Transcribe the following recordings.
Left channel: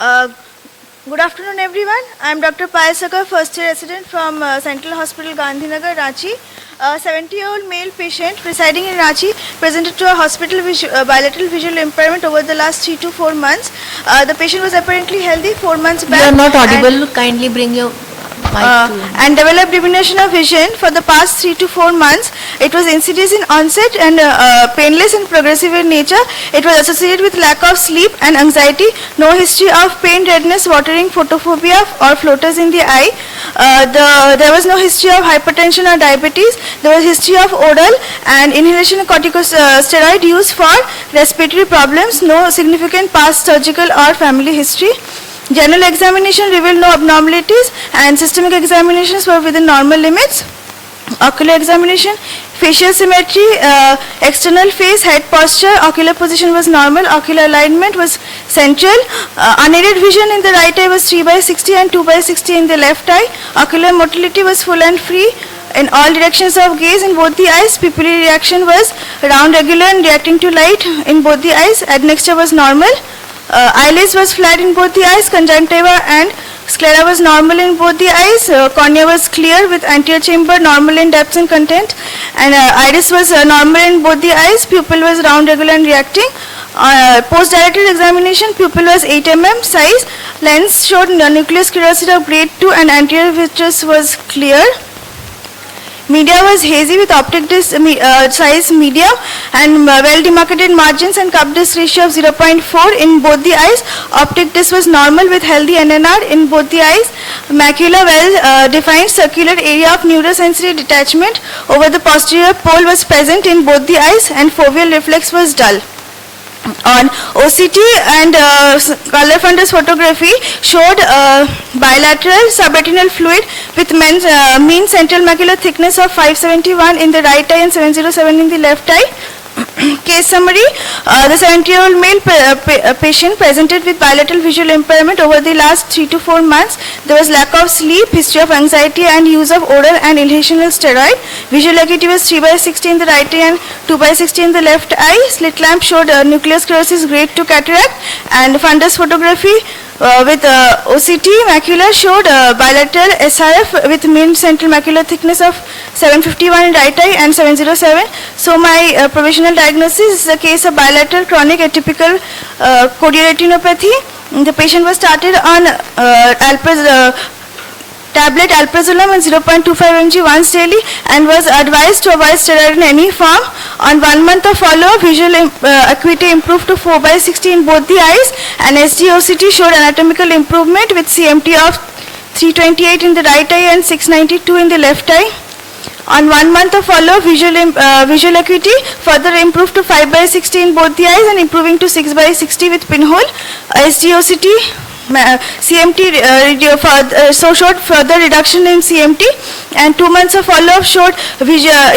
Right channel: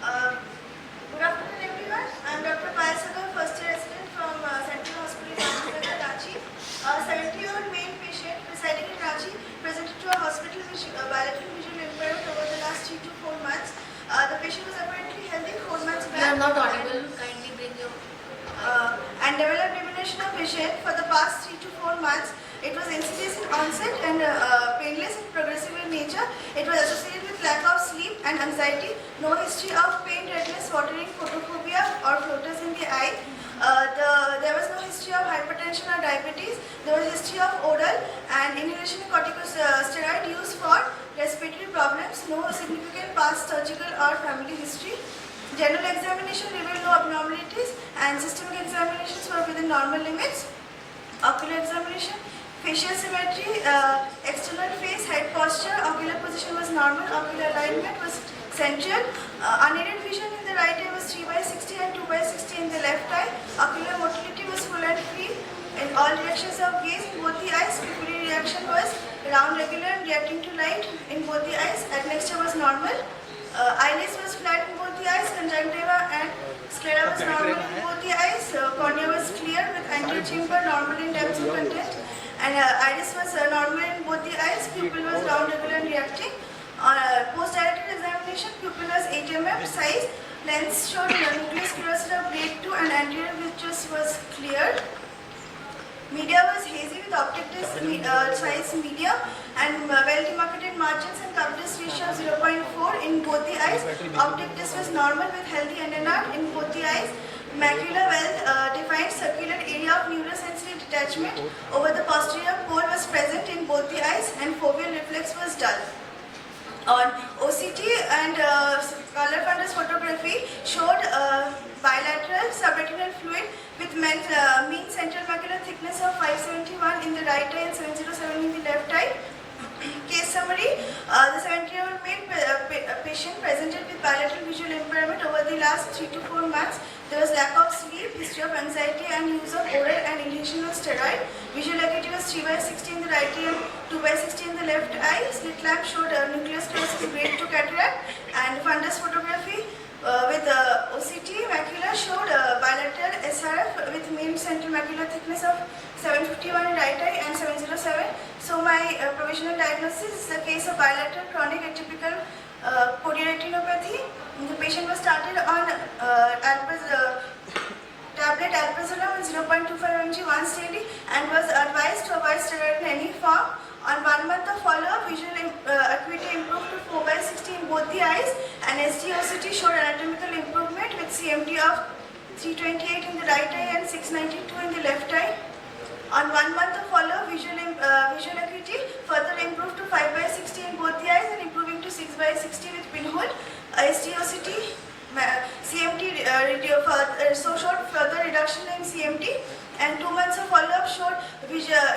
Uh, Good afternoon, everyone. I am Dr. Payasaka, first year resident from Central Hospital, Gandhinagar, Ranchi. A 70-year-old male patient residing in Ranchi presented to a hospital with bilateral visual impairment over the last 3 to 4 months. The patient was apparently healthy 4 months back. You are not audible. Kindly bring your and developed diminution of vision for the past 3 to 4 months. It was insidious in onset and painless and progressive in nature. It was associated with lack of sleep and anxiety. No history of pain, redness, watering, photophobia or floaters in the eye. There was no history of hypertension or diabetes. There was history of oral and inhalation corticosteroid use for respiratory problems. No significant past surgical or family history. General examination revealed no abnormalities and systemic examinations were within normal limits. Ocular examination, facial symmetry, external face, head posture, ocular position was normal, ocular alignment was central. Unaided vision in the right eye was 3/60 and 2/60 in the left eye. Ocular motility was full and free in all directions of gaze in both the eyes. Pupillary reaction was round, regular and reacting to light in both the eyes. Admixture was normal. Eyelids was flat in both the eyes. Conjunctiva and sclera was normal in both the eyes. Cornea was clear with anterior chamber normal in depth and content. And iris was normal in both the eyes. Pupil was round, regular and reacting. Post-dilated examination, pupil was 8 mm size. Lens showed nucleus curiosity of grade 2 and anterior vitreous was clear. Media was hazy with optic disc size medium and well demarcated margins and cup disc ratio of 0.4 in both the eyes. Optic disc was normal with healthy NNR in both the eyes. Macula well defined circular area of neurosensory detachment over the posterior pole was present in both the eyes and foveal reflex was dull. On OCT and color fundus photography showed bilateral subretinal fluid with mean central macular thickness of 571 in the right eye and 707 in the left eye. Case summary, the 70-year-old male patient presented with bilateral visual impairment over the last 3 to 4 months. There was lack of sleep, history of anxiety and use of oral and inhalational steroid. Visual acuity was 3/60 in the right eye and 2/60 in the left eye. Slit lamp showed nucleus sclerosis grade 2 cataract, and fundus photography with OCT macula showed bilateral SRF with mean central macular thickness of 751 in right eye and 707. So my provisional diagnosis is a case of bilateral chronic atypical chorioretinopathy. The patient was started on tablet alprazolam and 0.25 mg once daily and was advised to avoid steroid in any form. On 1 month of follow-up, visual acuity improved to 4/60 in both the eyes, and SD-OCT showed anatomical improvement with CMT of 328 in the right eye and 692 in the left eye. On 1 month of follow-up, visual acuity further improved to 5/60 in both the eyes and improving to 6/60 with pinhole. SD-OCT CMT showed further reduction in CMT, and 2 months of follow-up showed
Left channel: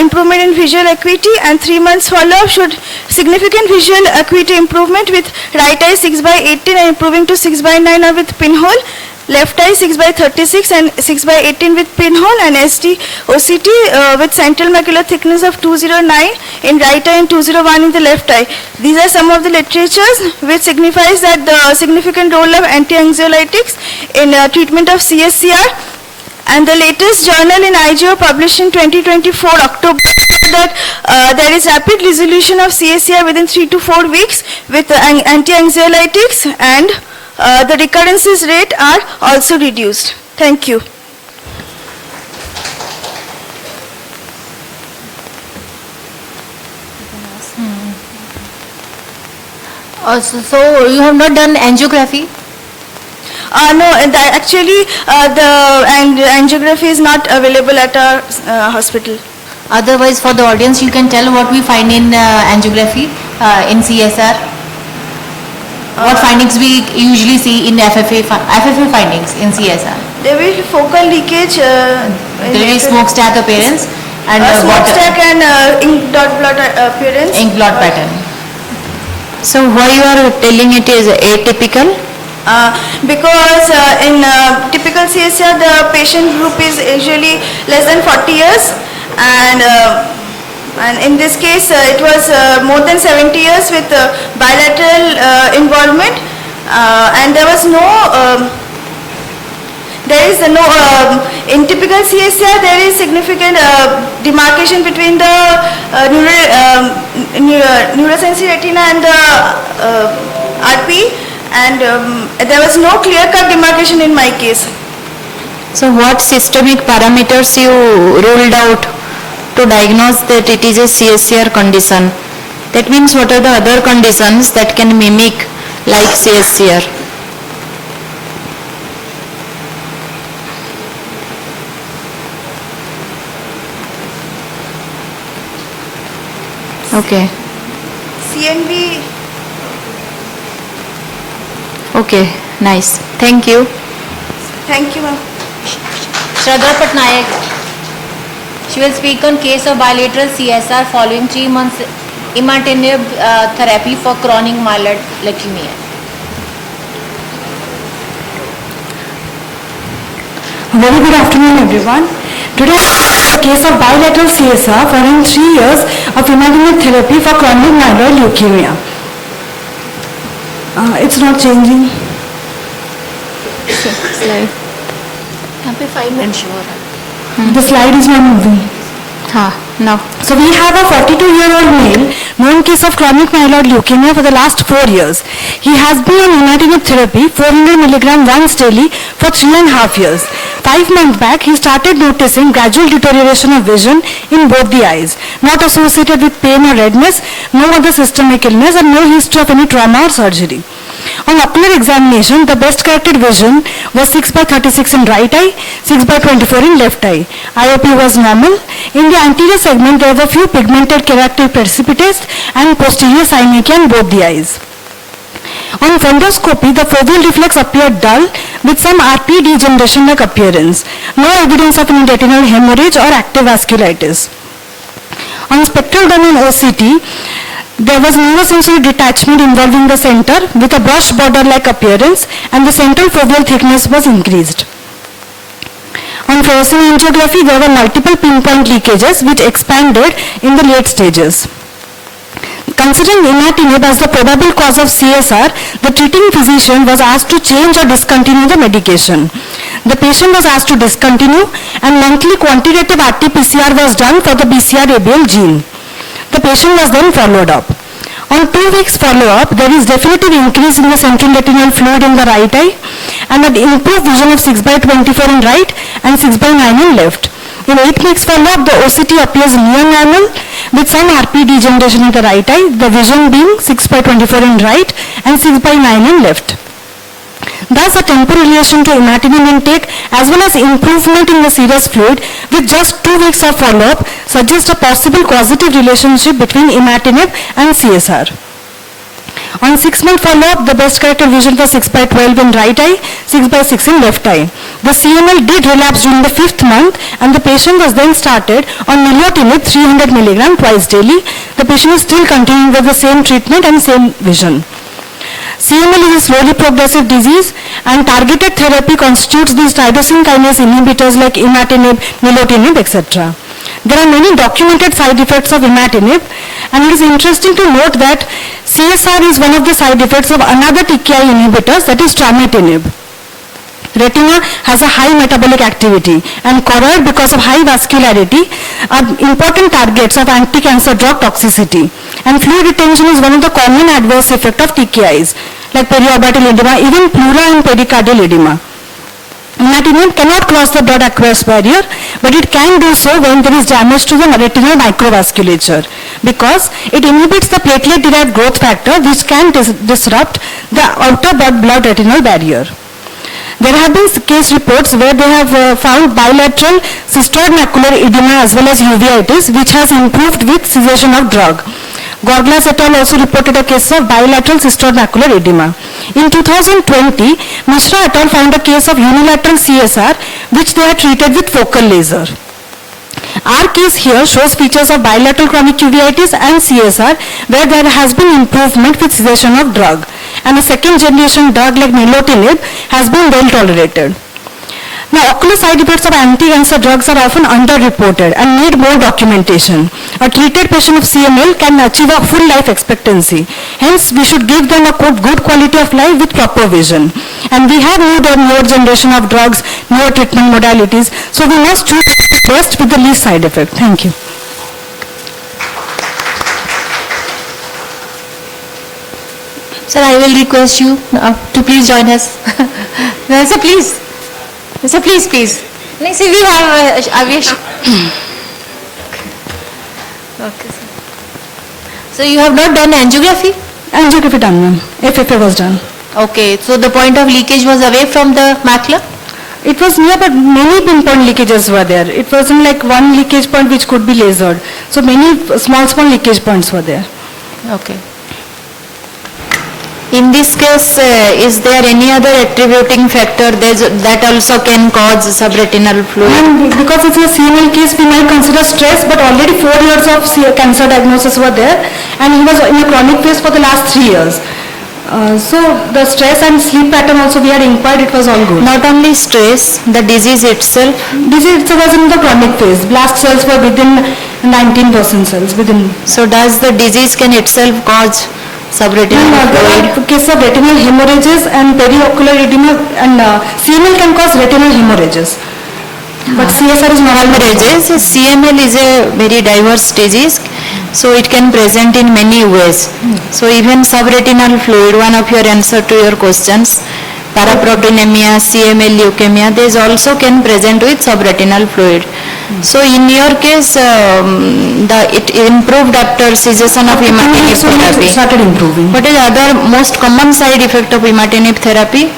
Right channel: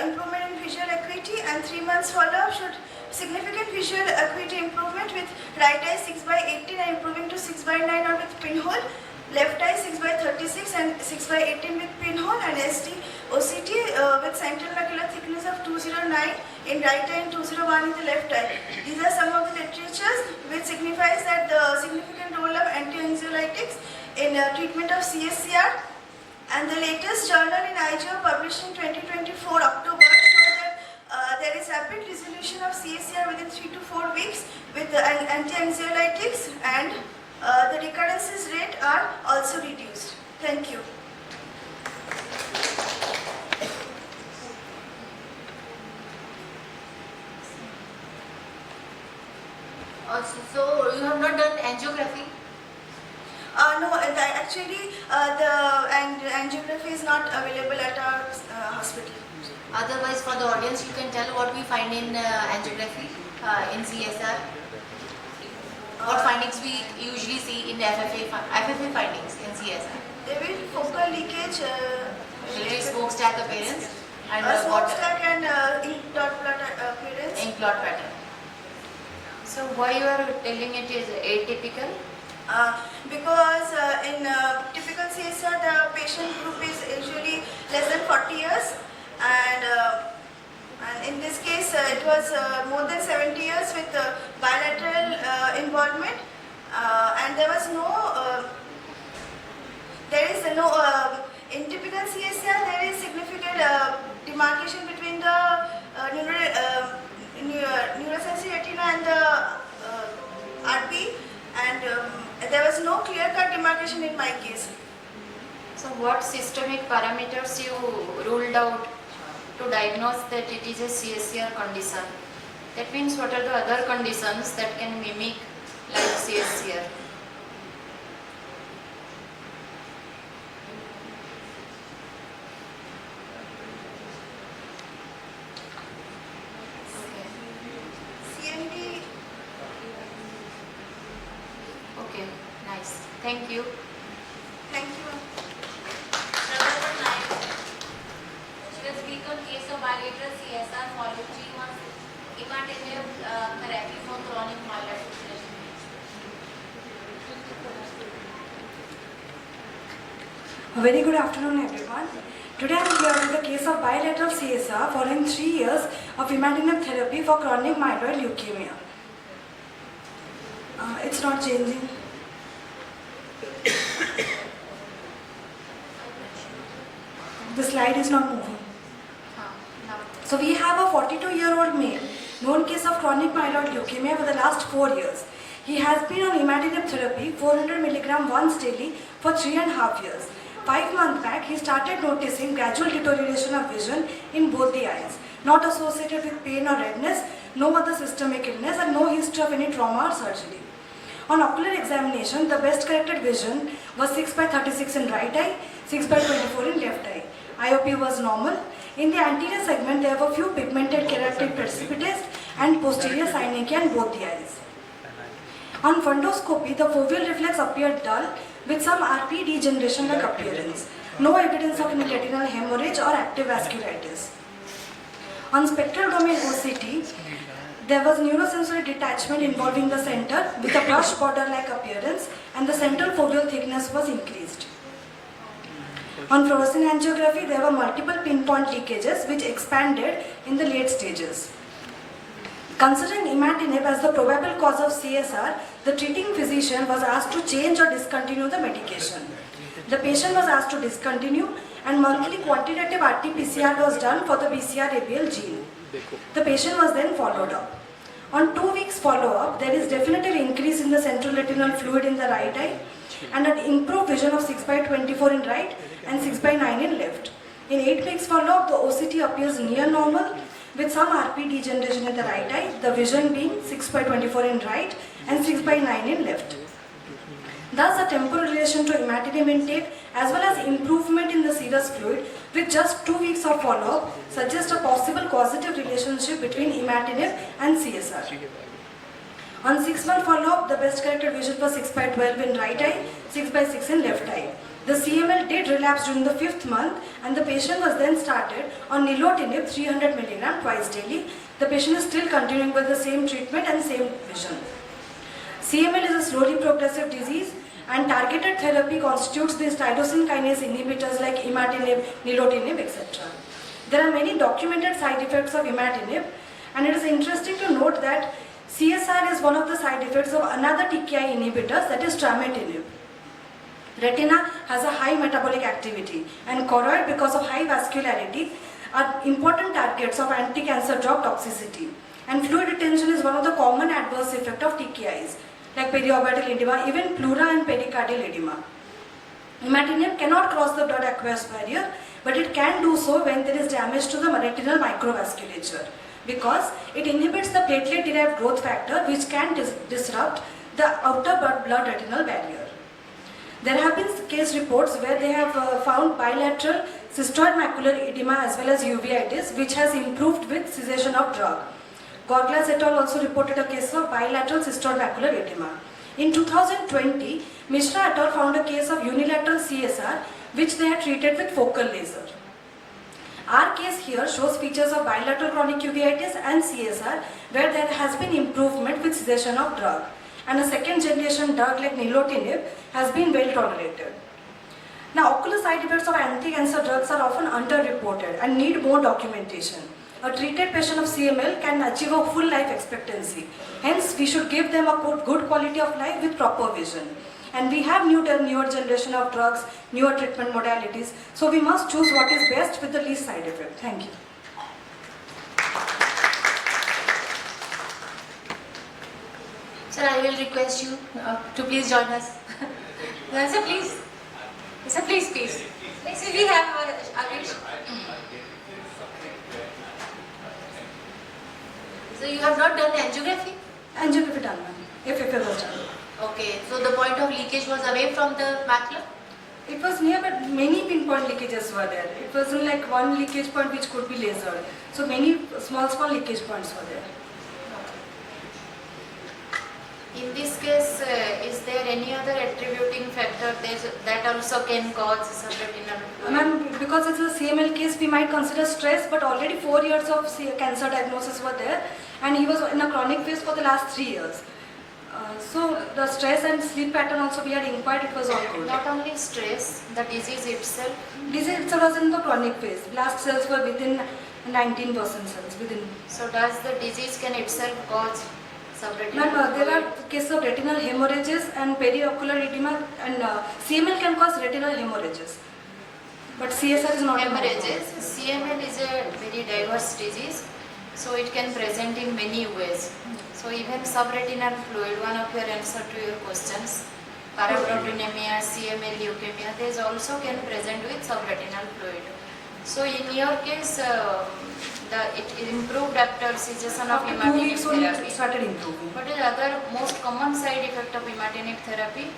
improvement in visual acuity, and 3 months follow-up showed significant visual acuity improvement with right eye 6/18 and improving to 6/9 or with pinhole. Left eye 6/36 and 6/18 with pinhole, and SD-OCT with central macular thickness of 209 in right eye and 201 in the left eye. These are some of the literatures which signifies that the significant role of anti-anxiolytics in treatment of CSCR. And the latest journal in IGO published in 2024 October that there is rapid resolution of CSCR within 3 to 4 weeks with anti-anxiolytics, and the recurrences rate are also reduced. Thank you. Also, so you have not done angiography? No, actually the angiography is not available at our hospital. Otherwise, for the audience, you can tell what we find in angiography in CSR. What findings we usually see in FFA findings in CSR? There will be focal leakage. There will be smokestack appearance and smokestack and ink dot blot appearance. Ink blot pattern. So why you are telling it is atypical? Because in typical CSR the patient group is usually less than 40 years, and in this case it was more than 70 years with bilateral involvement. And there was no, in typical CSR, there is significant demarcation between the neurosensory retina and the RP, and there was no clear-cut demarcation in my case. So what systemic parameters you ruled out to diagnose that it is a CSCR condition? That means what are the other conditions that can mimic like CSCR? Okay. CNV. Okay, nice. Thank you. Thank you, ma'am. Shraddha Patnaik. She will speak on case of bilateral CSR following 3 months imatinib therapy for chronic myeloid leukemia. Very good afternoon, everyone. Today, a case of bilateral CSR following 3 years of imatinib therapy for chronic myeloid leukemia. It's not changing. Slide. यहाँ पे 5 minutes show हो रहा है. The slide is not moving. Now. So we have a 42-year-old male, known case of chronic myeloid leukemia for the last 4 years. He has been on imatinib therapy, 400 milligram once daily for 3.5 years. 5 months back, he started noticing gradual deterioration of vision in both the eyes, not associated with pain or redness, no other systemic illness, and no history of any trauma or surgery. On ocular examination, the best corrected vision was 6/36 in right eye, 6/24 in left eye. IOP was normal. In the anterior segment, there were few pigmented keratoid precipitates and posterior synechiae in both the eyes. On fundoscopy, the foveal reflex appeared dull with some RP degeneration-like appearance. No evidence of any retinal hemorrhage or active vasculitis. On spectral domain OCT, there was neurosensory detachment involving the center with a brush border-like appearance, and the central foveal thickness was increased. On fluorescein angiography, there were multiple pinpoint leakages which expanded in the late stages. Considering imatinib as the probable cause of CSR, the treating physician was asked to change or discontinue the medication. The patient was asked to discontinue, and monthly quantitative RT-PCR was done for the BCR-ABL gene. The patient was then followed up. On 2 weeks follow-up, there is definitive increase in the central retinal fluid in the right eye and an improved vision of 6/24 in right and 6/9 in left. In 8 weeks follow-up, the OCT appears near normal with some RP degeneration in the right eye, the vision being 6/24 in right and 6/9 in left. Thus, a temporal relation to imatinib intake as well as improvement in the serous fluid with just 2 weeks of follow-up suggests a possible causative relationship between imatinib and CSR. On 6-month follow-up, the best corrected vision was 6/12 in right eye, 6/6 in left eye. The CML did relapse during the 5th month, and the patient was then started on nilotinib 300 milligram twice daily. The patient is still continuing with the same treatment and same vision. CML is a slowly progressive disease, and targeted therapy constitutes these tyrosine kinase inhibitors like imatinib, nilotinib, etc. There are many documented side effects of imatinib, and it is interesting to note that CSR is one of the side effects of another TKI inhibitors, that is trametinib. Retina has a high metabolic activity, and choroid, because of high vascularity, are important targets of anti-cancer drug toxicity. And fluid retention is one of the common adverse effects of TKIs, like periorbital edema, even pleural and pericardial edema. Imatinib cannot cross the blood-aqueous barrier, but it can do so when there is damage to the retinal microvasculature, because it inhibits the platelet-derived growth factor, which can disrupt the outer blood retinal barrier. There have been case reports where they have found bilateral cystoid macular edema as well as uveitis, which has improved with cessation of drug. Gorglas et al. Also reported a case of bilateral cystoid macular edema. In 2020, Mishra et al. Found a case of unilateral CSR, which they had treated with focal laser. Our case here shows features of bilateral chronic uveitis and CSR, where there has been improvement with cessation of drug, and a second generation drug like nilotinib has been well tolerated. Now, ocular side effects of anti-cancer drugs are often underreported and need more documentation. A treated patient of CML can achieve a full life expectancy. Hence, we should give them a good quality of life with proper vision. And we have moved on newer generation of drugs, newer treatment modalities. So we must choose what is best with the least side effect. Thank you. Sir, I will request you to please join us. No, sir, please. Sir, please, please. Next, we have Avish. Okay, sir. So you have not done angiography? Angiography done, ma'am. FFA was done. Okay, so the point of leakage was away from the macula? It was near, but many pinpoint leakages were there. It wasn't like one leakage point which could be lasered. So many small leakage points were there. Okay. In this case, is there any other attributing factor that also can cause subretinal fluid? And because it's a CML case, we might consider stress, but already 4 years of cancer diagnosis were there, and he was in a chronic phase for the last 3 years. So the stress and sleep pattern also we had inquired, it was all good. Not only stress, the disease itself. Disease itself was in the chronic phase. Blast cells were within 19% cells within. So does the disease can itself cause subretinal There fluid? are cases of retinal hemorrhages and periocular edema, and CML can cause retinal hemorrhages. But CSR is not Hemorrhages, CML is a very diverse disease, so it can present in many ways. So even subretinal fluid, one of your answer to your questions, paraproteinemia, CML leukemia, these also can present with subretinal fluid. So in your case, it improved after cessation of imatinib therapy. It started improving. What is other most common side effect of imatinib therapy?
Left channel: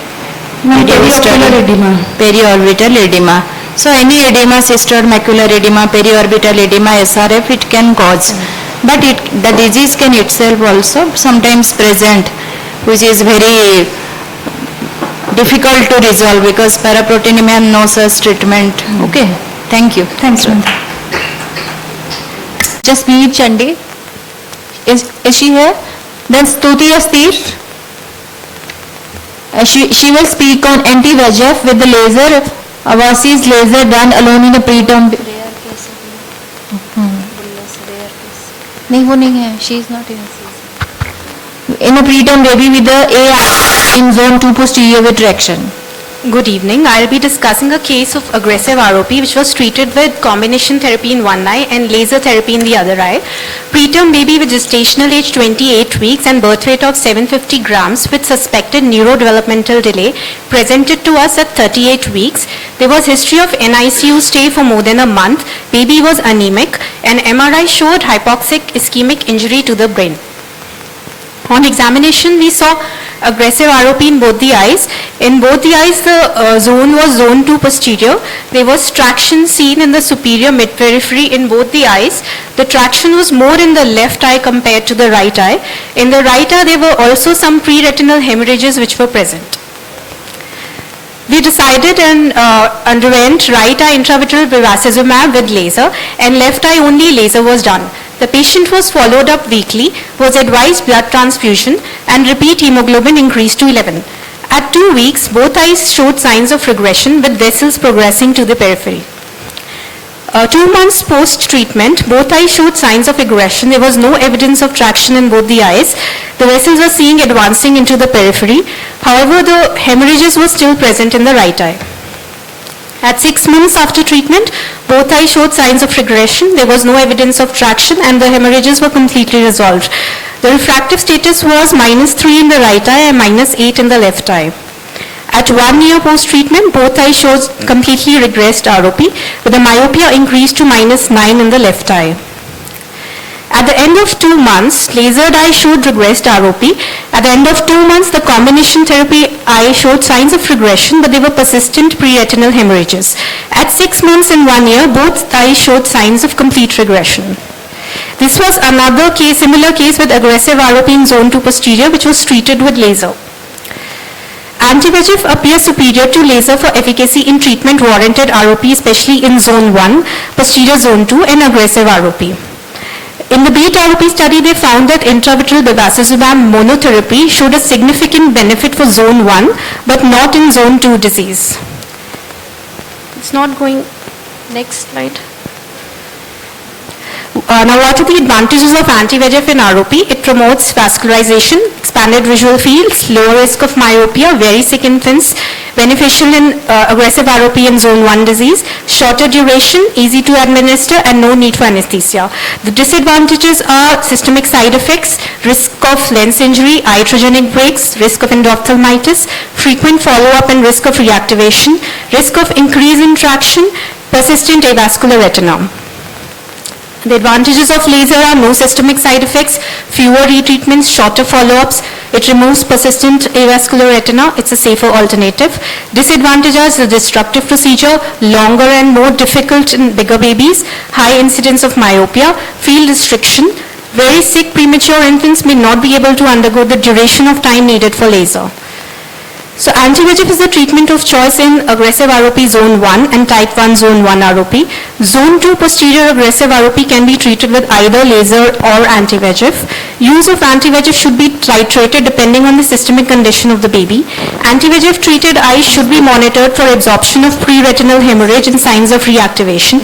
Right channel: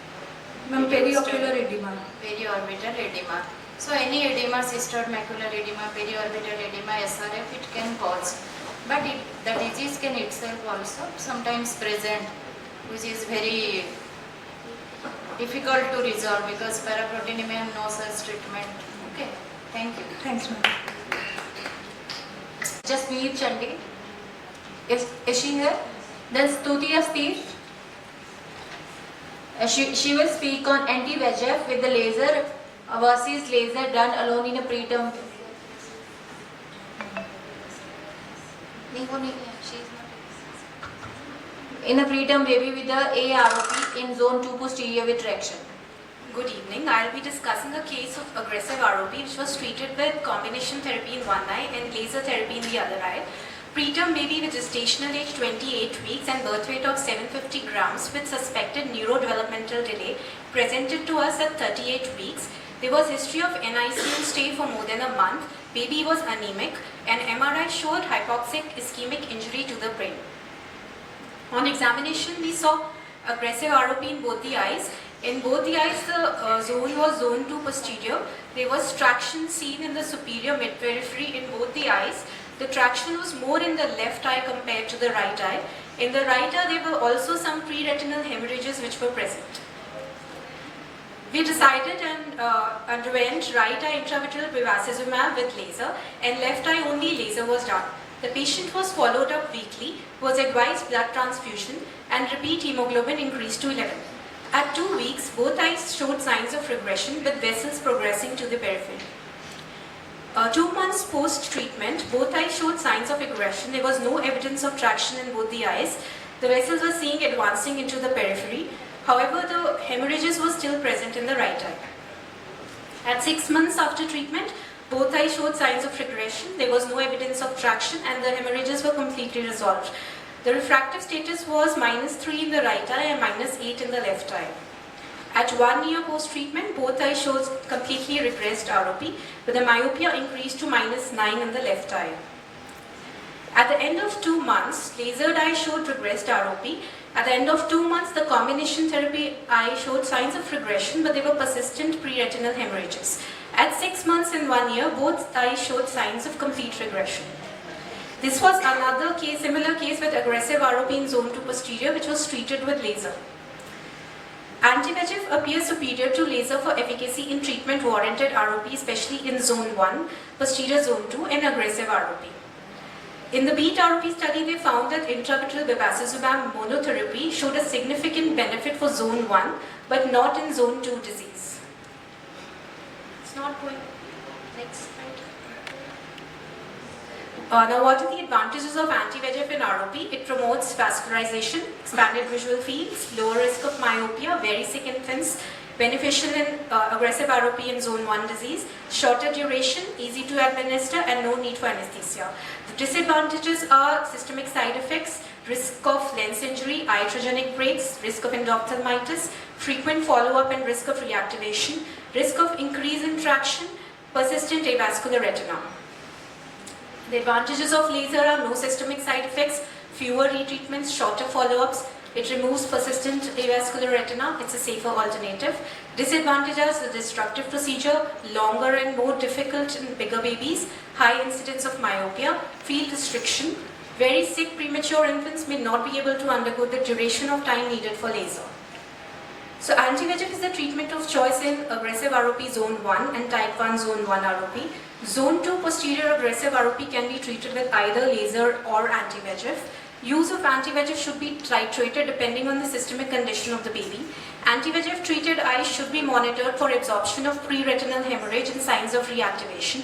Periocular edema. Periorbital edema. So any edema, cystoid macular edema, periorbital edema, SRF, it can cause. But the disease can itself also sometimes present, which is very difficult to resolve because paraproteinemia no such treatment. Okay, thank you. Thanks, ma'am. Jasmeet Chande. Is she here? Then Stuti Astir. She will speak on anti-VEGF with the laser, Avasi's laser done alone in a preterm. नहीं वो नहीं है, she is not in a preterm baby with the AI in zone 2 posterior retraction. Good evening. I'll be discussing a case of aggressive ROP which was treated with combination therapy in one eye and laser therapy in the other eye. Preterm baby with gestational age 28 weeks and birth weight of 750 grams with suspected neurodevelopmental delay presented to us at 38 weeks. There was history of NICU stay for more than a month. Baby was anemic and MRI showed hypoxic ischemic injury to the brain. On examination, we saw aggressive ROP in both the eyes. In both the eyes, the zone was zone 2 posterior. There was traction seen in the superior mid-periphery in both the eyes. The traction was more in the left eye compared to the right eye. In the right eye, there were also some pre-retinal hemorrhages which were present. We decided and underwent right eye intravitreal bevacizumab with laser and left eye only laser was done. The patient was followed up weekly, was advised blood transfusion and repeat hemoglobin increased to 11. At 2 weeks, both eyes showed signs of regression with vessels progressing to the periphery. 2 months post-treatment, both eyes showed signs of regression. There was no evidence of traction in both the eyes. The vessels were seen advancing into the periphery. However, the hemorrhages were still present in the right eye. At 6 months after treatment, both eyes showed signs of regression. There was no evidence of traction and the hemorrhages were completely resolved. The refractive status was -3 in the right eye and -8 in the left eye. At 1 year post-treatment, both eyes showed completely regressed ROP with the myopia increased to -9 in the left eye. At the end of 2 months, lasered eye showed regressed ROP. At the end of 2 months, the combination therapy eye showed signs of regression, but they were persistent pre-retinal hemorrhages. At 6 months and 1 year, both eyes showed signs of complete regression. This was another case, similar case with aggressive ROP in zone 2 posterior, which was treated with laser. Anti-VEGF appears superior to laser for efficacy in treatment warranted ROP, especially in zone 1, posterior zone 2, and aggressive ROP. In the BEAT ROP study, they found that intravitreal bevacizumab monotherapy showed a significant benefit for zone 1, but not in zone 2 disease. It's not going. Next slide. Now, what are the advantages of anti-VEGF in ROP? It promotes vascularization, expanded visual fields, lower risk of myopia, very sick infants, beneficial in aggressive ROP and zone 1 disease, shorter duration, easy to administer, and no need for anesthesia. The disadvantages are systemic side effects, risk of lens injury, iatrogenic breaks, risk of endophthalmitis, frequent follow-up and risk of reactivation, risk of increase in traction, persistent avascular retina. The advantages of laser are no systemic side effects, fewer retreatments, shorter follow-ups. It removes persistent avascular retina. It's a safer alternative. Disadvantages, the destructive procedure, longer and more difficult in bigger babies, high incidence of myopia, field restriction. Very sick premature infants may not be able to undergo the duration of time needed for laser. So anti-VEGF is the treatment of choice in aggressive ROP zone 1 and type 1 zone 1 ROP. Zone 2 posterior aggressive ROP can be treated with either laser or anti-VEGF. Use of anti-VEGF should be titrated depending on the systemic condition of the baby. Anti-VEGF treated eyes should be monitored for absorption of pre-retinal hemorrhage and signs of reactivation.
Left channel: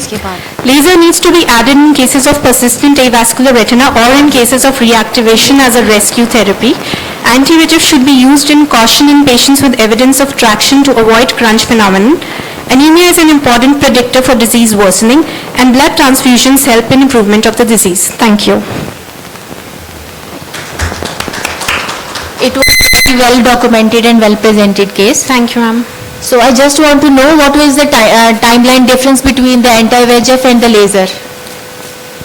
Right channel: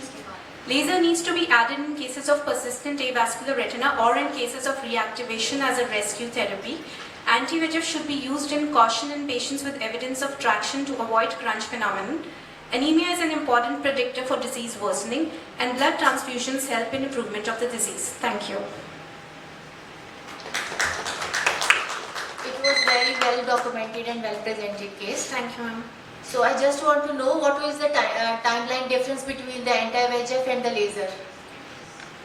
Laser needs to be added in cases of persistent avascular retina or in cases of reactivation as a rescue therapy. Anti-VEGF should be used in caution in patients with evidence of traction to avoid crunch phenomenon. Anemia is an important predictor for disease worsening, and blood transfusions help in improvement of the disease. Thank you. It was very well documented and well presented case. Thank you, ma'am. So I just want to know what was the timeline difference between the anti-VEGF and the laser?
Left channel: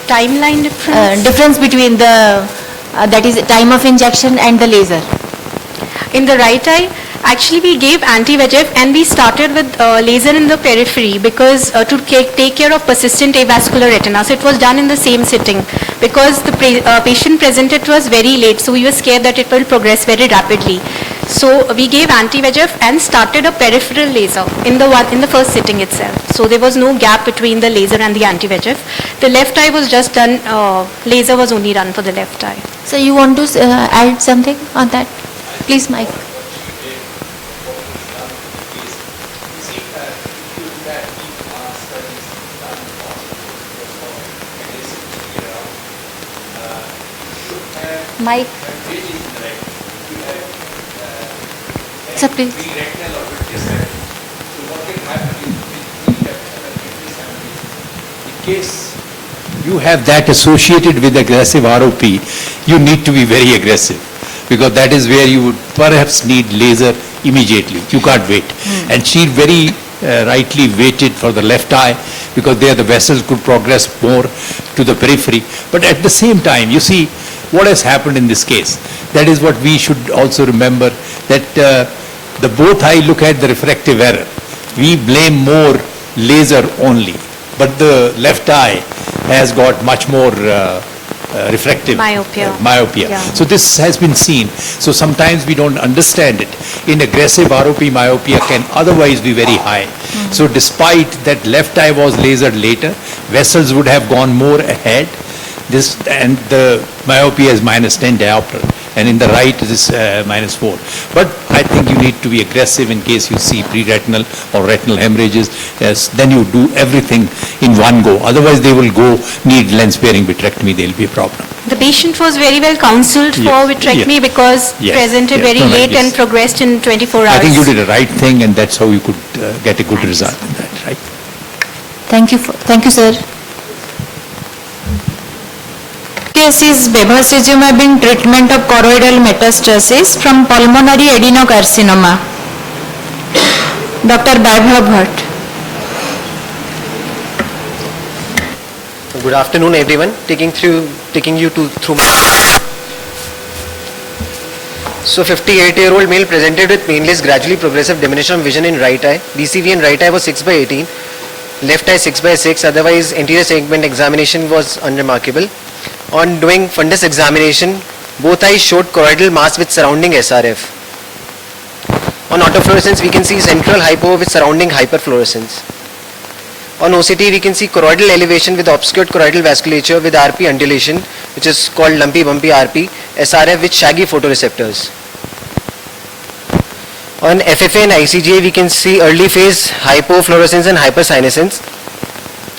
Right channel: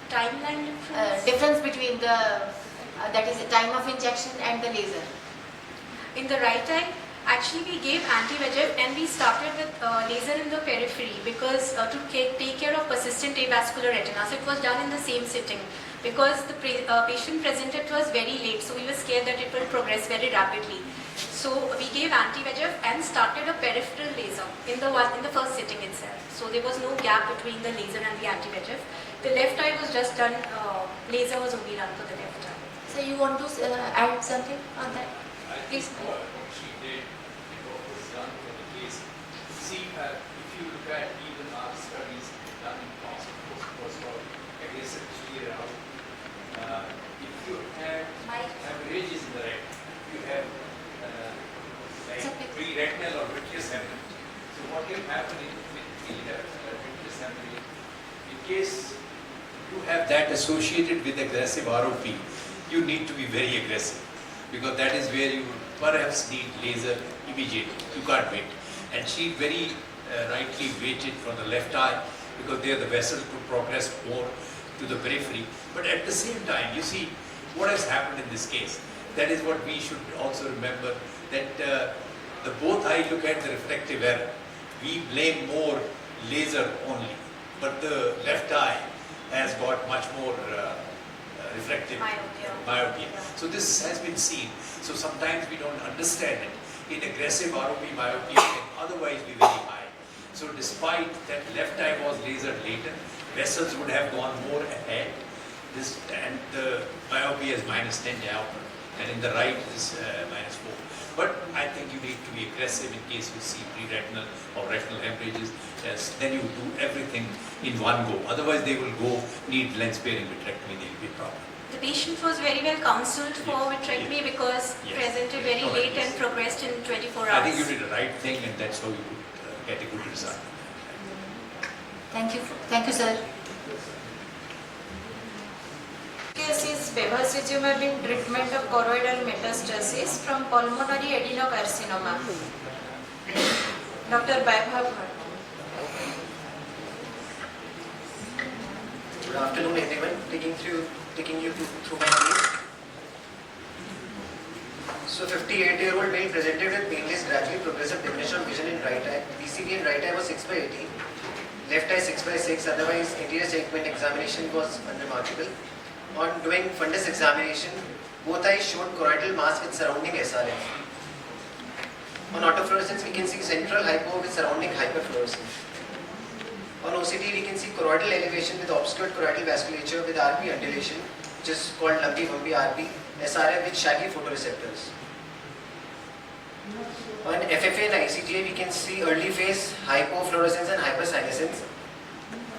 Timeline difference? Difference between the, that is time of injection and the laser. In the right eye, actually we gave anti-VEGF and we started with laser in the periphery because to take care of persistent avascular retina. So it was done in the same sitting because the patient presented to us very late. So we were scared that it will progress very rapidly. So we gave anti-VEGF and started a peripheral laser in the first sitting itself. So there was no gap between the laser and the anti-VEGF. The left eye was just done, laser was only done for the left eye. So you want to add something on that? Please, Mike. Mike. Sir, please. In case you have that associated with aggressive ROP, you need to be very aggressive because that is where you would perhaps need laser immediately. You can't wait. And she very rightly waited for the left eye because there the vessels could progress more to the periphery. But at the same time, you see what has happened in this case. That is what we should also remember, that the both eye look at the refractive error. We blame more laser only, but the left eye has got much more refractive myopia. Yeah. So this has been seen. So sometimes we don't understand it. In aggressive ROP, myopia can otherwise be very high. So despite that left eye was lasered later, vessels would have gone more ahead. This and the myopia is -10 diopter, and in the right it is -4. But I think you need to be aggressive in case you see pre-retinal or retinal hemorrhages. Yes, then you do everything in one go. Otherwise, they will need lens-sparing vitrectomy. There will be a problem. The patient was very well counseled for vitrectomy because presented very late and progressed in 24 hours. I think you did the right thing, and that's how you could get a good result in that, right? Thank you, sir. Case is bevacizumab treatment of choroidal metastasis from pulmonary adenocarcinoma. Dr. Vaibhav Bhatt. Good afternoon, everyone. Taking you through. So, 58-year-old male presented with painless, gradually progressive diminution of vision in right eye. BCV in right eye was 6/18, left eye 6/6. Otherwise, anterior segment examination was unremarkable. On doing fundus examination, both eyes showed choroidal mass with surrounding SRF. On autofluorescence, we can see central hypo with surrounding hyperfluorescence. On OCT, we can see choroidal elevation with obscured choroidal vasculature with RP undulation, which is called lumpy bumpy RP, SRF with shaggy photoreceptors. On FFA and ICGA, we can see early phase hypofluorescence and hypersenescence.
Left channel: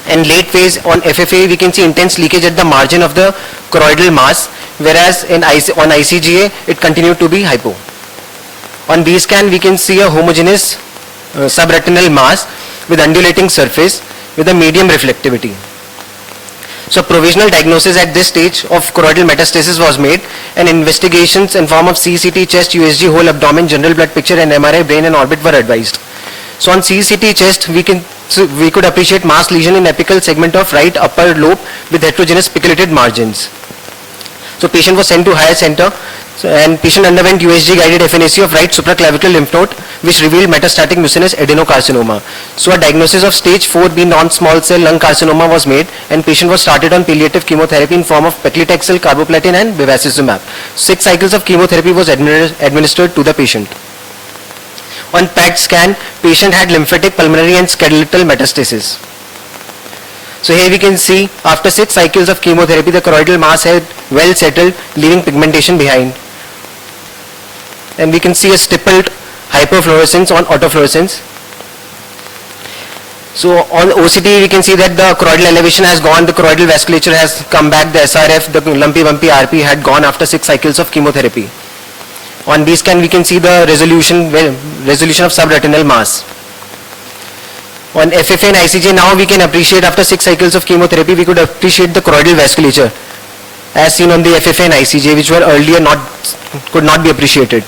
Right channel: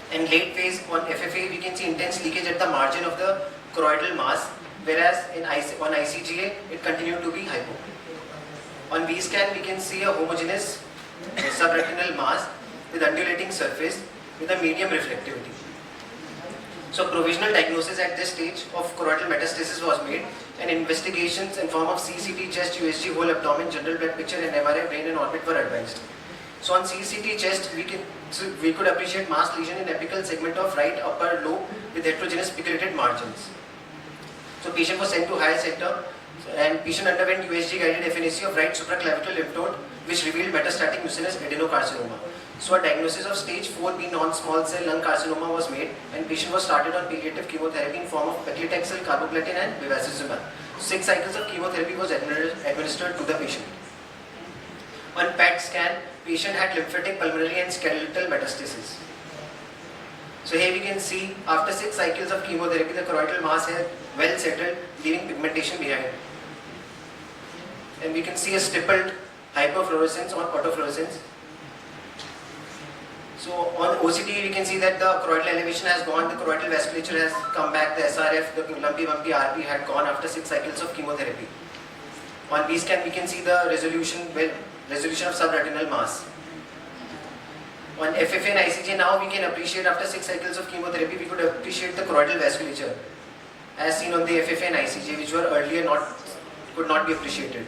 And late phase on FFA, we can see intense leakage at the margin of the choroidal mass, whereas on ICGA, it continued to be hypo. On B scan, we can see a homogeneous subretinal mass with undulating surface with a medium reflectivity. So provisional diagnosis at this stage of choroidal metastasis was made, and investigations in form of CCT, chest, USG, whole abdomen, general blood picture and MRI, brain and orbit were advised. So on CCT chest, we could appreciate mass lesion in apical segment of right upper lobe with heterogeneous picoulated margins. So patient was sent to higher center, and patient underwent USG guided FNAC of right supraclavicular lymph node, which revealed metastatic mucinous adenocarcinoma. So a diagnosis of stage 4B non-small cell lung carcinoma was made, and patient was started on palliative chemotherapy in form of paclitaxel, carboplatin and bevacizumab. 6 cycles of chemotherapy was administered to the patient. On PET scan, patient had lymphatic, pulmonary and skeletal metastasis. So here we can see after 6 cycles of chemotherapy, the choroidal mass had well settled, leaving pigmentation behind. And we can see a stippled hyperfluorescence on autofluorescence. So on OCT, we can see that the choroidal elevation has gone, the choroidal vasculature has come back, the SRF, the lumpy bumpy RP had gone after 6 cycles of chemotherapy. On B scan, we can see the resolution of subretinal mass. On FFA and ICJ, now we can appreciate after 6 cycles of chemotherapy, we could appreciate the choroidal vasculature as seen on the FFA and ICJ, which were earlier could not be appreciated.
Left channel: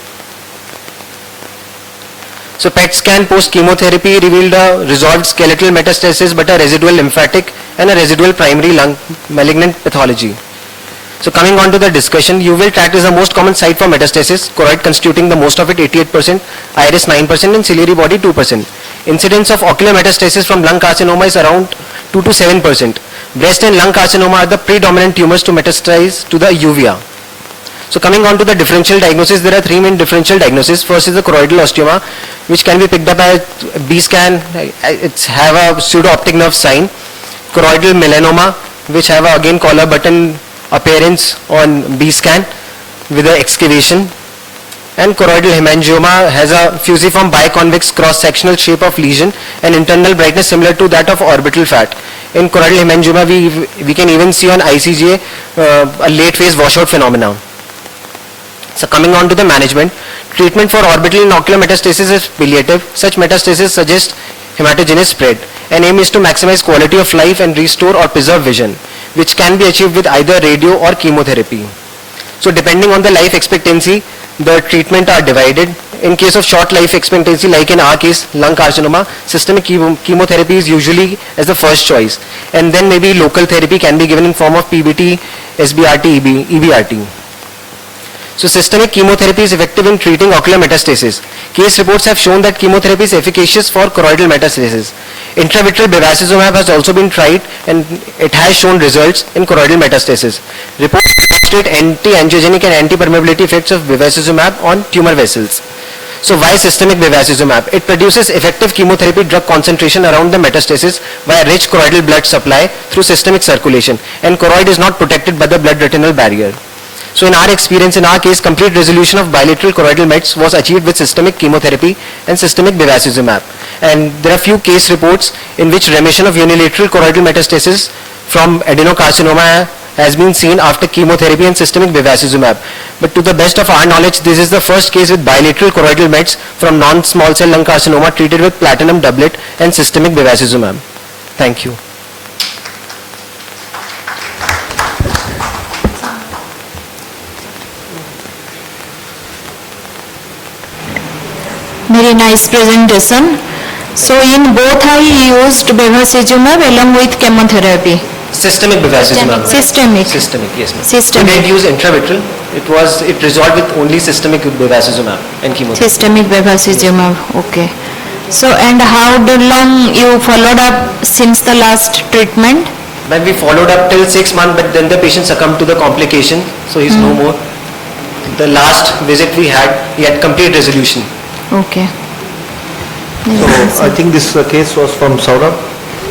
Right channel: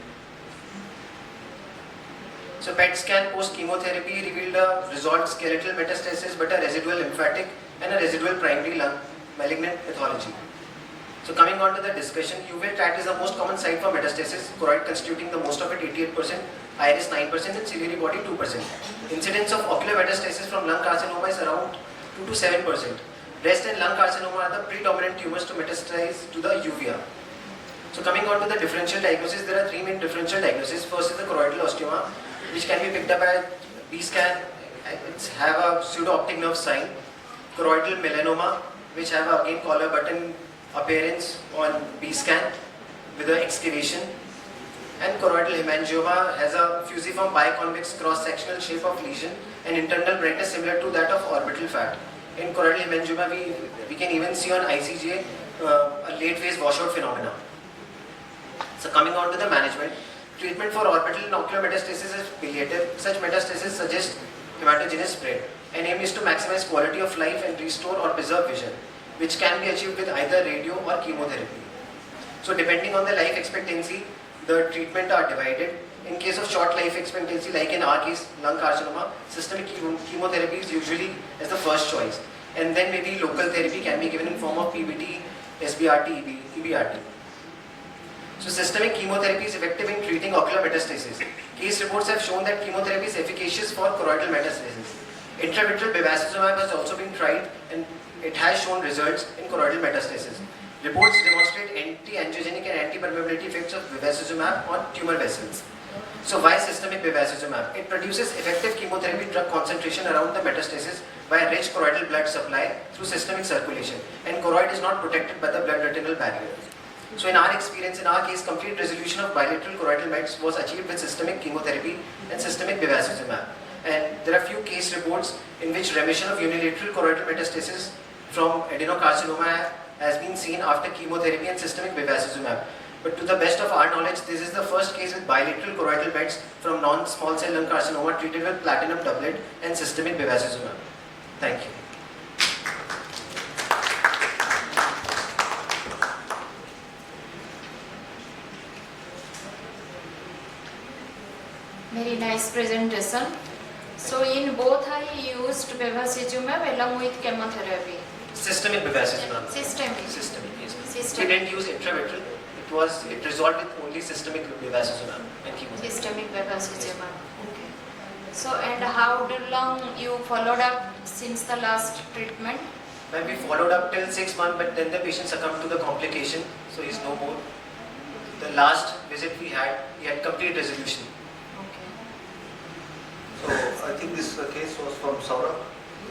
So PET scan post chemotherapy revealed a resolved skeletal metastasis but a residual lymphatic and a residual primary lung malignant pathology. So coming on to the discussion, uveal tract is the most common site for metastasis, choroid constituting the most of it 88%, iris 9% and ciliary body 2%. Incidence of ocular metastasis from lung carcinoma is around 2 to 7%. Breast and lung carcinoma are the predominant tumors to metastasize to the uvea. So coming on to the differential diagnosis, there are 3 main differential diagnoses. First is the choroidal osteoma, which can be picked up by B scan. It's have a pseudo-optic nerve sign. Choroidal melanoma, which have a, again collar button appearance on B scan with the excavation. And choroidal hemangioma has a fusiform biconvex cross-sectional shape of lesion and internal brightness similar to that of orbital fat. In choroidal hemangioma, we can even see on ICGA a late phase washout phenomena. So coming on to the management, treatment for orbital and ocular metastasis is palliative. Such metastasis suggest hematogenous spread. And aim is to maximize quality of life and restore or preserve vision, which can be achieved with either radio or chemotherapy. So depending on the life expectancy, the treatment are divided. In case of short life expectancy, like in our case, lung carcinoma, systemic chemotherapy is usually as the first choice. And then maybe local therapy can be given in form of PBT, SBRT, EBRT. So systemic chemotherapy is effective in treating ocular metastasis. Case reports have shown that chemotherapy is efficacious for choroidal metastasis. Intravitreal bevacizumab has also been tried and it has shown results in choroidal metastasis. Reports demonstrate anti-angiogenic and anti-permeability effects of bevacizumab on tumor vessels. So why systemic bevacizumab? It produces effective chemotherapy drug concentration around the metastasis via rich choroidal blood supply through systemic circulation, and choroid is not protected by the blood-retinal barrier. So in our experience, in our case, complete resolution of bilateral choroidal mets was achieved with systemic chemotherapy and systemic bevacizumab. And there are few case reports in which remission of unilateral choroidal metastasis from adenocarcinoma has been seen after chemotherapy and systemic bevacizumab. But to the best of our knowledge, this is the first case with bilateral choroidal mets from non-small cell lung carcinoma treated with platinum doublet and systemic bevacizumab. Thank you. Very nice presentation. So in both I used bevacizumab along with chemotherapy. Systemic bevacizumab. Systemic. Systemic, yes ma'am. Systemic. We didn't use intravitreal. It resolved with only systemic bevacizumab and chemotherapy. Systemic bevacizumab. Okay. So and how long you followed up since the last treatment? When we followed up till 6 months, but then the patient succumbed to the complication, so he's no more. The last visit we had, he had complete resolution. Okay. So I think this case was from Saurabh.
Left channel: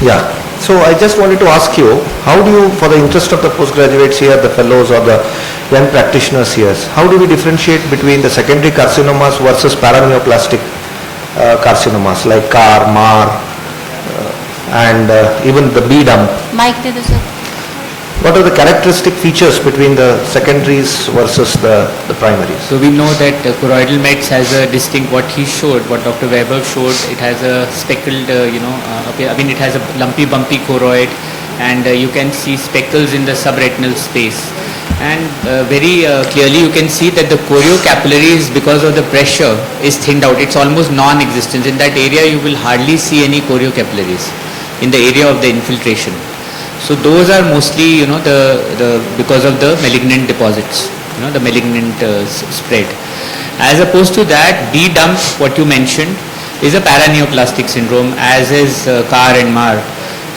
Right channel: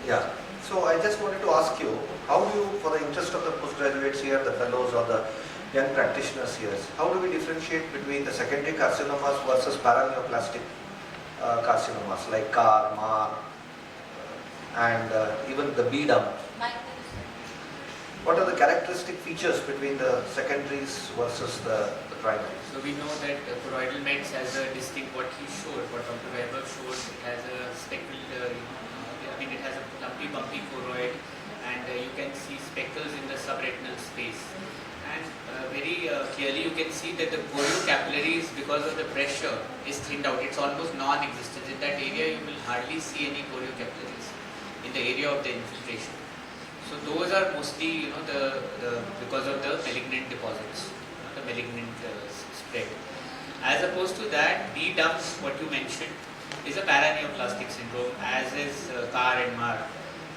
Yeah. So I just wanted to ask you, how do you, for the interest of the postgraduates here, the fellows or the young practitioners here, how do we differentiate between the secondary carcinomas versus paraneoplastic carcinomas like CAR, MAR, and even the B dump. Mike दे दो sir. What are the characteristic features between the secondaries versus the primaries? So we know that choroidal mets has a distinct, what he showed, what Dr. Weber showed, it has a speckled, it has a lumpy bumpy choroid, and you can see speckles in the subretinal space. And very clearly you can see that the choriocapillaries, because of the pressure, is thinned out. It's almost non-existent. In that area you will hardly see any choriocapillaries in the area of the infiltration. So those are mostly, because of the malignant deposits, the malignant spread. As opposed to that, B dump, what you mentioned, is a paraneoplastic syndrome, as is CAR and MAR.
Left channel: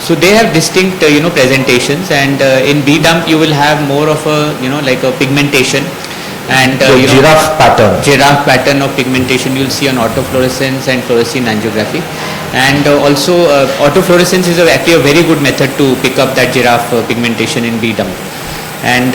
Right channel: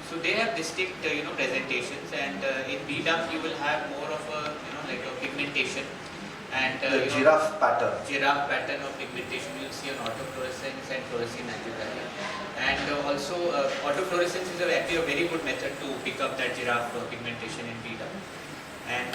So they have distinct, presentations, and in B dump you will have more of a, like a pigmentation, and giraffe pattern. Giraffe pattern of pigmentation you'll see on autofluorescence and fluorescein angiography. And also autofluorescence is actually a very good method to pick up that giraffe pigmentation in B dump. And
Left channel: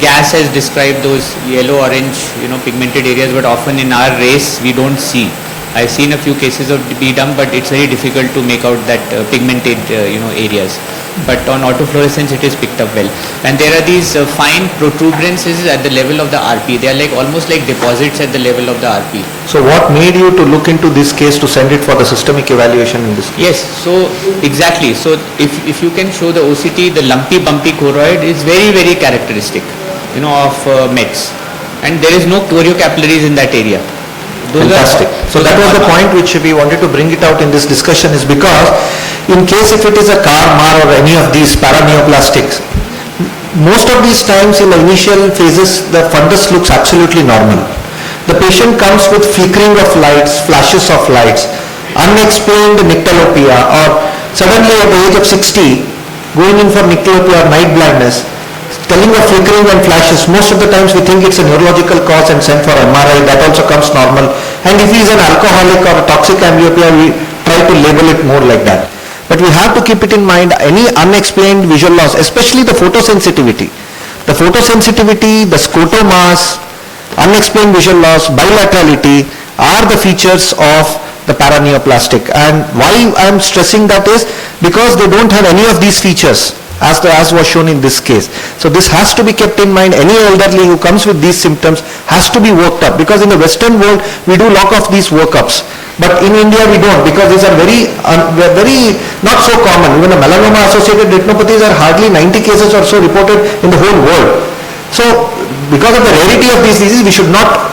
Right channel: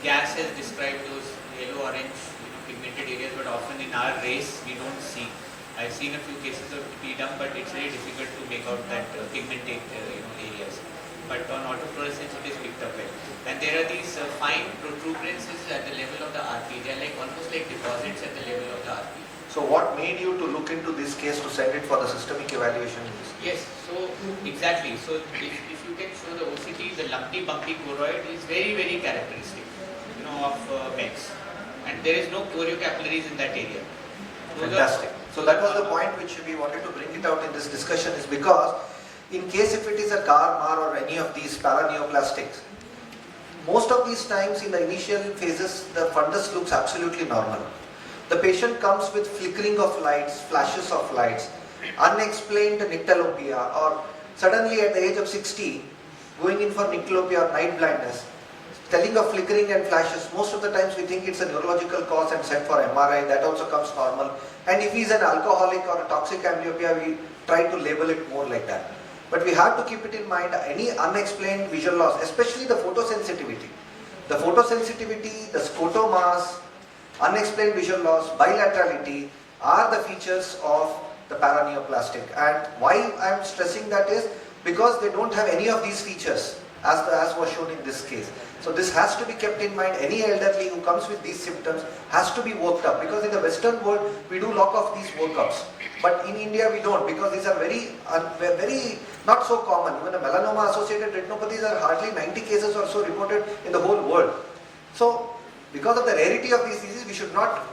gas has described those yellow-orange, pigmented areas, but often in our race we don't see. I've seen a few cases of B dump, but it's very difficult to make out that pigmented, areas. But on autofluorescence it is picked up well. And there are these fine protuberances at the level of the RP. They are like almost like deposits at the level of the RP. So what made you to look into this case to send it for the systemic evaluation in this case? Yes, so exactly. So if you can show the OCT, the lumpy bumpy choroid is very, very characteristic, of METs. And there is no choriocapillaries in that area. Fantastic. So that was the point which we wanted to bring it out in this discussion, is because in case if it is a CAR, MAR or any of these paraneoplastics, most of these times in the initial phases the fundus looks absolutely normal. The patient comes with flickering of lights, flashes of lights, unexplained nyctalopia, or suddenly at the age of 60 going in for nyctalopia or night blindness, telling of flickering and flashes. Most of the times we think it's a neurological cause and send for MRI. That also comes normal. And if he is an alcoholic or a toxic amblyopia, we try to label it more like that. But we have to keep it in mind, any unexplained visual loss, especially the photosensitivity. The photosensitivity, the scotomas, unexplained visual loss, bilaterality are the features of the paraneoplastic. And why I am stressing that is because they don't have any of these features, as was shown in this case. So this has to be kept in mind. Any elderly who comes with these symptoms has to be worked up, because in the Western world we do lot of these workups, but in India we don't, because these are very not so common. Even the melanoma associated retinopathies are hardly 90 cases or so reported in the whole world. So because of the rarity of these diseases, we should not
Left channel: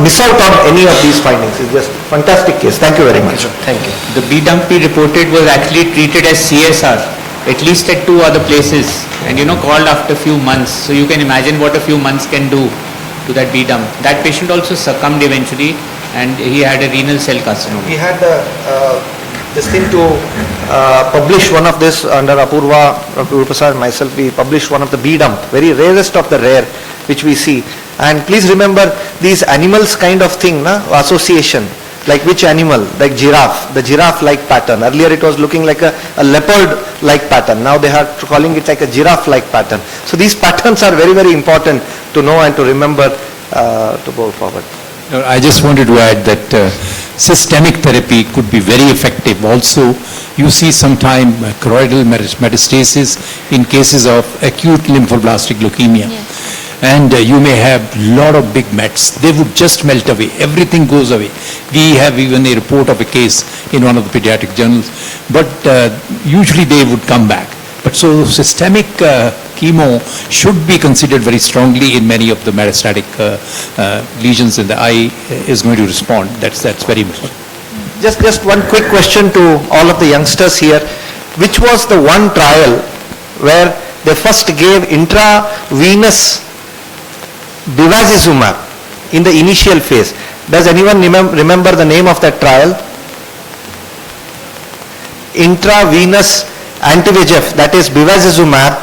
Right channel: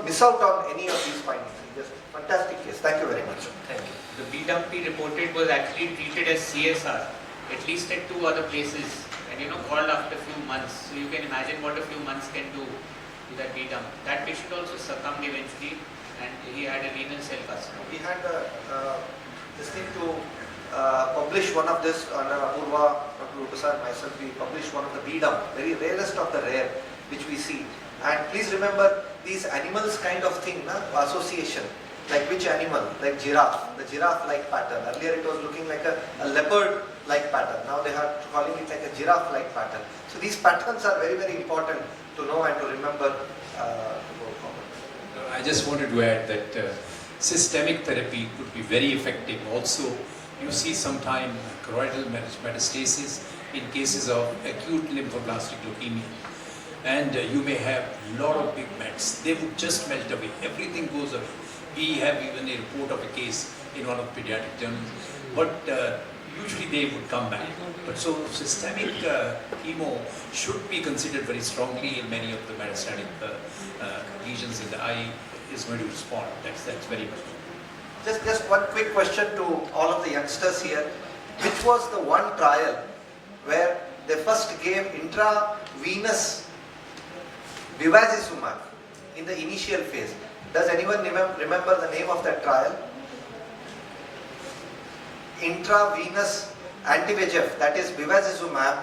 miss out on any of these findings. It's just fantastic case. Thank you very much. Thank you. The B dump we reported was actually treated as CSR, at least at 2 other places, and called after a few months. So you can imagine what a few months can do to that B dump. That patient also succumbed eventually, and he had a renal cell carcinoma. We had this thing to publish one of this under Apurva, Dr. Prasad and myself. We published one of the B dump, very rarest of the rare, which we see. And please remember these animals kind of thing, association. Like which animal? Like giraffe, the giraffe-like pattern. Earlier it was looking like a leopard-like pattern. Now they are calling it like a giraffe-like pattern. So these patterns are very, very important to know and to remember to go forward. I just wanted to add that systemic therapy could be very effective. Also, you see sometime choroidal metastasis in cases of acute lymphoblastic leukemia. Yes. And you may have lot of big mets. They would just melt away. Everything goes away. We have even a report of a case in one of the pediatric journals. But usually they would come back. But so systemic chemo should be considered very strongly in many of the metastatic lesions in the eye is going to respond. That's very important. Just one quick question to all of the youngsters here. Which was the one trial where they first gave intravenous bevacizumab in the initial phase? Does anyone remember the name of that trial? Intravenous anti-VEGF, that is bevacizumab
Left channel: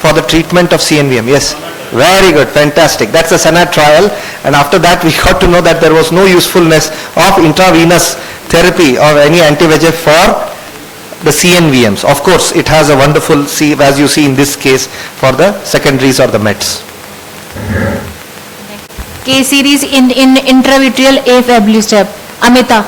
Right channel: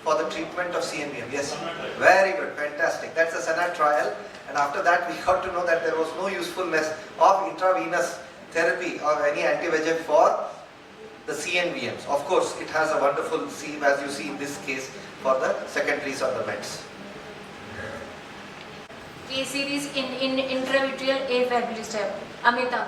for the treatment of CNVM. Yes, very good, fantastic. That's the SANAT trial, and after that we got to know that there was no usefulness of intravenous therapy or any anti-VEGF for the CNVMs. Of course, it has a wonderful, as you see in this case, for the secondaries or the METs. K series in intravitreal aflibercept. Amita.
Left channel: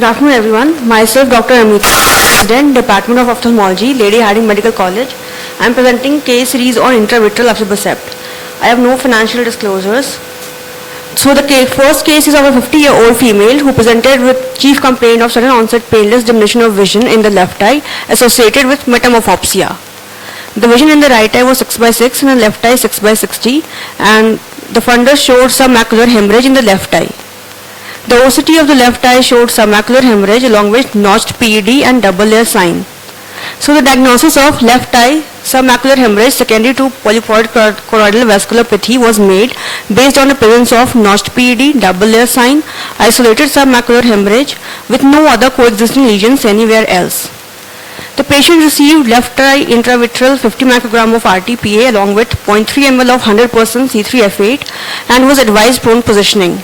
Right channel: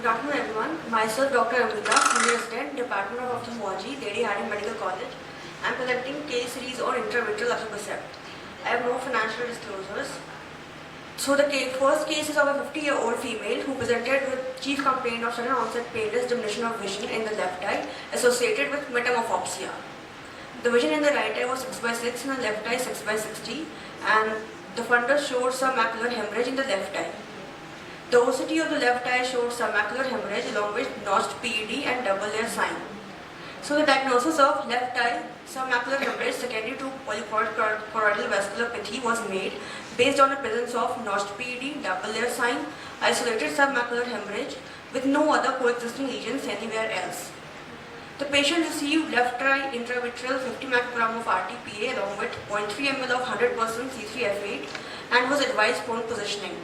Good afternoon, everyone. Myself, Dr. Amita, President, Department of Ophthalmology, Lady Harding Medical College. I am presenting case series on intravitreal aflibercept. I have no financial disclosures. So the first case is of a 50-year-old female who presented with chief complaint of sudden onset painless diminution of vision in the left eye associated with metamorphopsia. The vision in the right eye was 6/6 and the left eye 6/60, and the fundus showed submacular hemorrhage in the left eye. The OCT of the left eye showed submacular hemorrhage along with notched PED and double layer sign. So the diagnosis of left eye submacular hemorrhage secondary to polypoid choroidal vasculopathy was made based on the presence of notched PED, double layer sign, isolated submacular hemorrhage with no other coexisting lesions anywhere else. The patient received left eye intravitreal 50 microgram of RTPA along with 0.3 ml of 100% C3F8 and was advised prone positioning.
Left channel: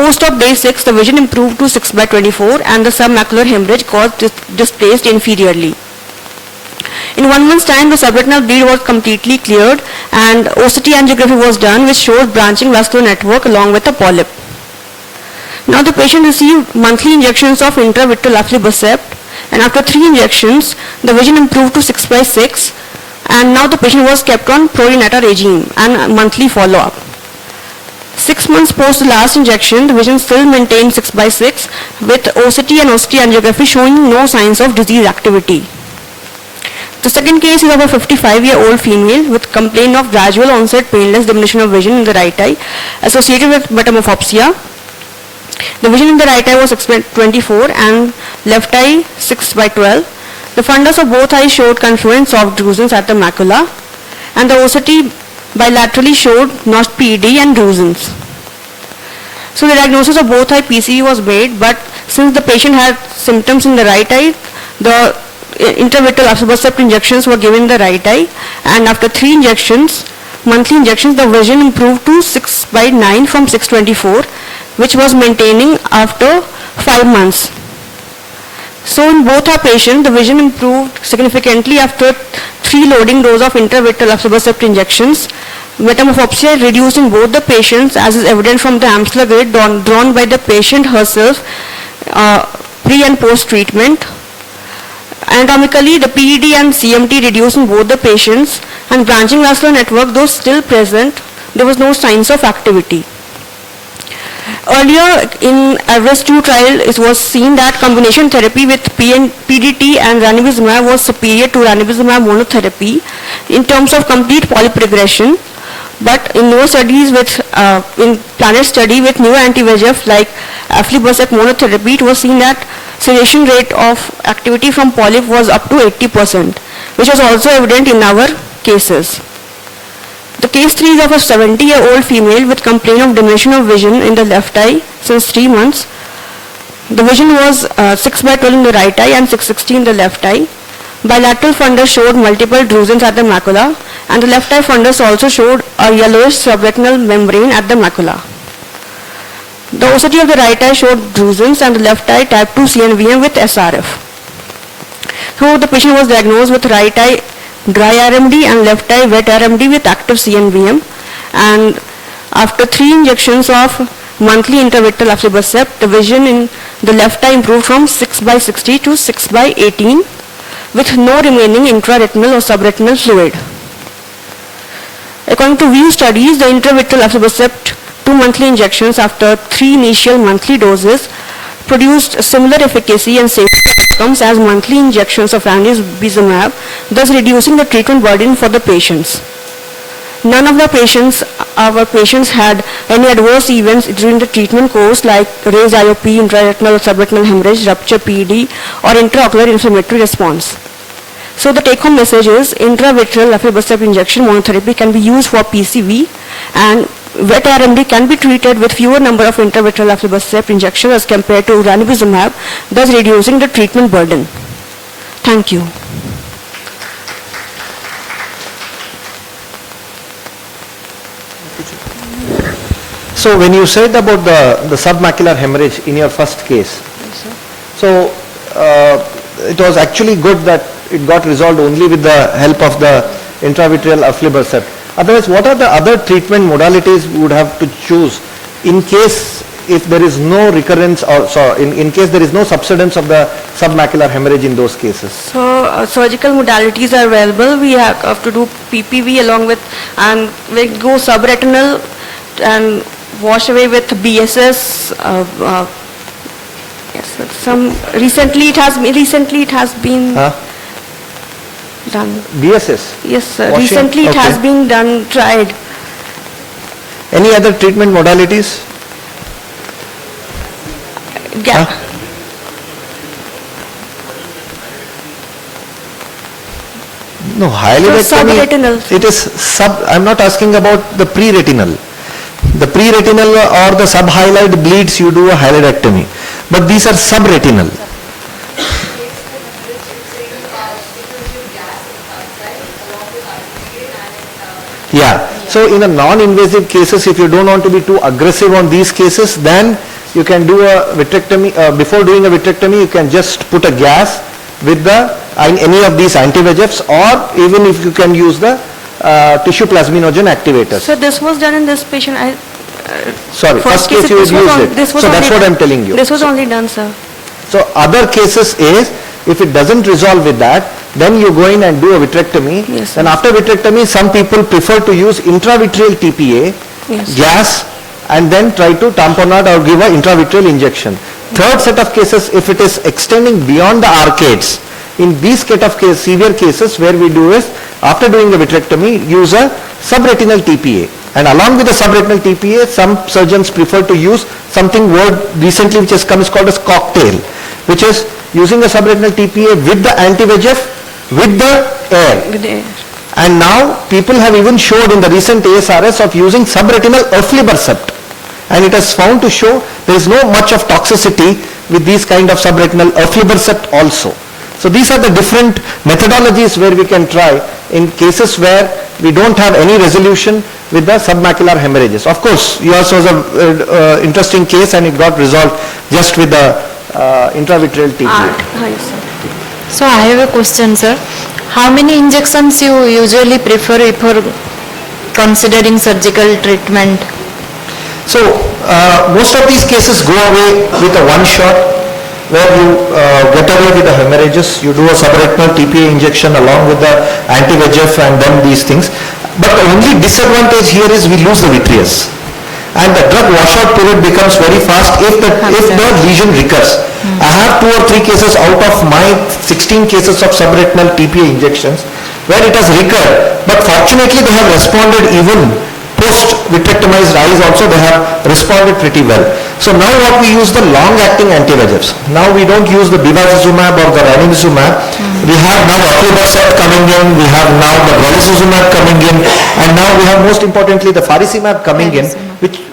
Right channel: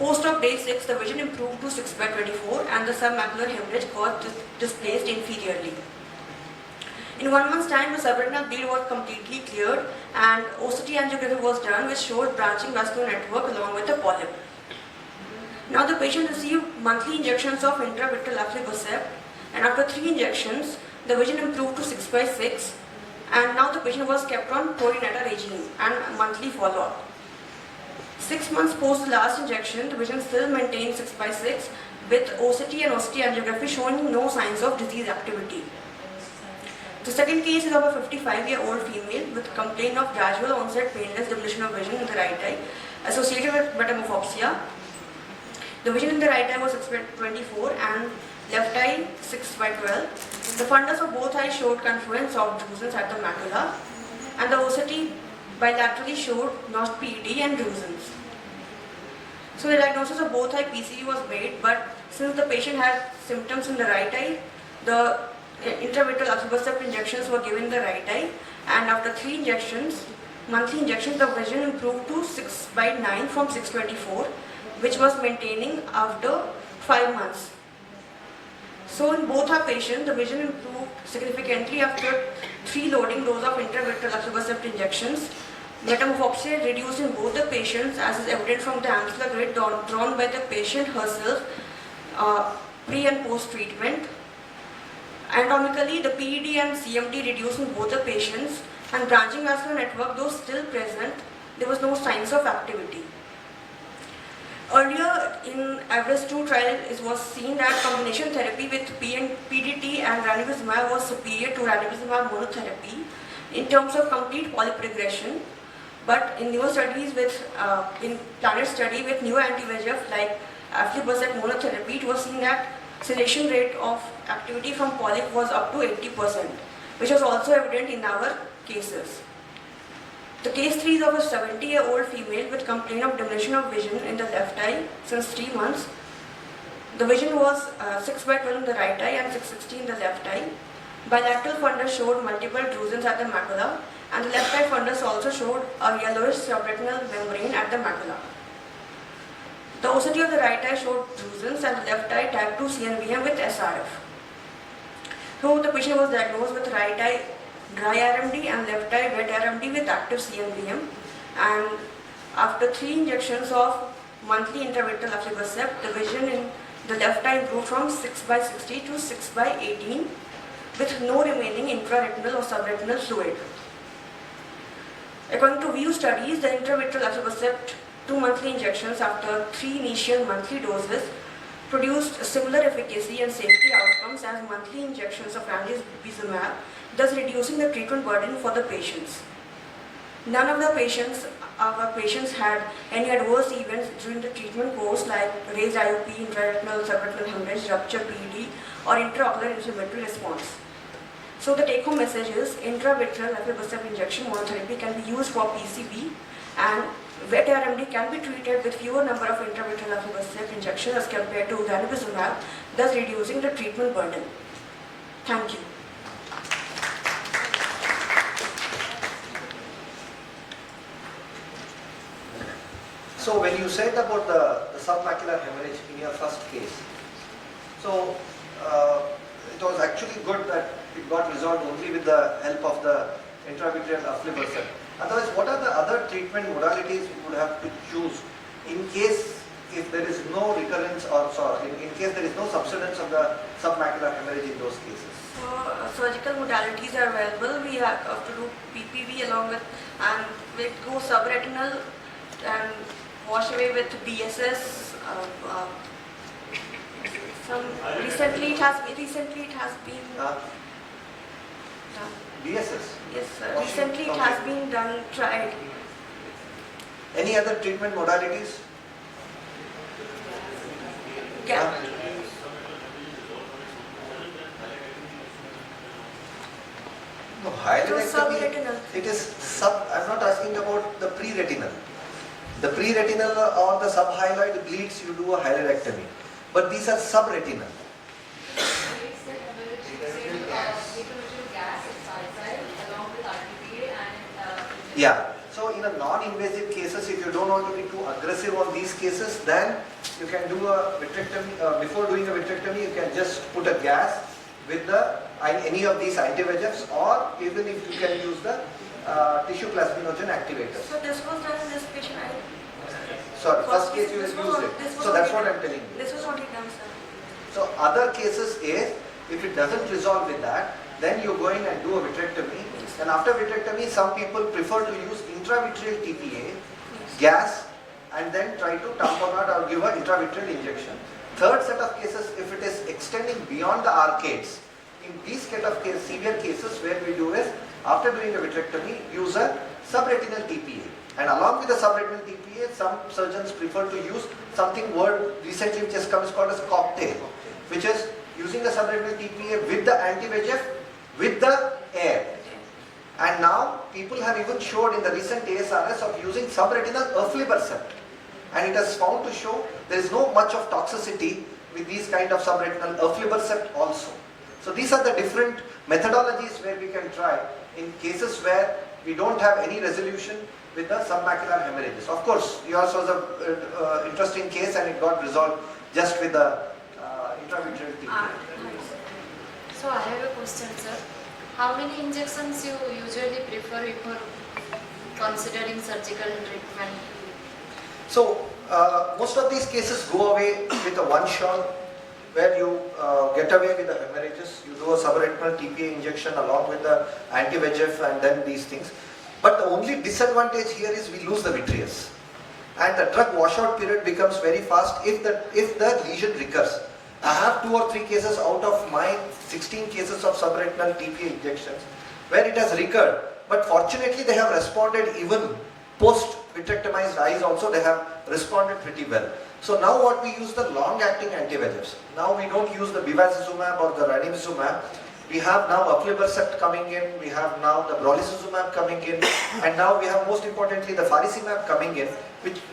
Post-op day 6, the vision improved to 6/24 and the submacular hemorrhage got displaced inferiorly. In 1 month's time, the subretinal bleed was completely cleared and OCT angiography was done which showed branching vascular network along with a polyp. Now the patient received monthly injections of intravitreal aflibercept, and after 3 injections, the vision improved to 6/6, and now the patient was kept on Prorineta regime and monthly follow-up. 6 months post the last injection, the vision still maintained 6/6 with OCT and OCT angiography showing no signs of disease activity. The second case is of a 55-year-old female with complaint of gradual onset painless diminution of vision in the right eye associated with metamorphopsia. The vision in the right eye was 6/24 and left eye 6/12. The fundus of both eyes showed confluent soft druseness at the macula, and the OCT bilaterally showed notched PED and druseness. So the diagnosis of both eye PCV was made, but since the patient had symptoms in the right eye, the intravitreal aflibercept injections were given in the right eye, and after 3 injections, monthly injections, the vision improved to 6/9 from 6/24, which was maintaining after 5 months. So in both our patients, the vision improved significantly after 3 loading doses of intravitreal aflibercept injections. Metamorphopsia reduced in both the patients, as is evident from the Amsler grid drawn by the patient herself pre and post treatment. Anatomically, the PED and CMT reduced in both the patients, and branching vascular network, though still present, there was no signs of activity. Earlier in AVEREST 2 trial, it was seen that combination therapy with PDT and ranibizumab was superior to ranibizumab monotherapy in terms of complete polyp regression. But in newer studies in PLANET study with new anti-VEGF like aflibercept monotherapy, it was seen that cessation rate of activity from polyp was up to 80%, which was also evident in our cases. The case 3 is of a 70-year-old female with complaint of diminution of vision in the left eye since 3 months. The vision was 6/12 in the right eye and 6/60 in the left eye. Bilateral fundus showed multiple druseness at the macula, and the left eye fundus also showed a yellowish subretinal membrane at the macula. The OCT of the right eye showed druseness and the left eye type 2 CNVM with SRF. So the patient was diagnosed with right eye dry RMD and left eye wet RMD with active CNVM, and after 3 injections of monthly intravitreal aflibercept, the vision in the left eye improved from 6/60 to 6/18 with no remaining intraretinal or subretinal fluid. According to VIEW studies, the intravitreal aflibercept 2 monthly injections after 3 initial monthly doses produced similar efficacy and safety outcomes as monthly injections of ranibizumab, thus reducing the treatment burden for the patients. None of our patients had any adverse events during the treatment course like raised IOP, intraretinal or subretinal hemorrhage, rupture PED, or intraocular inflammatory response. So the take-home message is intravitreal aflibercept injection monotherapy can be used for PCV, and wet RMD can be treated with fewer number of intravitreal aflibercept injections as compared to ranibizumab, thus reducing the treatment burden. Thank you. So when you said about the submacular hemorrhage in your first case, so it was actually good that it got resolved only with the help of the intravitreal aflibercept. Otherwise, what are the other treatment modalities we would have to choose in case if there is no recurrence or so in case there is no subsidence of the submacular hemorrhage in those cases? So surgical modalities are available. We have to do PPV along with, and we go subretinal and wash away with BSS. Yes, recently it has been done. BSS? Yes, sir. Washing? Recently it has Okay. been done, tried. Any other treatment modalities? Yeah. No, highlightomy, subretinal. it is sub, I'm not asking about the pre-retinal. The pre-retinal or the sub-highlight bleeds, you do a highlightomy. But these are subretinal. Yeah, so in a non-invasive cases, if you don't want to be too aggressive on these cases, then you can do a vitrectomy, before doing a vitrectomy, you can just put a gas with the, any of these anti-VEGFs, or even if you can use the tissue plasminogen activators. So this was done in this patient. Sorry, first case you had used it. So that's what I'm telling you. This was only done, sir. So other cases is, if it doesn't resolve with that, then you go in and do a vitrectomy. Yes, and after vitrectomy, some people prefer to use intravitreal TPA, Yes. gas, and then try to tamponade or give an intravitreal injection. Third set of cases, if it is extending beyond the arcades, in these set of severe cases, where we do is, after doing the vitrectomy, use a subretinal TPA. And along with the subretinal TPA, some surgeons prefer to use something word recently which has come is called as cocktail, which is using a subretinal TPA with the anti-VEGF with the air. With the air. And now people have even showed in the recent ASRS of using subretinal aflibercept. And it has found to show there is no much of toxicity with these kind of subretinal aflibercept also. So these are the different methodologies where we can try in cases where we don't have any resolution with the submacular hemorrhages. Of course, yours was an interesting case and it got resolved just with the intravitreal TPA. Yes, sir. So I have a question, sir. How many injections you usually prefer for considering surgical treatment? So most of these cases go away with a one shot where you get away with the hemorrhages. You do a subretinal TPA injection along with the anti-VEGF and then these things. But the only disadvantage here is we lose the vitreous. And the drug washout period becomes very fast if the lesion recurs. I have 2 or 3 cases out of my 16 cases of subretinal TPA injections where it has recurred. But fortunately they have responded even post-vitrectomized eyes also, they have responded pretty well. So now what we use the long-acting anti-VEGFs. Now we don't use the bevacizumab or the ranibizumab. We have now aflibercept coming in, we have now the brolucizumab coming in, and now we have most importantly the faricimab coming in, which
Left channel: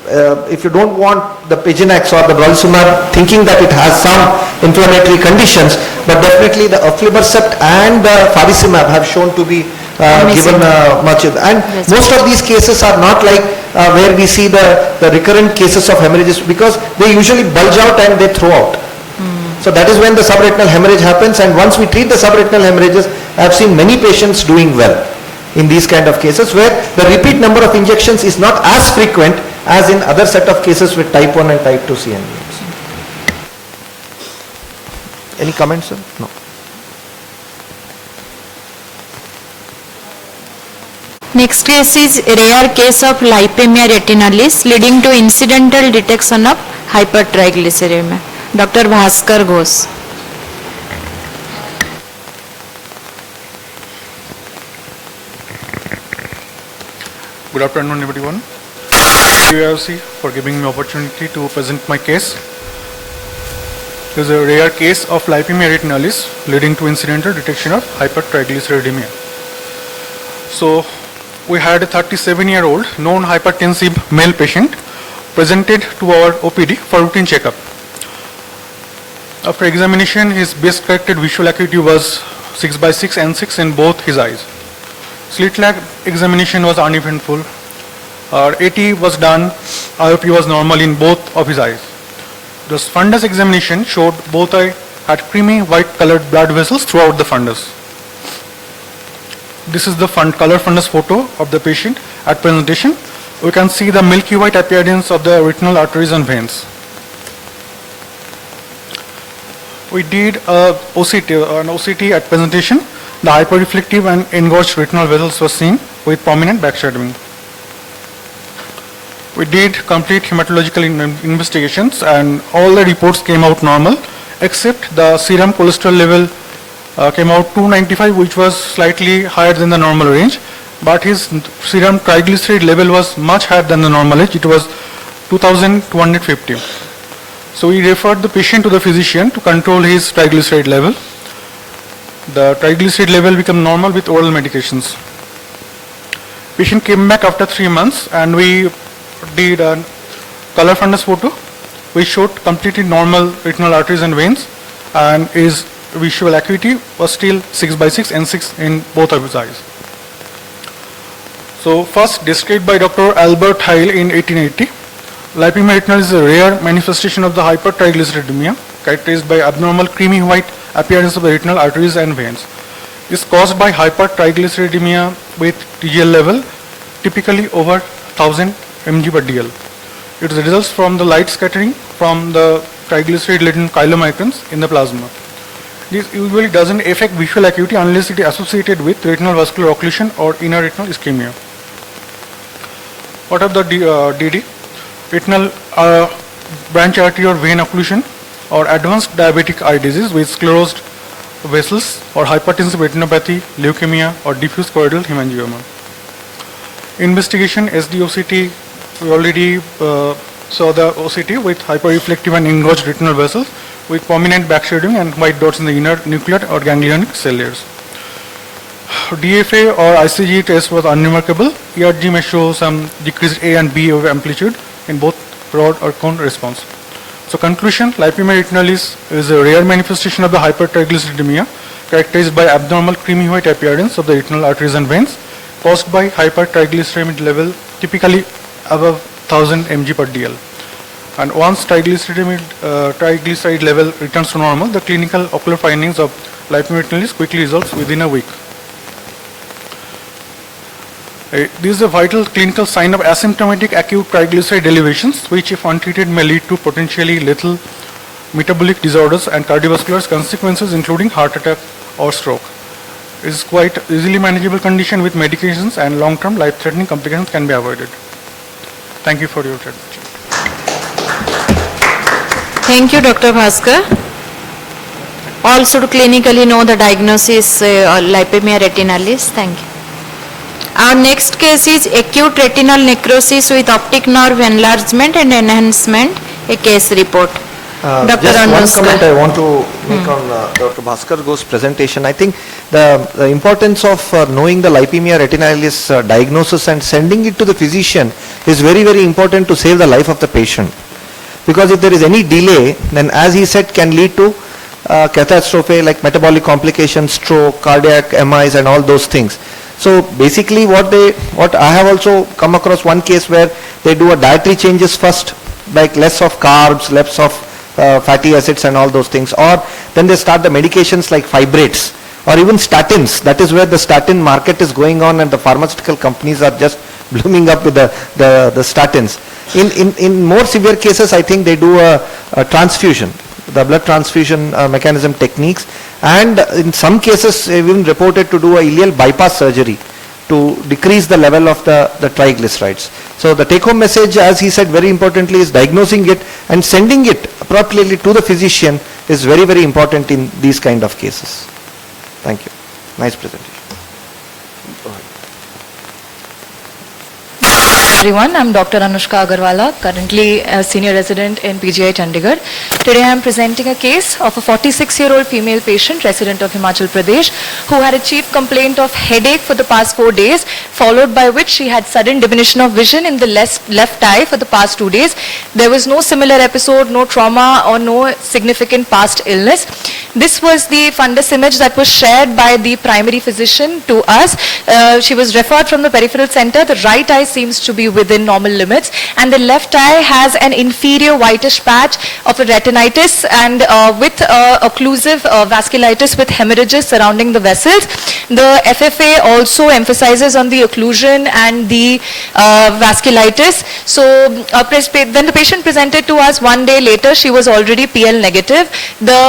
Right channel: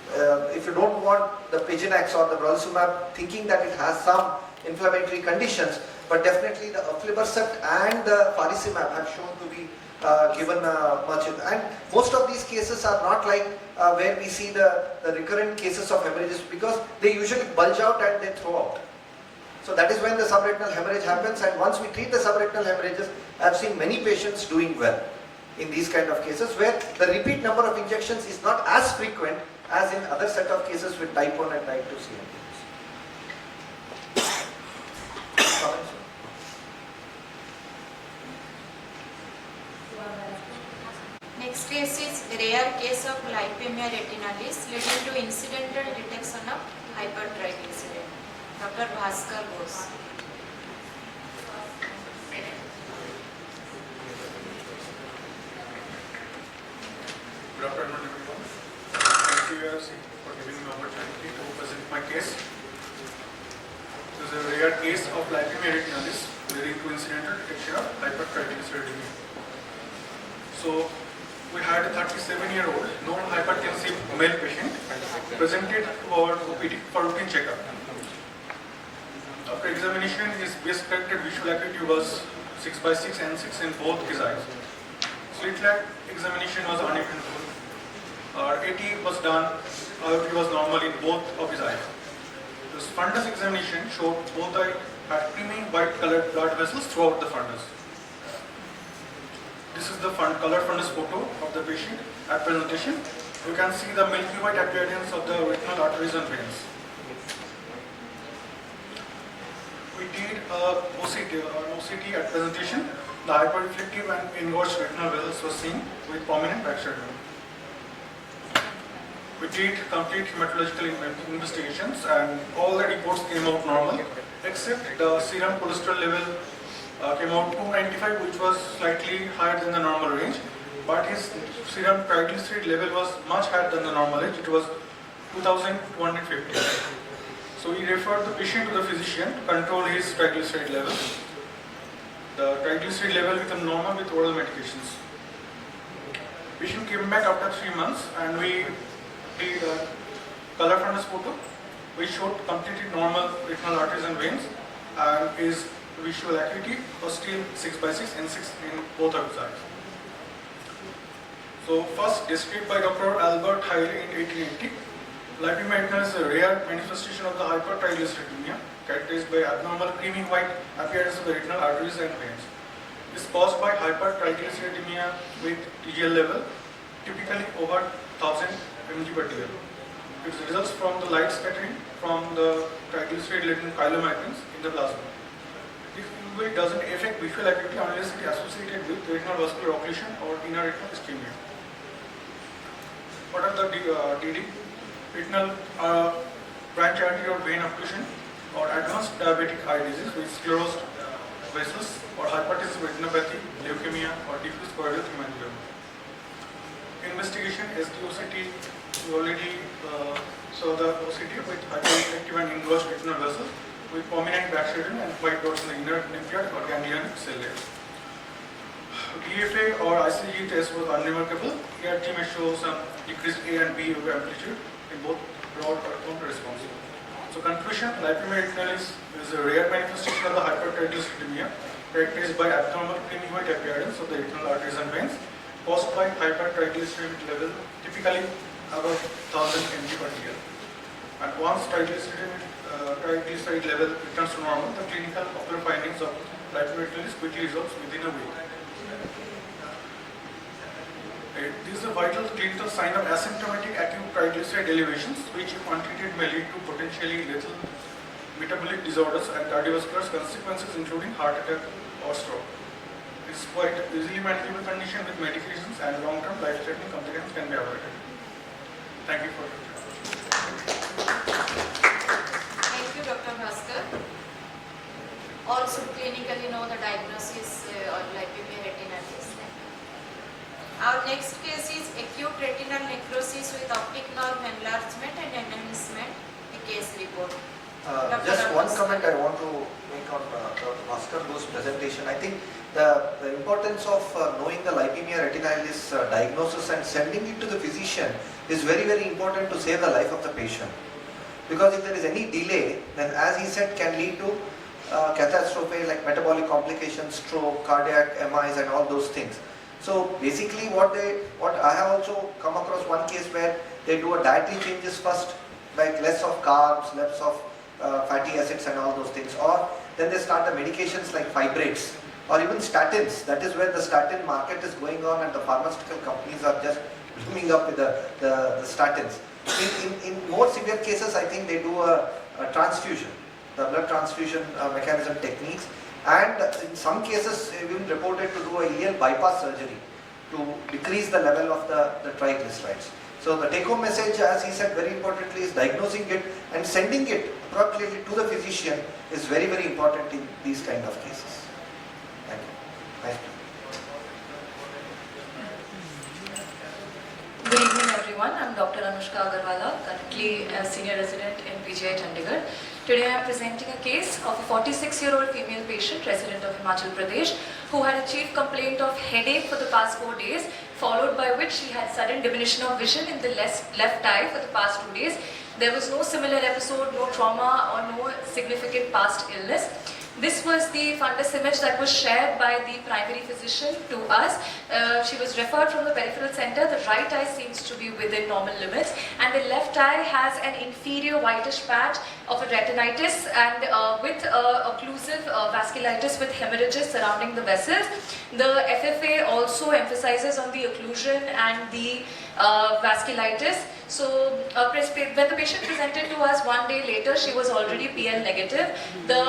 if you don't want the Pigenax or the brolucizumab thinking that it has some inflammatory conditions, but definitely the aflibercept and the faricimab have shown to be given much, and most of these cases are not like where we see the recurrent cases of hemorrhages, because they usually bulge out and they throw out. So that is when the subretinal hemorrhage happens, and once we treat the subretinal hemorrhages, I have seen many patients doing well in these kind of cases where the repeat number of injections is not as frequent as in other set of cases with type 1 and type 2 CNVs. Any comments, sir? No. Next case is rare case of lipemia retinalis leading to incidental detection of hypertriglyceridemia. Dr. Bhaskar Ghosh. Good afternoon, everyone. AIOC for giving me opportunity to present my case. This is a rare case of lipemia retinalis leading to incidental detection of hypertriglyceridemia. So we had a 37-year-old non-hypertensive male patient presented to our OPD for routine checkup. After examination, his base corrected visual acuity was 6/6 and 6 in both his eyes. Slit lag examination was uneventful. Our AT was done, IOP was normal in both of his eyes. The fundus examination showed both eyes had creamy white colored blood vessels throughout the fundus. This is the color fundus photo of the patient at presentation. We can see the milky white appearance of the retinal arteries and veins. We did an OCT at presentation. The hyperreflective and engorged retinal vessels were seen with prominent backshadowing. We did complete hematological investigations and all the reports came out normal except the serum cholesterol level came out 295, which was slightly higher than the normal range, but his serum triglyceride level was much higher than the normal range. It was 2250. So we referred the patient to the physician to control his triglyceride level. The triglyceride level became normal with oral medications. Patient came back after 3 months and we did a color fundus photo. We showed completely normal retinal arteries and veins, and his visual acuity was still 6/6 and 6 in both of his eyes. So first described by Dr. Albert Heil in 1880, lipemia retinalis is a rare manifestation of the hypertriglyceridemia characterized by abnormal creamy white appearance of the retinal arteries and veins. It is caused by hypertriglyceridemia with TGL level typically over 1000 mg per dl. It results from the light scattering from the triglyceride-laden chylomicrons in the plasma. This usually doesn't affect visual acuity unless it is associated with retinal vascular occlusion or inner retinal ischemia. What are the DD? Retinal branch artery or vein occlusion or advanced diabetic eye disease with sclerosed vessels or hypertensive retinopathy, leukemia or diffuse choroidal hemangioma. Investigation SDOCT, we already saw the OCT with hyperreflective and engorged retinal vessels with prominent backshadowing and white dots in the inner nuclear or ganglionic cell layers. DFA or ICG test was unremarkable. ERG may show some decreased A and B of amplitude in both rod or cone response. So conclusion, lipemia retinalis is a rare manifestation of the hypertriglyceridemia characterized by abnormal creamy white appearance of the retinal arteries and veins caused by hypertriglyceridemia level typically above 1000 mg per dl. And once triglyceride level returns to normal, the clinical ocular findings of lipemia retinalis quickly resolves within a week. This is a vital clinical sign of asymptomatic acute triglyceride elevations, which if untreated may lead to potentially lethal metabolic disorders and cardiovascular consequences including heart attack or stroke. It is quite easily manageable condition with medications and long-term life-threatening complications can be avoided. Thank you for your attention. Thank you, Dr. Bhaskar. All should clinically know the diagnosis lipemia retinalis. Thank you. Our next case is acute retinal necrosis with optic nerve enlargement and enhancement, a case report. Dr. Just one Anushka. comment I want to make on Dr. Bhaskar Ghosh's presentation. I think the importance of knowing the lipemia retinalis diagnosis and sending it to the physician is very, very important to save the life of the patient. Because if there is any delay, then as he said, can lead to catastrophe like metabolic complications, stroke, cardiac MIs and all those things. So basically what I have also come across one case where they do a dietary changes first, like less of carbs, less of fatty acids and all those things, or then they start the medications like fibrates or even statins. That is where the statin market is going on and the pharmaceutical companies are just blooming up with the statins. In more severe cases, I think they do a transfusion, the blood transfusion mechanism techniques, and in some cases even reported to do a ileal bypass surgery to decrease the level of the triglycerides. So the take-home message, as he said very importantly, is diagnosing it and sending it appropriately to the physician is very, very important in these kind of cases. Thank you. Nice presentation. Everyone, I'm Dr. Anushka Agarwala, currently a senior resident in PGI Chandigarh. Today I am presenting a case of a 46-year-old female patient resident of Himachal Pradesh who had a chief complaint of headache for the past 4 days, followed by which she had sudden diminution of vision in the left eye for the past 2 days. There was no similar episode, no trauma or no significant past illness. This was the fundus image that was shared by the primary physician to us. She was referred from the peripheral center. The right eye seems to be be within normal limits. And the left eye has an inferior whitish patch of a retinitis and with occlusive vasculitis with hemorrhages surrounding the vessels. The FFA also emphasizes on the occlusion and the vasculitis. So when the patient presented to us 1 day later, she was already PL negative. The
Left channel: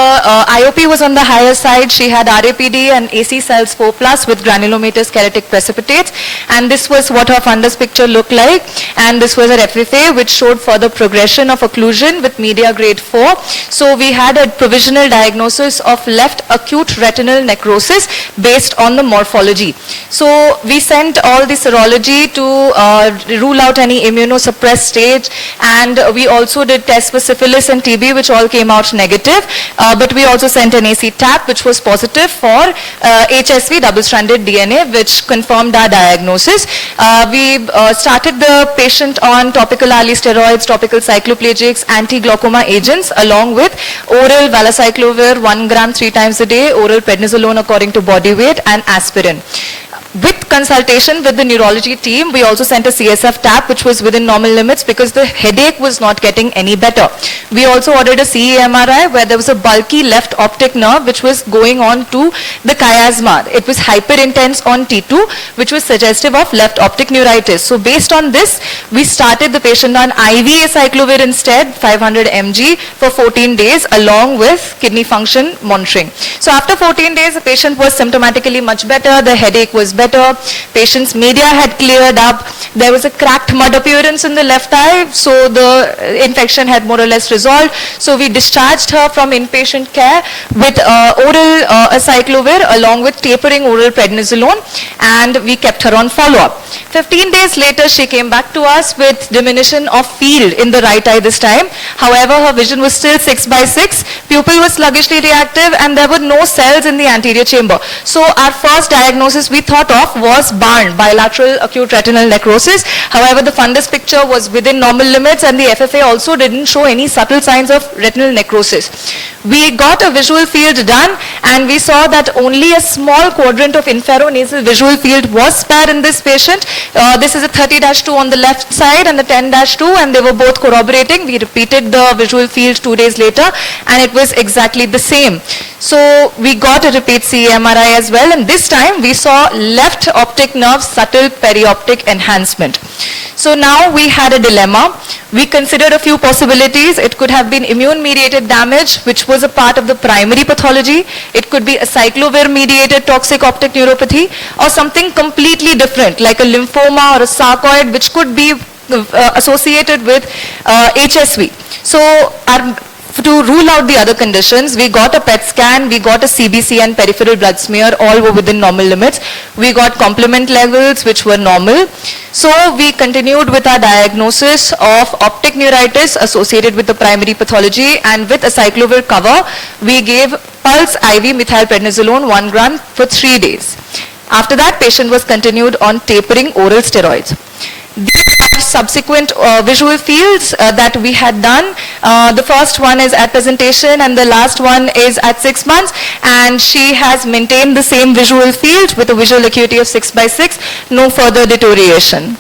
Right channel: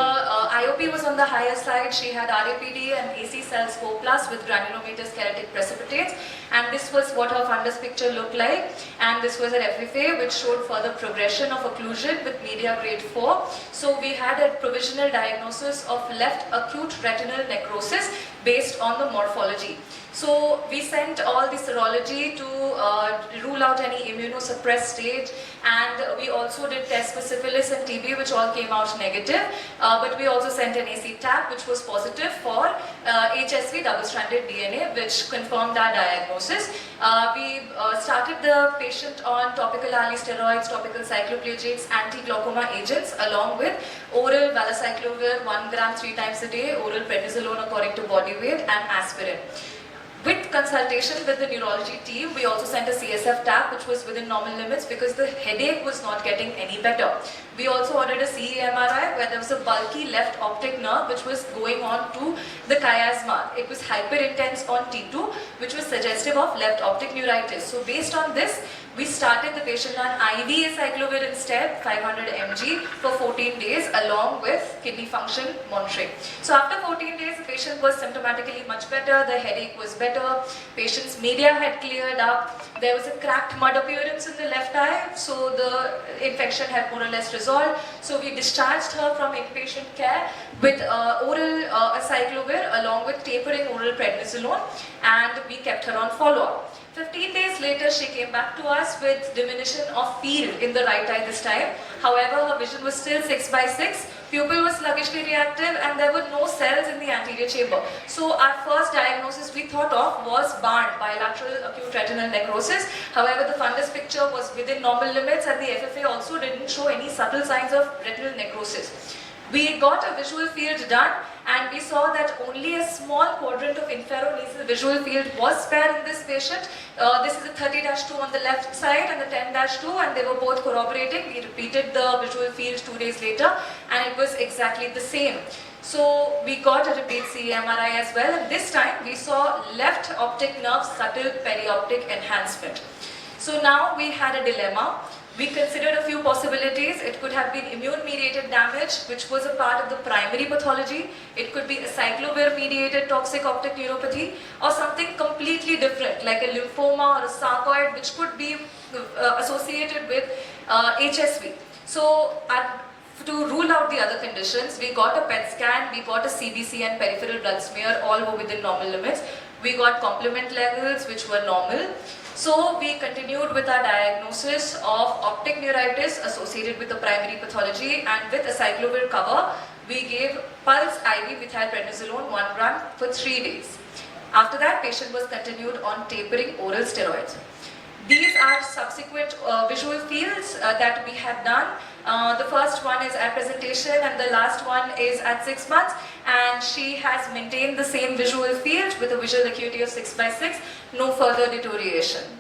IOP was on the higher side. She had RAPD and AC cells 4+ with granulomatous keratic precipitates. And this was what her fundus picture looked like. And this was her FFA, which showed further progression of occlusion with media grade 4. So we had a provisional diagnosis of left acute retinal necrosis based on the morphology. So we sent all the serology to rule out any immunosuppressed stage, and we also did tests for syphilis and TB, which all came out negative. But we also sent an AC TAP, which was positive for HSV double-stranded DNA, which confirmed our diagnosis. We started the patient on topical Ali steroids, topical cycloplegics, anti-glaucoma agents, along with oral valacyclovir 1 gram 3 times a day, oral prednisolone according to body weight, and aspirin. With consultation with the neurology team, we also sent a CSF TAP, which was within normal limits because the headache was not getting any better. We also ordered a CE MRI where there was a bulky left optic nerve which was going on to the chiasma. It was hyperintense on T2, which was suggestive of left optic neuritis. So based on this, we started the patient on IV acyclovir instead, 500 mg for 14 days along with kidney function monitoring. So after 14 days, the patient was symptomatically much better. The headache was better. Patient's media had cleared up. There was a cracked mud appearance in the left eye, so the infection had more or less resolved. So we discharged her from inpatient care with oral acyclovir along with tapering oral prednisolone, and we kept her on follow-up. 15 days later, she came back to us with diminution of field in the right eye this time. However, her vision was still 6/6, pupil was sluggishly reactive, and there were no cells in the anterior chamber. So our first diagnosis we thought of was BARN, bilateral acute retinal necrosis. However, the fundus picture was within normal limits, and the FFA also didn't show any subtle signs of retinal necrosis. We got a visual field done, and we saw that only a small quadrant of inferonasal visual field was spared in this patient. This is a 30-2 on the left side and the 10-2, and they were both corroborating. We repeated the visual field 2 days later, and it was exactly the same. So we got a repeat CE MRI as well, and this time we saw left optic nerve subtle perioptic enhancement. So now we had a dilemma. We considered a few possibilities. It could have been immune-mediated damage, which was a part of the primary pathology. It could be a cyclovir-mediated toxic optic neuropathy, or something completely different, like a lymphoma or a sarcoid, which could be associated with HSV. So to rule out the other conditions, we got a PET scan, we got a CBC and peripheral blood smear, all were within normal limits. We got complement levels which were normal. So we continued with our diagnosis of optic neuritis associated with the primary pathology, and with a cyclovir cover, we gave pulse IV methylprednisolone 1 gram for 3 days. After that, patient was continued on tapering oral steroids. These are subsequent visual fields that we had done. The first one is at presentation and the last one is at 6 months, and she has maintained the same visual field with a visual acuity of 6/6, no further deterioration.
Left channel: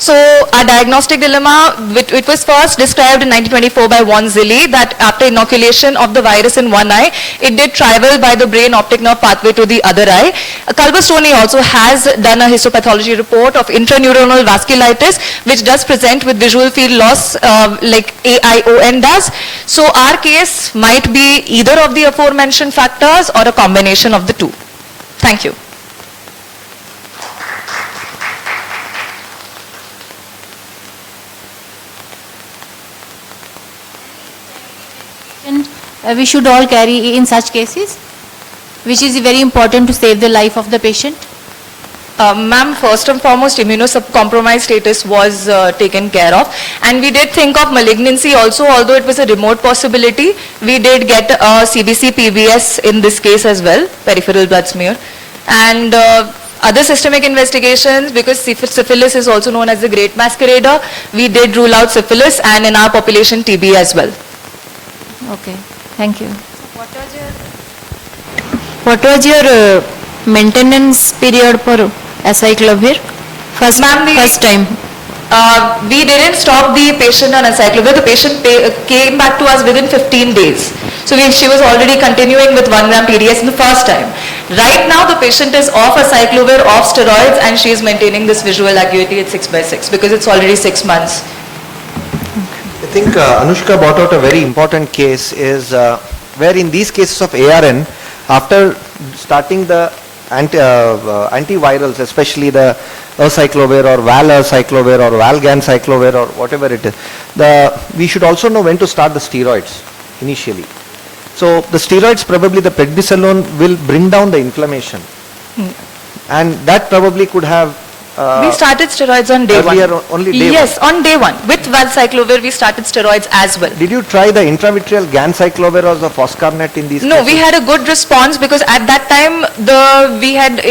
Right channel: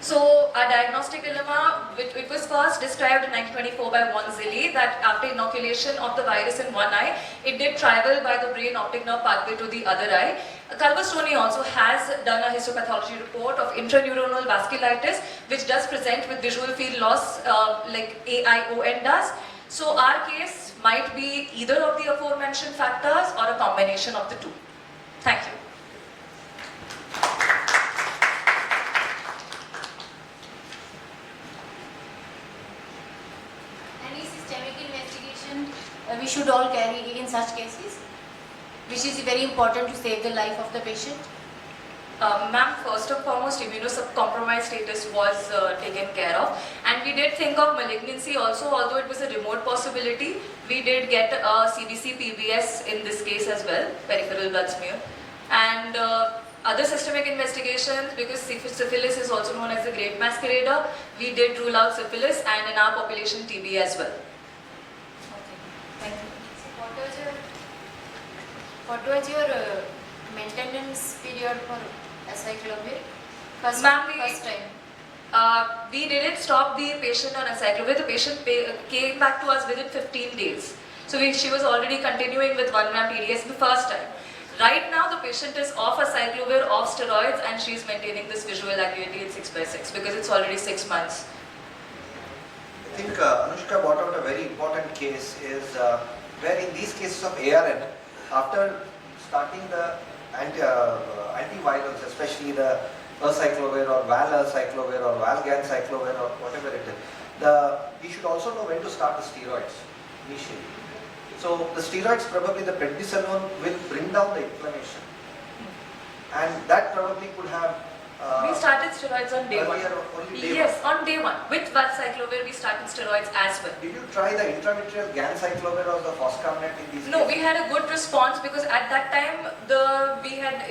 So our diagnostic dilemma, it was first described in 1924 by Von Zilli, that after inoculation of the virus in one eye, it did travel by the brain optic nerve pathway to the other eye. Culver-Stoney also has done a histopathology report of intraneuronal vasculitis, which does present with visual field loss like AION does. So our case might be either of the aforementioned factors or a combination of the two. Thank you. We should all carry in such cases, which is very important to save the life of the patient? Ma'am, first and foremost, immunocompromised status was taken care of, and we did think of malignancy also, although it was a remote possibility. We did get a CBC PBS in this case as well, peripheral blood smear, and other systemic investigations, because syphilis is also known as the great masquerader, we did rule out syphilis, and in our population TB as well. Okay, thank you. What was your maintenance period for acyclovir First time. We didn't stop the patient on acyclovir. The patient came back to us within 15 days. So she was already continuing with 1 gram TDS in the first time. Right now, the patient is off acyclovir, off steroids, and she is maintaining this visual acuity at 6/6 because it's already 6 months. I think Anushka brought out a very important case is where in these cases of ARN, after starting the antivirals, especially the acyclovir or valacyclovir or valganciclovir or whatever it is, we should also know when to start the steroids initially. So the steroids, probably the prednisolone will bring down the inflammation. And that probably could have We started steroids on day one. earlier only day Yes, on day one. With valcyclovir, we started steroids as well. Did you try the intravitreal ganciclovir or the foscarnet in these No, cases? we had a good response because at that time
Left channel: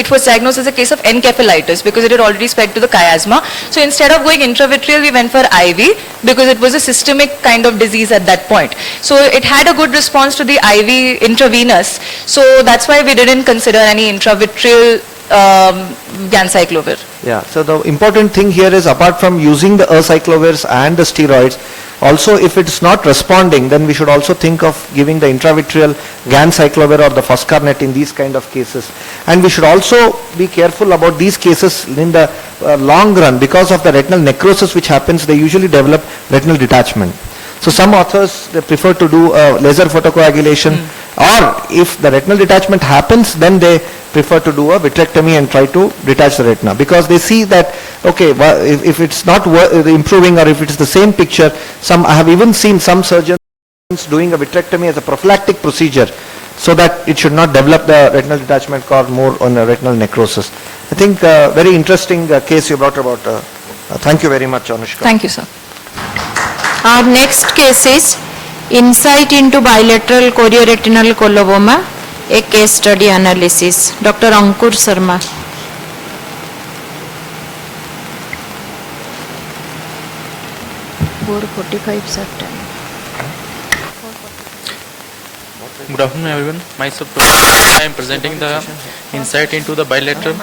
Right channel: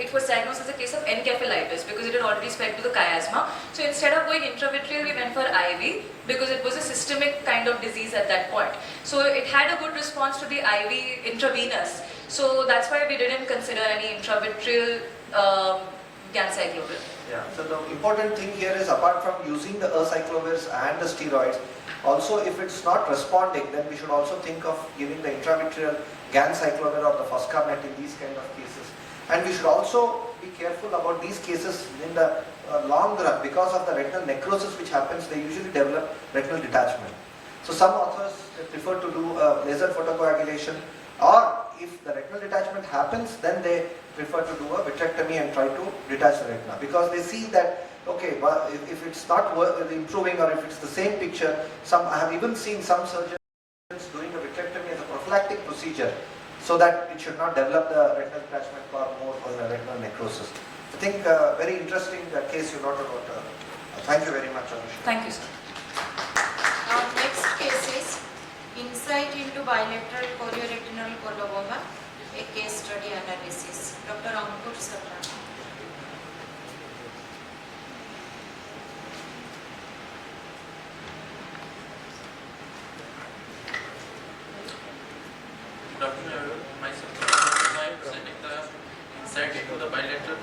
it was diagnosed as a case of encephalitis because it had already spread to the chiasma. So instead of going intravitreal, we went for IV because it was a systemic kind of disease at that point. So it had a good response to the IV intravenous. So that's why we didn't consider any intravitreal ganciclovir. Yeah, so the important thing here is apart from using the acyclovirs and the steroids, also if it's not responding, then we should also think of giving the intravitreal ganciclovir or the foscarnet in these kind of cases. And we should also be careful about these cases in the long run because of the retinal necrosis which happens, they usually develop retinal detachment. So some authors, they prefer to do laser photocoagulation or if the retinal detachment happens, then they prefer to do a vitrectomy and try to detach the retina because they see that, okay, if it's not improving or if it's the same picture, I have even seen some surgeons doing a vitrectomy as a prophylactic procedure so that it should not develop the retinal detachment cause more on a retinal necrosis. I think very interesting case you brought about. Thank you very much, Anushka. Thank you, sir. Our next case is insight into bilateral chorioretinal coloboma, a case study analysis. Dr. Ankur Sharma. Good afternoon everyone. Myself, I am presenting the insight into the bilateral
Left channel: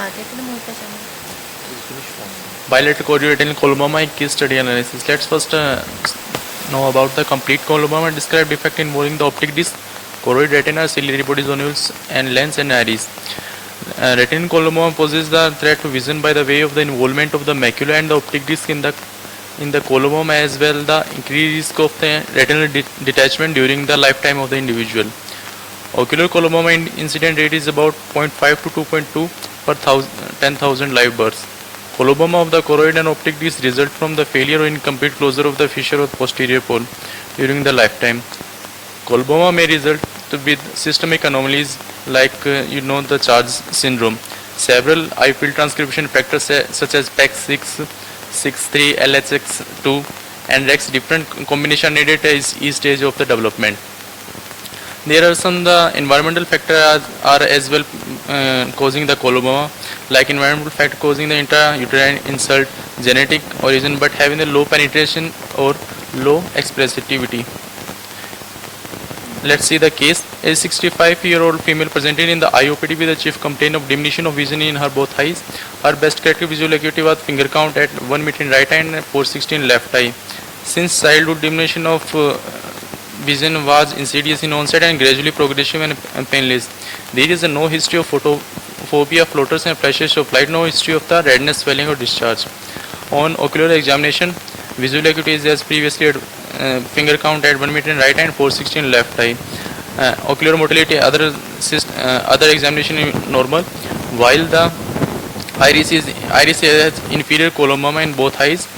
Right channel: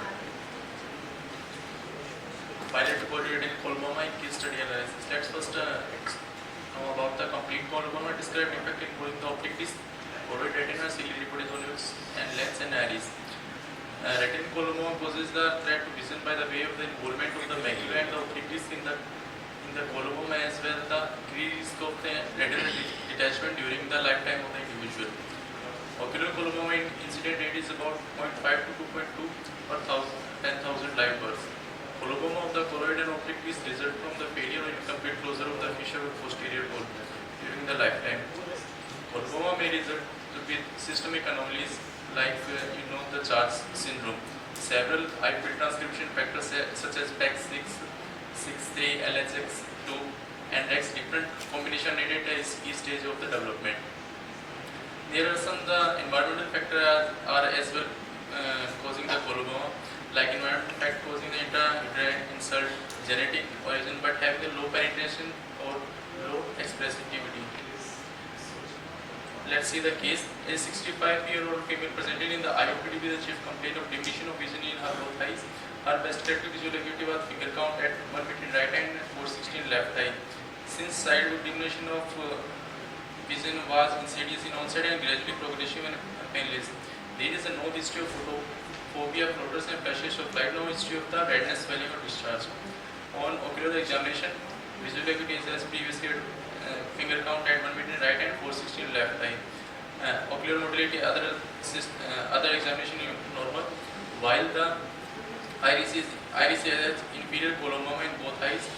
chorioretinal coloboma case study analysis. Let's first know about the complete coloboma and describe defect involving the optic disc, choroid, retina, ciliary body zonules, and lens and iris. Retinal coloboma poses the threat to vision by the way of the involvement of the macula and the optic disc in the coloboma, as well the increased risk of the retinal detachment during the lifetime of the individual. Ocular coloboma incident rate is about 0.5 to 2.2 per 10,000 live births. Coloboma of the choroid and optic disc result from the failure or incomplete closure of the fissure of the posterior pole during the lifetime. Coloboma may result with systemic anomalies like the Charge syndrome. Several eye field transcription factors such as PEX6, 6,3, LHX2 and REX different combination needed at each stage of the development. There are some environmental factors are as well causing the coloboma, like environmental factor causing the intrauterine insult, genetic origin but having a low penetration or low expressivity. Let's see the case. A 65-year-old female presented in the IOPD with a chief complaint of diminution of vision in her both eyes. Her best corrective visual acuity was finger count at 1 meter in right eye and 460 in left eye. Since childhood, diminution of vision was insidious in onset and gradually progressive and painless. There is no history of photophobia, floaters and flashes of light, no history of the redness, swelling or discharge. On ocular examination, visual acuity is as previously finger count at 1 meter in right eye and 460 in left eye. Ocular motility, other examination is normal, while the iris has inferior coloboma in both eyes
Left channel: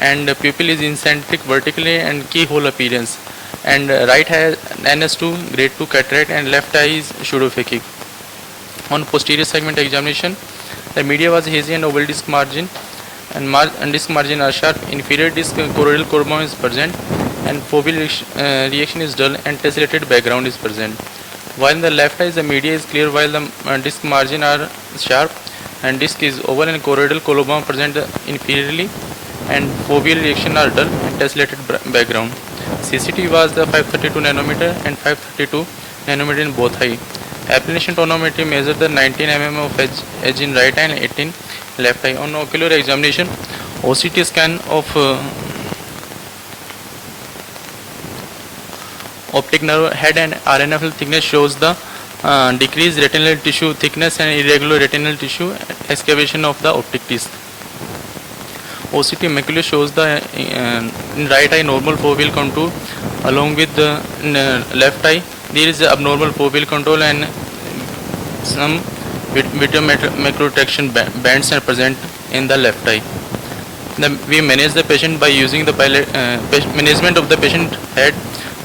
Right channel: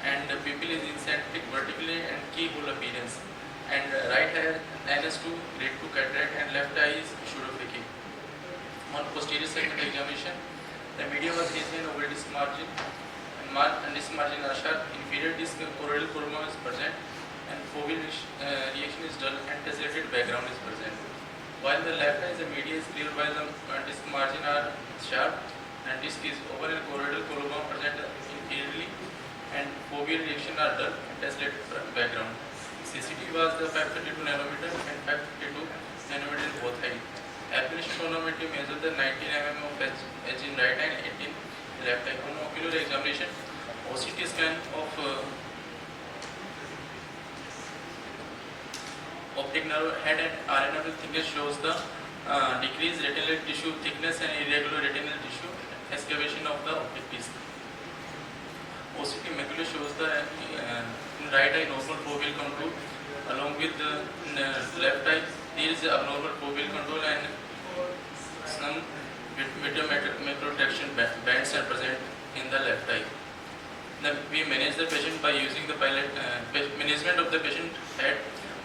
and pupil is incentric vertically and keyhole appearance. And right has NS2 grade 2 cataract and left eye is pseudophakic. On posterior segment examination, the media was hazy and oval disc margin and disc margin are sharp. Inferior disc choroidal coloboma is present and foveal reaction is dull and tessellated background is present. While in the left eye, the media is clear while the disc margin are sharp and disc is oval and choroidal coloboma present inferiorly and foveal reaction are dull and tessellated background. CCT was the 532 nanometer and 532 nanometer in both eye. Applanation tonometry measured the 19 mm of edge in right eye and 18 left eye. On ocular examination, OCT scan of optic nerve head and RNFL thickness shows the decreased retinal tissue thickness and irregular retinal tissue excavation of the optic disc. OCT macula shows the in right eye normal foveal contour along with the left eye there is abnormal foveal contour and some macrotraction bands are present in the left eye. We manage the patient by using the management of the patient head,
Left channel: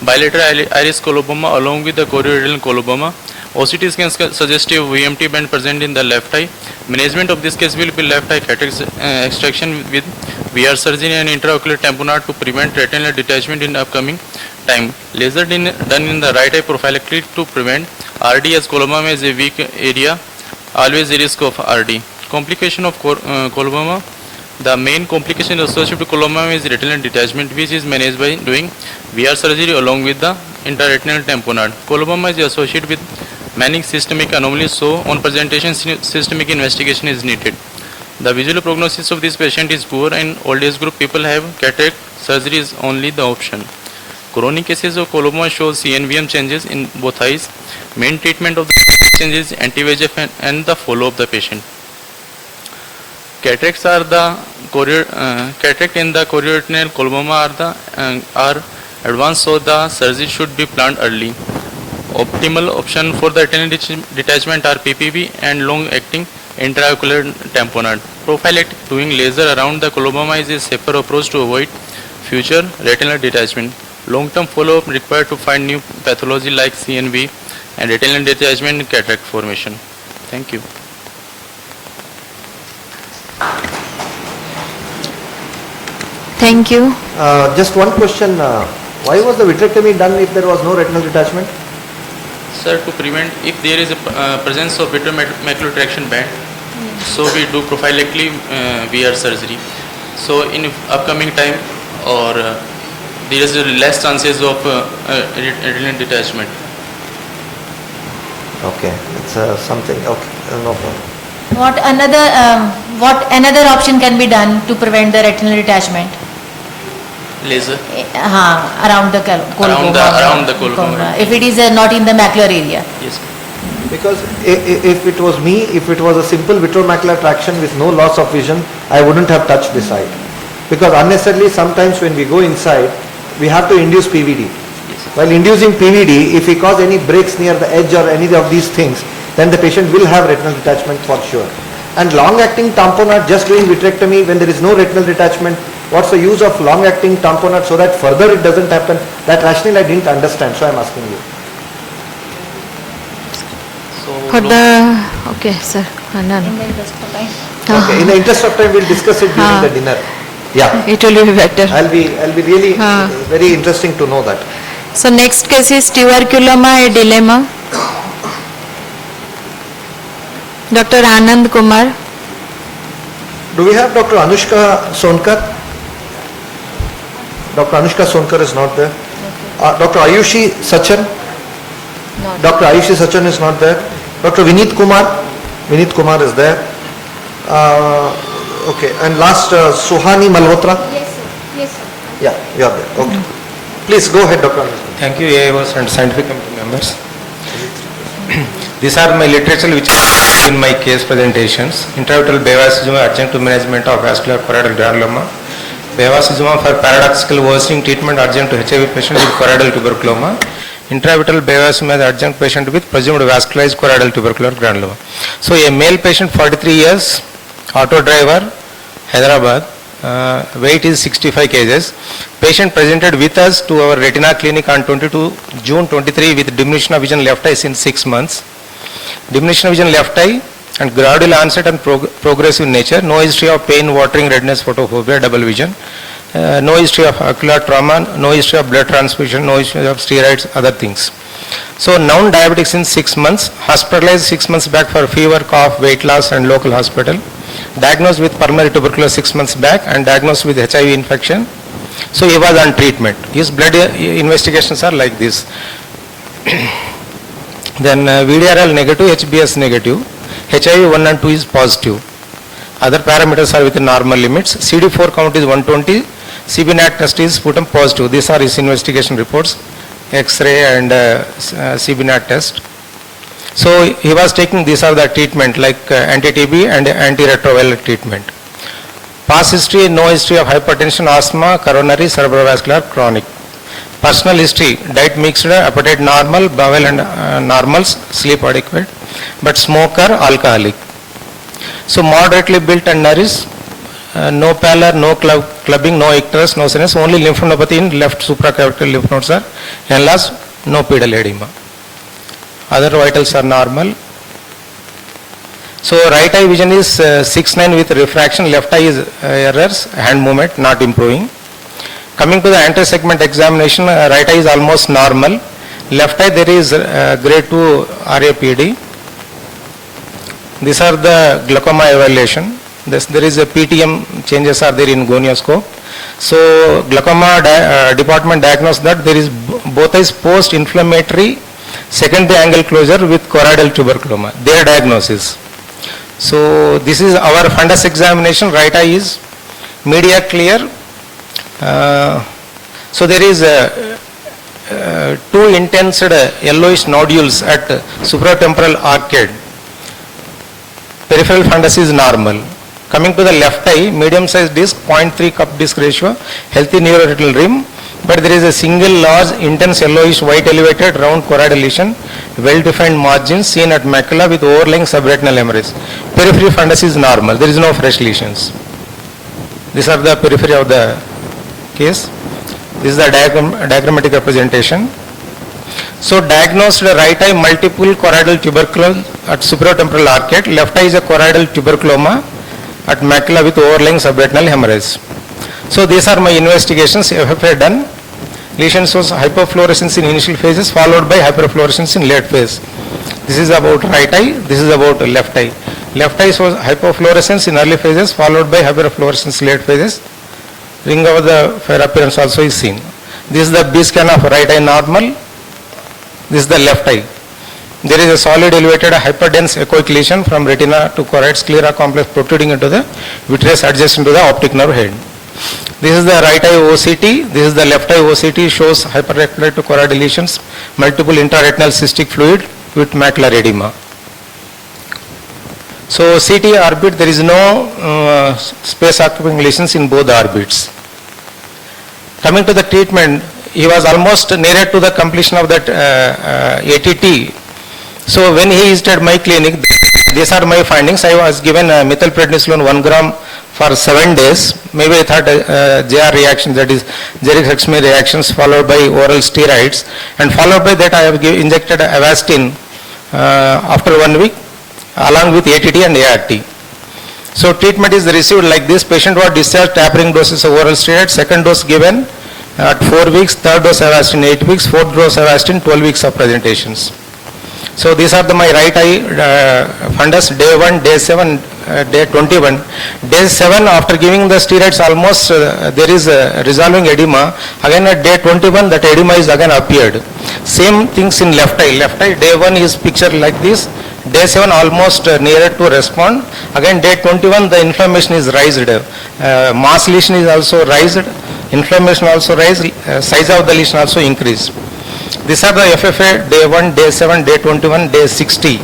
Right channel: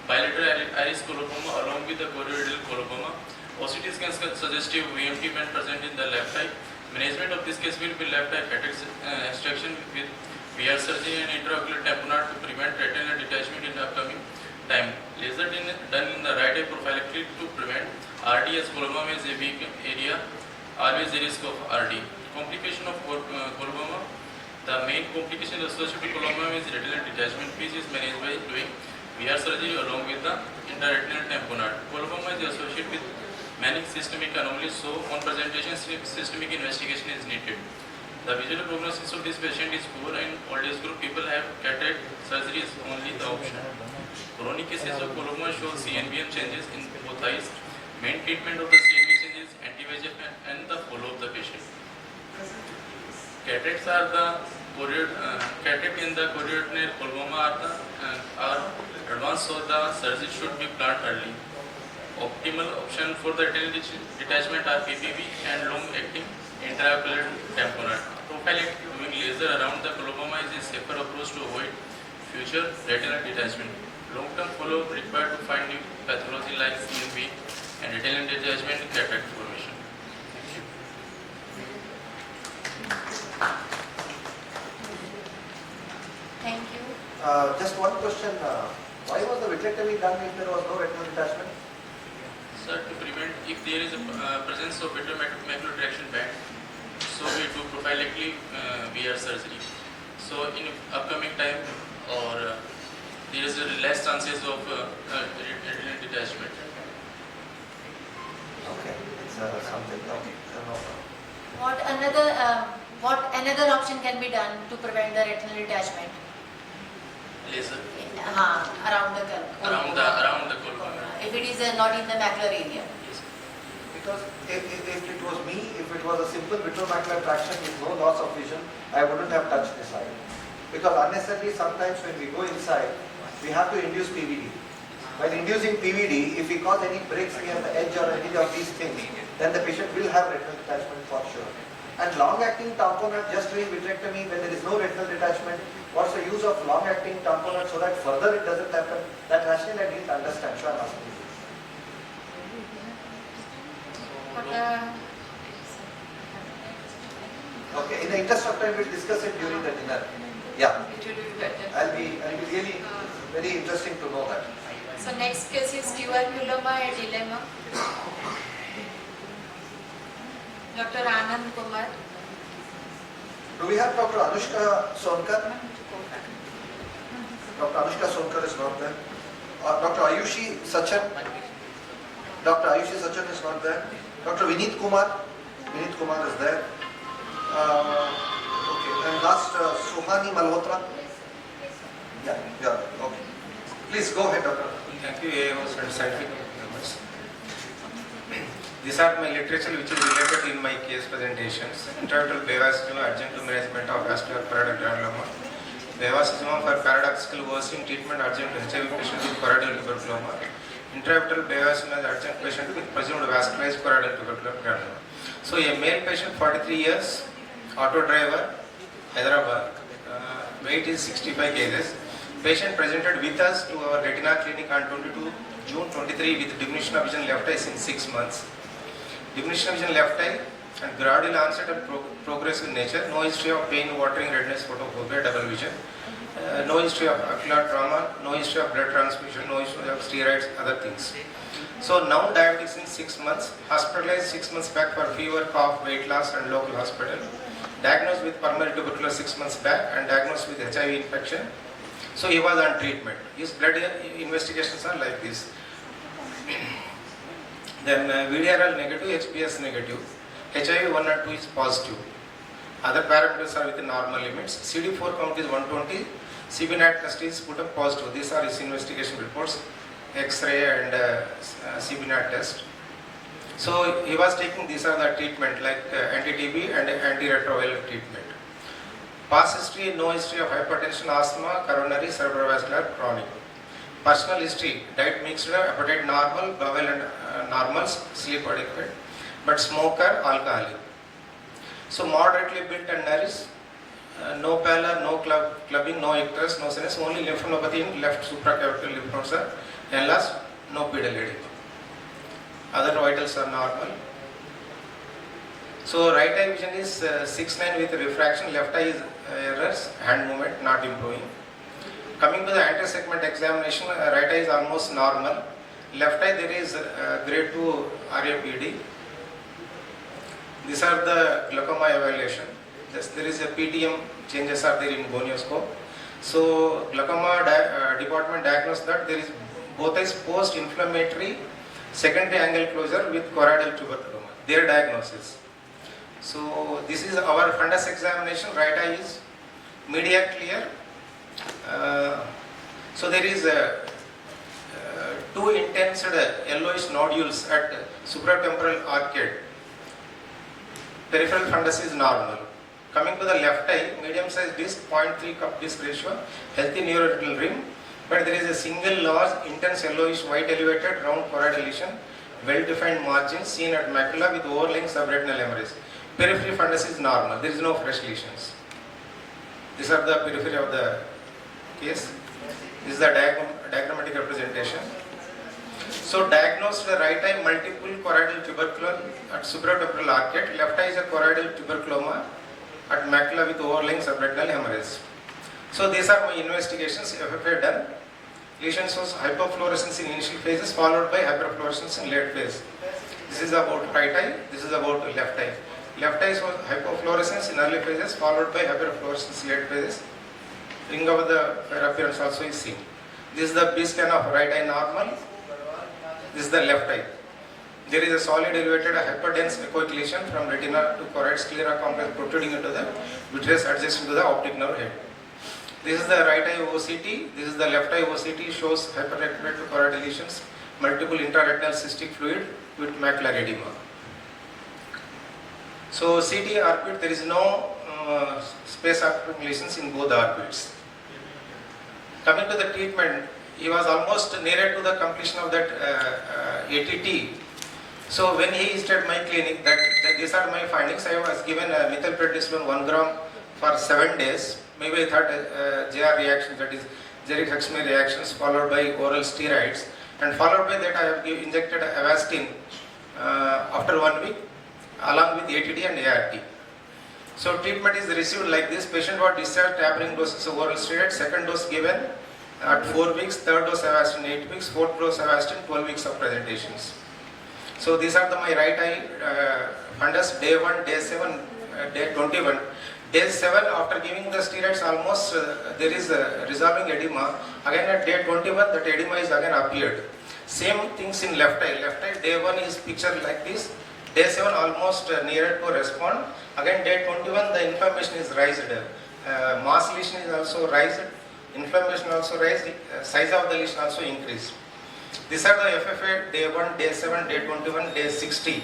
bilateral iris coloboma along with the chorioretinal coloboma. OCT scan suggestive VMT band present in the left eye. Management of this case will be left eye cataract extraction with VR surgery and intraocular tamponade to prevent retinal detachment in upcoming time. Laser done in the right eye prophylactically to prevent RD as coloboma is a weak area, always a risk of RD. Complication of coloboma. The main complication associated with coloboma is retinal detachment, which is managed by doing VR surgery along with the intraretinal tamponade. Coloboma is associated with many systemic anomalies, so on presentation systemic investigation is needed. The visual prognosis of this patient is poor and old age group people have cataract surgery is only the option. Chronic cases of coloboma show CNVM changes in both eyes. Main treatment of the changes is anti-VEGF and the follow of the patient. Cataracts are the cataract in the chorioretinal coloboma are advanced, so the surgery should be planned early. Optimal option for the retinal detachment are PPV and long-acting intraocular tamponade. Prophylactic doing laser around the coloboma is a safer approach to avoid future retinal detachment. Long-term follow-up required to find new pathology like CNV and retinal detachment and cataract formation. Thank you. Thank you. Just one question. Why was the vitrectomy done if there was no retinal detachment? Sir, to prevent if there is a presence of vitreomacular traction band, so we do prophylactically VR surgery. So in upcoming time or there is less chances of retinal detachment. Okay, it's something. Okay, no problem. What another option can be done to prevent the retinal detachment? Laser. Around the coloboma. If it is not in the macular area. Yes. Because if it was me, if it was a simple vitreomacular traction with no loss of vision, I wouldn't have touched this eye. Because unnecessarily sometimes when we go inside, we have to induce PVD. Yes. While inducing PVD, if we cause any breaks near the edge or any of these things, then the patient will have retinal detachment for sure. And long-acting tamponade, just doing vitrectomy when there is no retinal detachment, what's the use of long-acting tamponade so that further it doesn't happen? That rationale I didn't understand, so I'm asking you. Okay, sir. Okay, in the interest of time, we'll discuss it during the dinner. Yeah. It will be better. I'll be really very interesting to know that. So next case is tuberculoma, a dilemma. Dr. Anand Kumar. Do we have Dr. Anushka Sonkar? Dr. Anushka Sonkar is not there. Dr. Ayushi Sachan? Dr. Ayushi Sachan is not there. Dr. Vinit Kumar? Vinit Kumar is there. Okay, and last Suhani Malhotra? Yes, sir. Yes, sir. Yeah, you are there. Okay. Please go ahead, Dr. Anushka. Thank you, AIOs and scientific committee members. These are my literature which are in my case presentations. Intravitreal bevacizumab adjunct to management of vascular choroidal granuloma. Bevacizumab for paradoxical worsening treatment adjunct to HIV patient with choroidal tuberculoma. Intravitreal bevacizumab adjunct patient with presumed vascularized choroidal tubercular granuloma. So a male patient 43 years, auto driver, Hyderabad, weight is 65 kgs. Patient presented with us to our retina clinic on June 23 with diminution of vision left eye since 6 months. Diminution of vision left eye and gradual onset and progressive nature. No history of pain, watering, redness, photophobia, double vision. No history of ocular trauma, no history of blood transfusion, no history of steroids, other things. So now diabetic since 6 months, hospitalized 6 months back for fever, cough, weight loss and local hospital. Diagnosed with pulmonary tuberculosis 6 months back and diagnosed with HIV infection. So he was on treatment. His blood investigations are like this. Then VDRL negative, HBS negative, HIV 1 and 2 is positive. Other parameters are within normal limits. CD4 count is 120. CBNAT test is put on positive. These are his investigation reports, X-ray and CBNAT test. So he was taking, these are the treatment like anti-TB and antiretroviral treatment. Past history, no history of hypertension, asthma, coronary, cerebrovascular, chronic. Personal history, diet mixed, appetite normal, bowel and normals, sleep adequate, but smoker, alcoholic. So moderately built and nourished, no pallor, no clubbing, no icterus, no sinus, only lymphadenopathy in left supracapital lymph nodes are enlarged, no pedal edema. Other vitals are normal. So right eye vision is 6/9 with refraction, left eye is errors, hand movement not improving. Coming to the anterior segment examination, right eye is almost normal. Left eye there is grade 2 RAPD. These are the glaucoma evaluation. There is a PTM changes are there in gonioscope. So glaucoma department diagnosed that there is both eyes post-inflammatory secondary angle closure with choroidal tuberculoma. Their diagnosis. So this is our fundus examination. Right eye is media clear. So there is two intense yellowish nodules at supratemporal arcade. Peripheral fundus is normal. Coming to the left eye, medium sized disc, 0.3 cup disc ratio, healthy neuroretinal rim, but there is a single large intense yellowish white elevated round choroidal lesion, well defined margins seen at macula with overlying subretinal hemorrhage. Periphery fundus is normal, there is no fresh lesions. These are the periphery of the case. This is the diagrammatic representation. So diagnosed right eye multiple choroidal tuberculoma at supratemporal arcade, left eye is a choroidal tuberculoma at macula with overlying subretinal hemorrhage. So these are my investigations, FFA done. Lesions was hypofluorescence in initial phases followed by hyperfluorescence in late phase. This is about right eye, this is about left eye. Left eye was hypofluorescence in early phases followed by hyperfluorescence in late phases. Ring over the fair appearance also is seen. This is the B scan of right eye normal. This is the left eye. There is a solid elevated hyperdense echoic lesion from retina to choroid sclera complex protruding into the vitreous adjacent to the optic nerve head. This is the right eye OCT. This is the left eye OCT, shows hyperretinal to choroidal lesions, multiple intraretinal cystic fluid with macular edema. So CT orbit, there is no space occupying lesions in both the orbits. Coming to the treatment, he was almost nearer to the completion of that ATT. So when he visited my clinic, these are my findings. I was given methylprednisolone 1 gram for 7 days. Maybe I thought JR reaction, that is Jerick-Hexme reactions followed by oral steroids, and followed by that I have injected Avastin after 1 week along with ATT and ART. So treatment is received like this. Patient was discharged, tapering doses of oral steroids, second dose given at 4 weeks, third dose Avastin 8 weeks, fourth dose Avastin 12 weeks of presentations. So these are my right eye fundus, day 1, day 7, day 21. Day 7, after giving the steroids, almost there is resolving edema. Again at day 21, that edema is again appeared. Same things in left eye. Left eye, day 1 is picture like this. Day 7 almost nearer to respond. Again day 21, the inflammation is raised. Mass lesion is also raised. Inflammation also raised. Size of the lesion also increased. These are the FFA, day 1, day 7, day 21, day 60.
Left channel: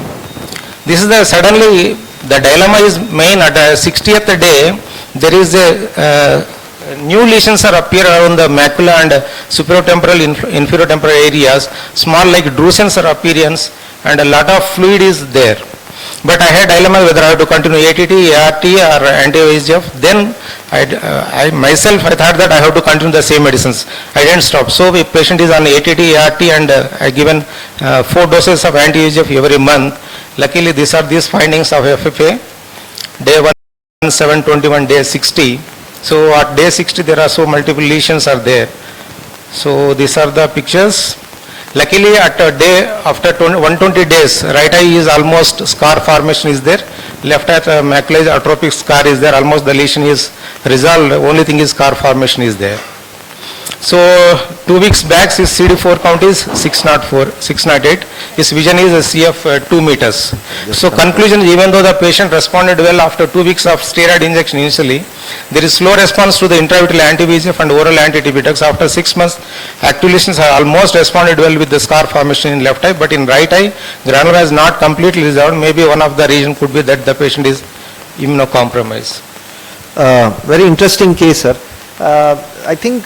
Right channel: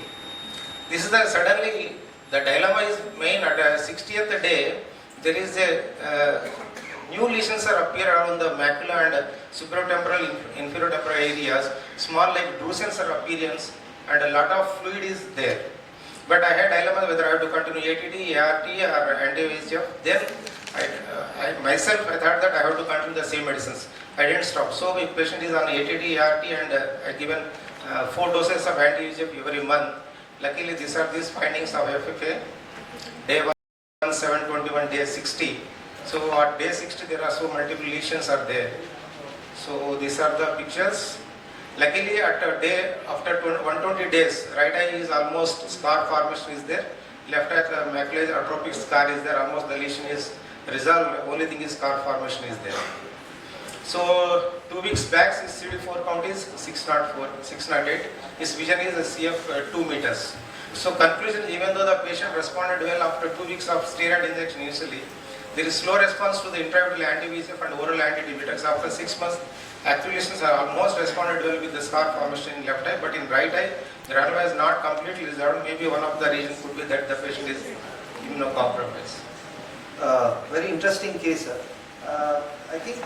This is the suddenly, the dilemma is main at the 60th day, there is a new lesions are appear around the macula and supratemporal, inferotemporal areas, small like drusen's are appearance, and a lot of fluid is there. But I had dilemma whether I have to continue ATT, ART or anti-VEGF. Then I myself, I thought that I have to continue the same medicines. I didn't stop. So if patient is on ATT, ART and I given 4 doses of anti-VEGF every month. Luckily these are these findings of FFA, day 1, 7, 21, day 60. So at day 60 there are so multiple lesions are there. So these are the pictures. Luckily at a day after 120 days, right eye is almost scar formation is there. Left eye macula is atrophic scar is there. Almost the lesion is resolved. Only thing is scar formation is there. So 2 weeks back his CD4 count is 608. His vision is a CF 2 meters. So conclusion, even though the patient responded well after 2 weeks of steroid injection initially, there is slow response to the intravitreal anti-VEGF and oral anti-TB drugs. After 6 months, active lesions have almost responded well with the scar formation in left eye, but in right eye, granuloma has not completely resolved. Maybe one of the reasons could be that the patient is immunocompromised. Very interesting case, sir. I think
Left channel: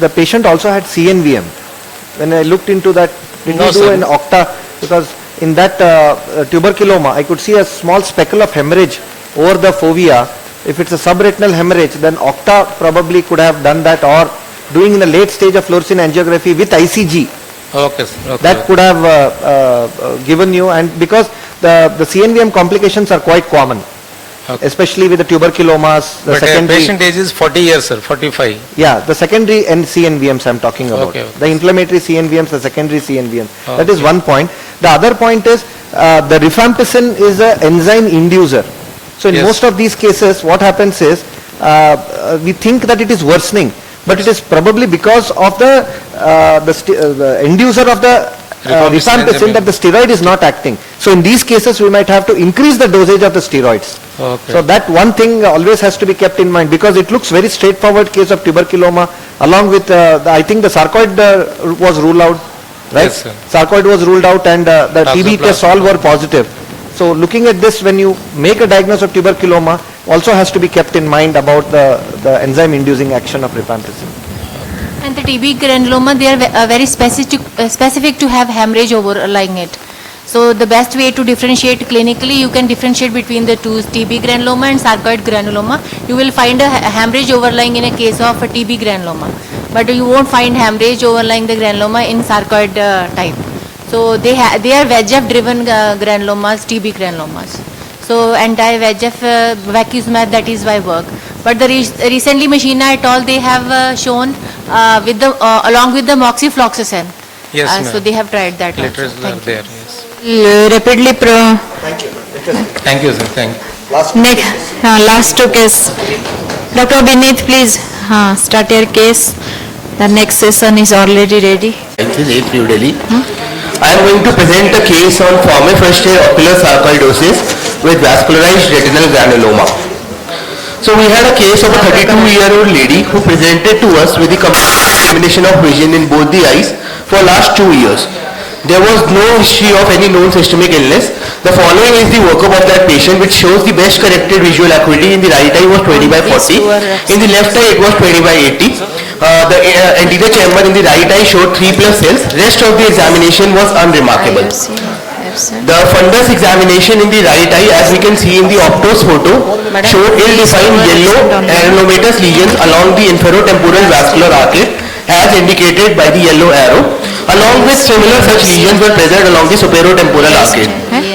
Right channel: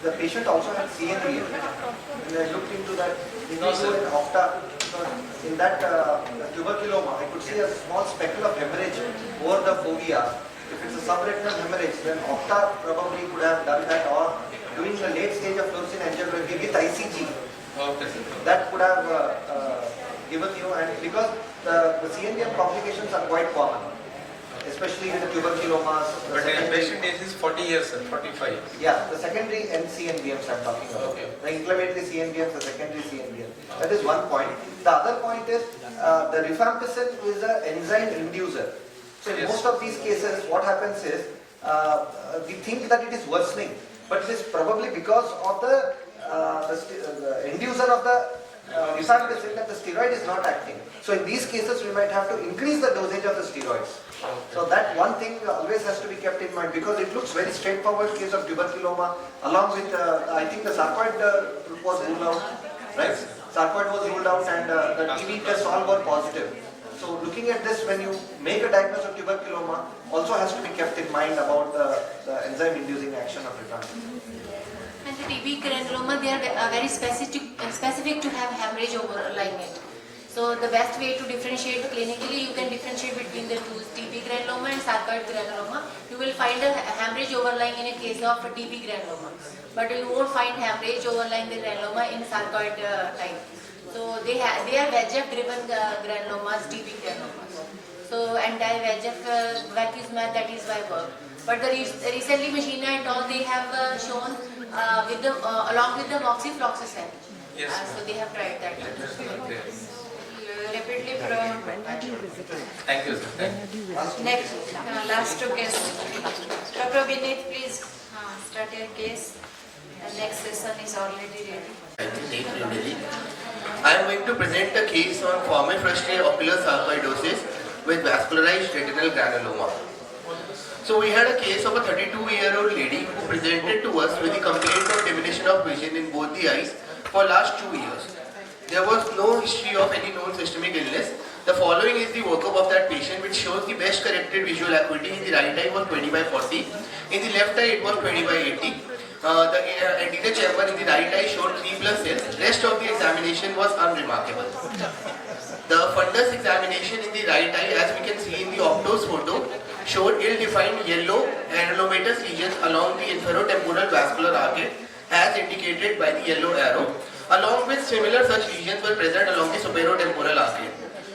the patient also had CNVM. When I looked into that, did No, you do sir. an octa? Because in that tuberculoma, I could see a small speckle of hemorrhage over the fovea. If it's a subretinal hemorrhage, then octa probably could have done that, or doing in the late stage of fluorescein angiography with ICG. Okay, sir. Okay. That could have given you, and because the CNVM complications are quite common. Okay. Especially with the tuberculomas, the But secondary. patient age is 40 years, sir, 45. Yeah, the secondary and CNVMs I'm talking about. Okay. The inflammatory CNVMs, the secondary CNVMs. Okay. That is one point. The other point is the rifampicin is an enzyme inducer. So in Yes. most of these cases, what happens is we think that it is worsening, but it is probably because of the inducer of the rifampicin that the steroid is not acting. So in these cases, we might have to increase the dosage of the steroids. Okay. So that one thing always has to be kept in mind, because it looks very straightforward case of tuberculoma, along with I think the sarcoid was ruled out, right? Yes, sir. Sarcoid was ruled out, and the TB tests all were positive. So looking at this, when you make a diagnosis of tuberculoma, also has to be kept in mind about the enzyme inducing action of rifampicin. And the TB granuloma, they are very specific to have hemorrhage overlying it. So the best way to differentiate clinically, you can differentiate between the two, TB granuloma and sarcoid granuloma. You will find a hemorrhage overlying in a case of a TB granuloma, but you won't find hemorrhage overlying the granuloma in sarcoid type. So they are VEGF driven granulomas, TB granulomas. So anti-VEGF vacuzumab, that is why work. But the recently Machina et al, they have shown with the along with the moxifloxacin. Yes, So ma'am. they have tried that. also. Literature are Thank you. there, yes. Rapidly Thank you, sir, thank you. last two case. Dr. Bineet, please start your case. The next session is already ready. This is A. New Delhi. I am going to present a case on former first-year ocular sarcoidosis with vascularized retinal granuloma. So we had a case of a 32-year-old lady who presented to us with the complete elimination of vision in both the eyes for last 2 years. There was no history of any known systemic illness. The following is the workup of that patient, which shows the best corrected visual acuity. In the right eye was 20/40. In the left eye it was 20/80. The anterior chamber in the right eye showed 3+ cells. Rest of the examination was unremarkable. The fundus examination in the right eye, as we can see in the optos photo, showed ill-defined yellow areomatous lesions along the inferotemporal vascular arcade, as indicated by the yellow arrow. Along with similar such lesions were present along the superotemporal arcade.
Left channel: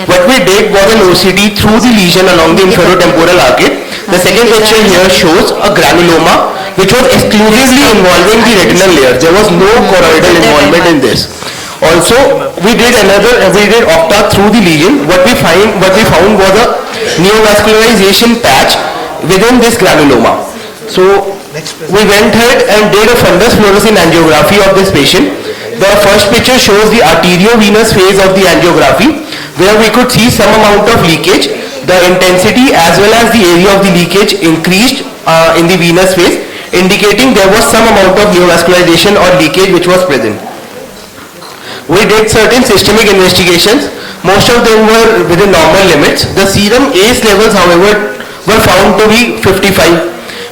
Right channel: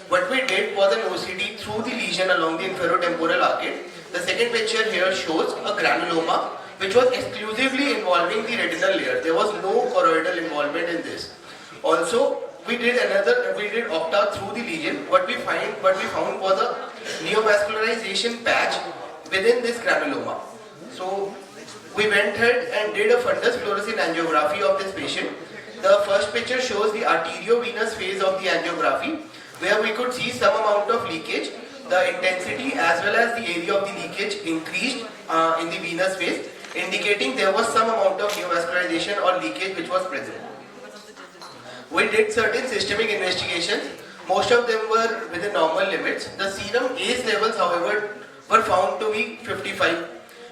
What we did was an OCT through the lesion along the inferotemporal arcade. The second picture here shows a granuloma which was exclusively involving the retinal layer. There was no choroidal involvement in this. Also, we did octa through the lesion. What we found was a neovascularization patch within this granuloma. So we went ahead and did a fundus fluorescein angiography of this patient. The first picture shows the arteriovenous phase of the angiography, where we could see some amount of leakage. The intensity as well as the area of the leakage increased in the venous phase, indicating there was some amount of neovascularization or leakage which was present. We did certain systemic investigations. Most of them were within normal limits. The serum ACE levels, however, were found to be 55,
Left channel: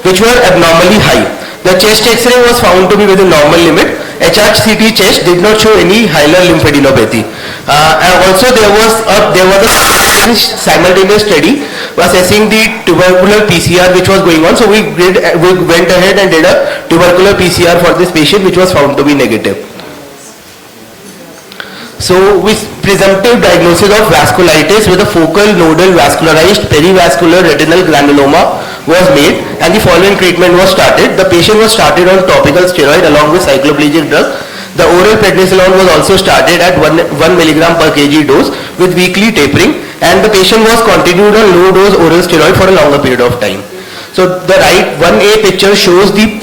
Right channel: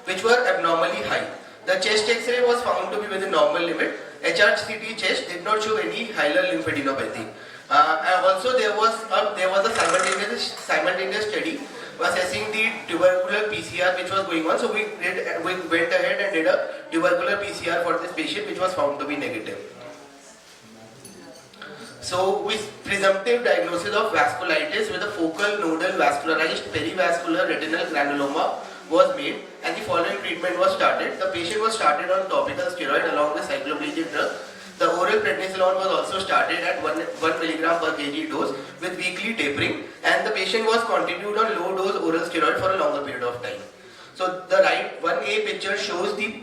which were abnormally high. The chest X-ray was found to be within normal limit. HRCT chest did not show any hilar lymphadenopathy. And also there was a simultaneous study assessing the tubercular PCR which was going on. So we went ahead and did a tubercular PCR for this patient, which was found to be negative. So with presumptive diagnosis of vasculitis with a focal nodal vascularized perivascular retinal granuloma was made, and the following treatment was started. The patient was started on topical steroid along with cycloplegic drug. The oral prednisolone was also started at 1 milligram per kg dose with weekly tapering, and the patient was continued on low dose oral steroid for a longer period of time. So the right 1A picture shows the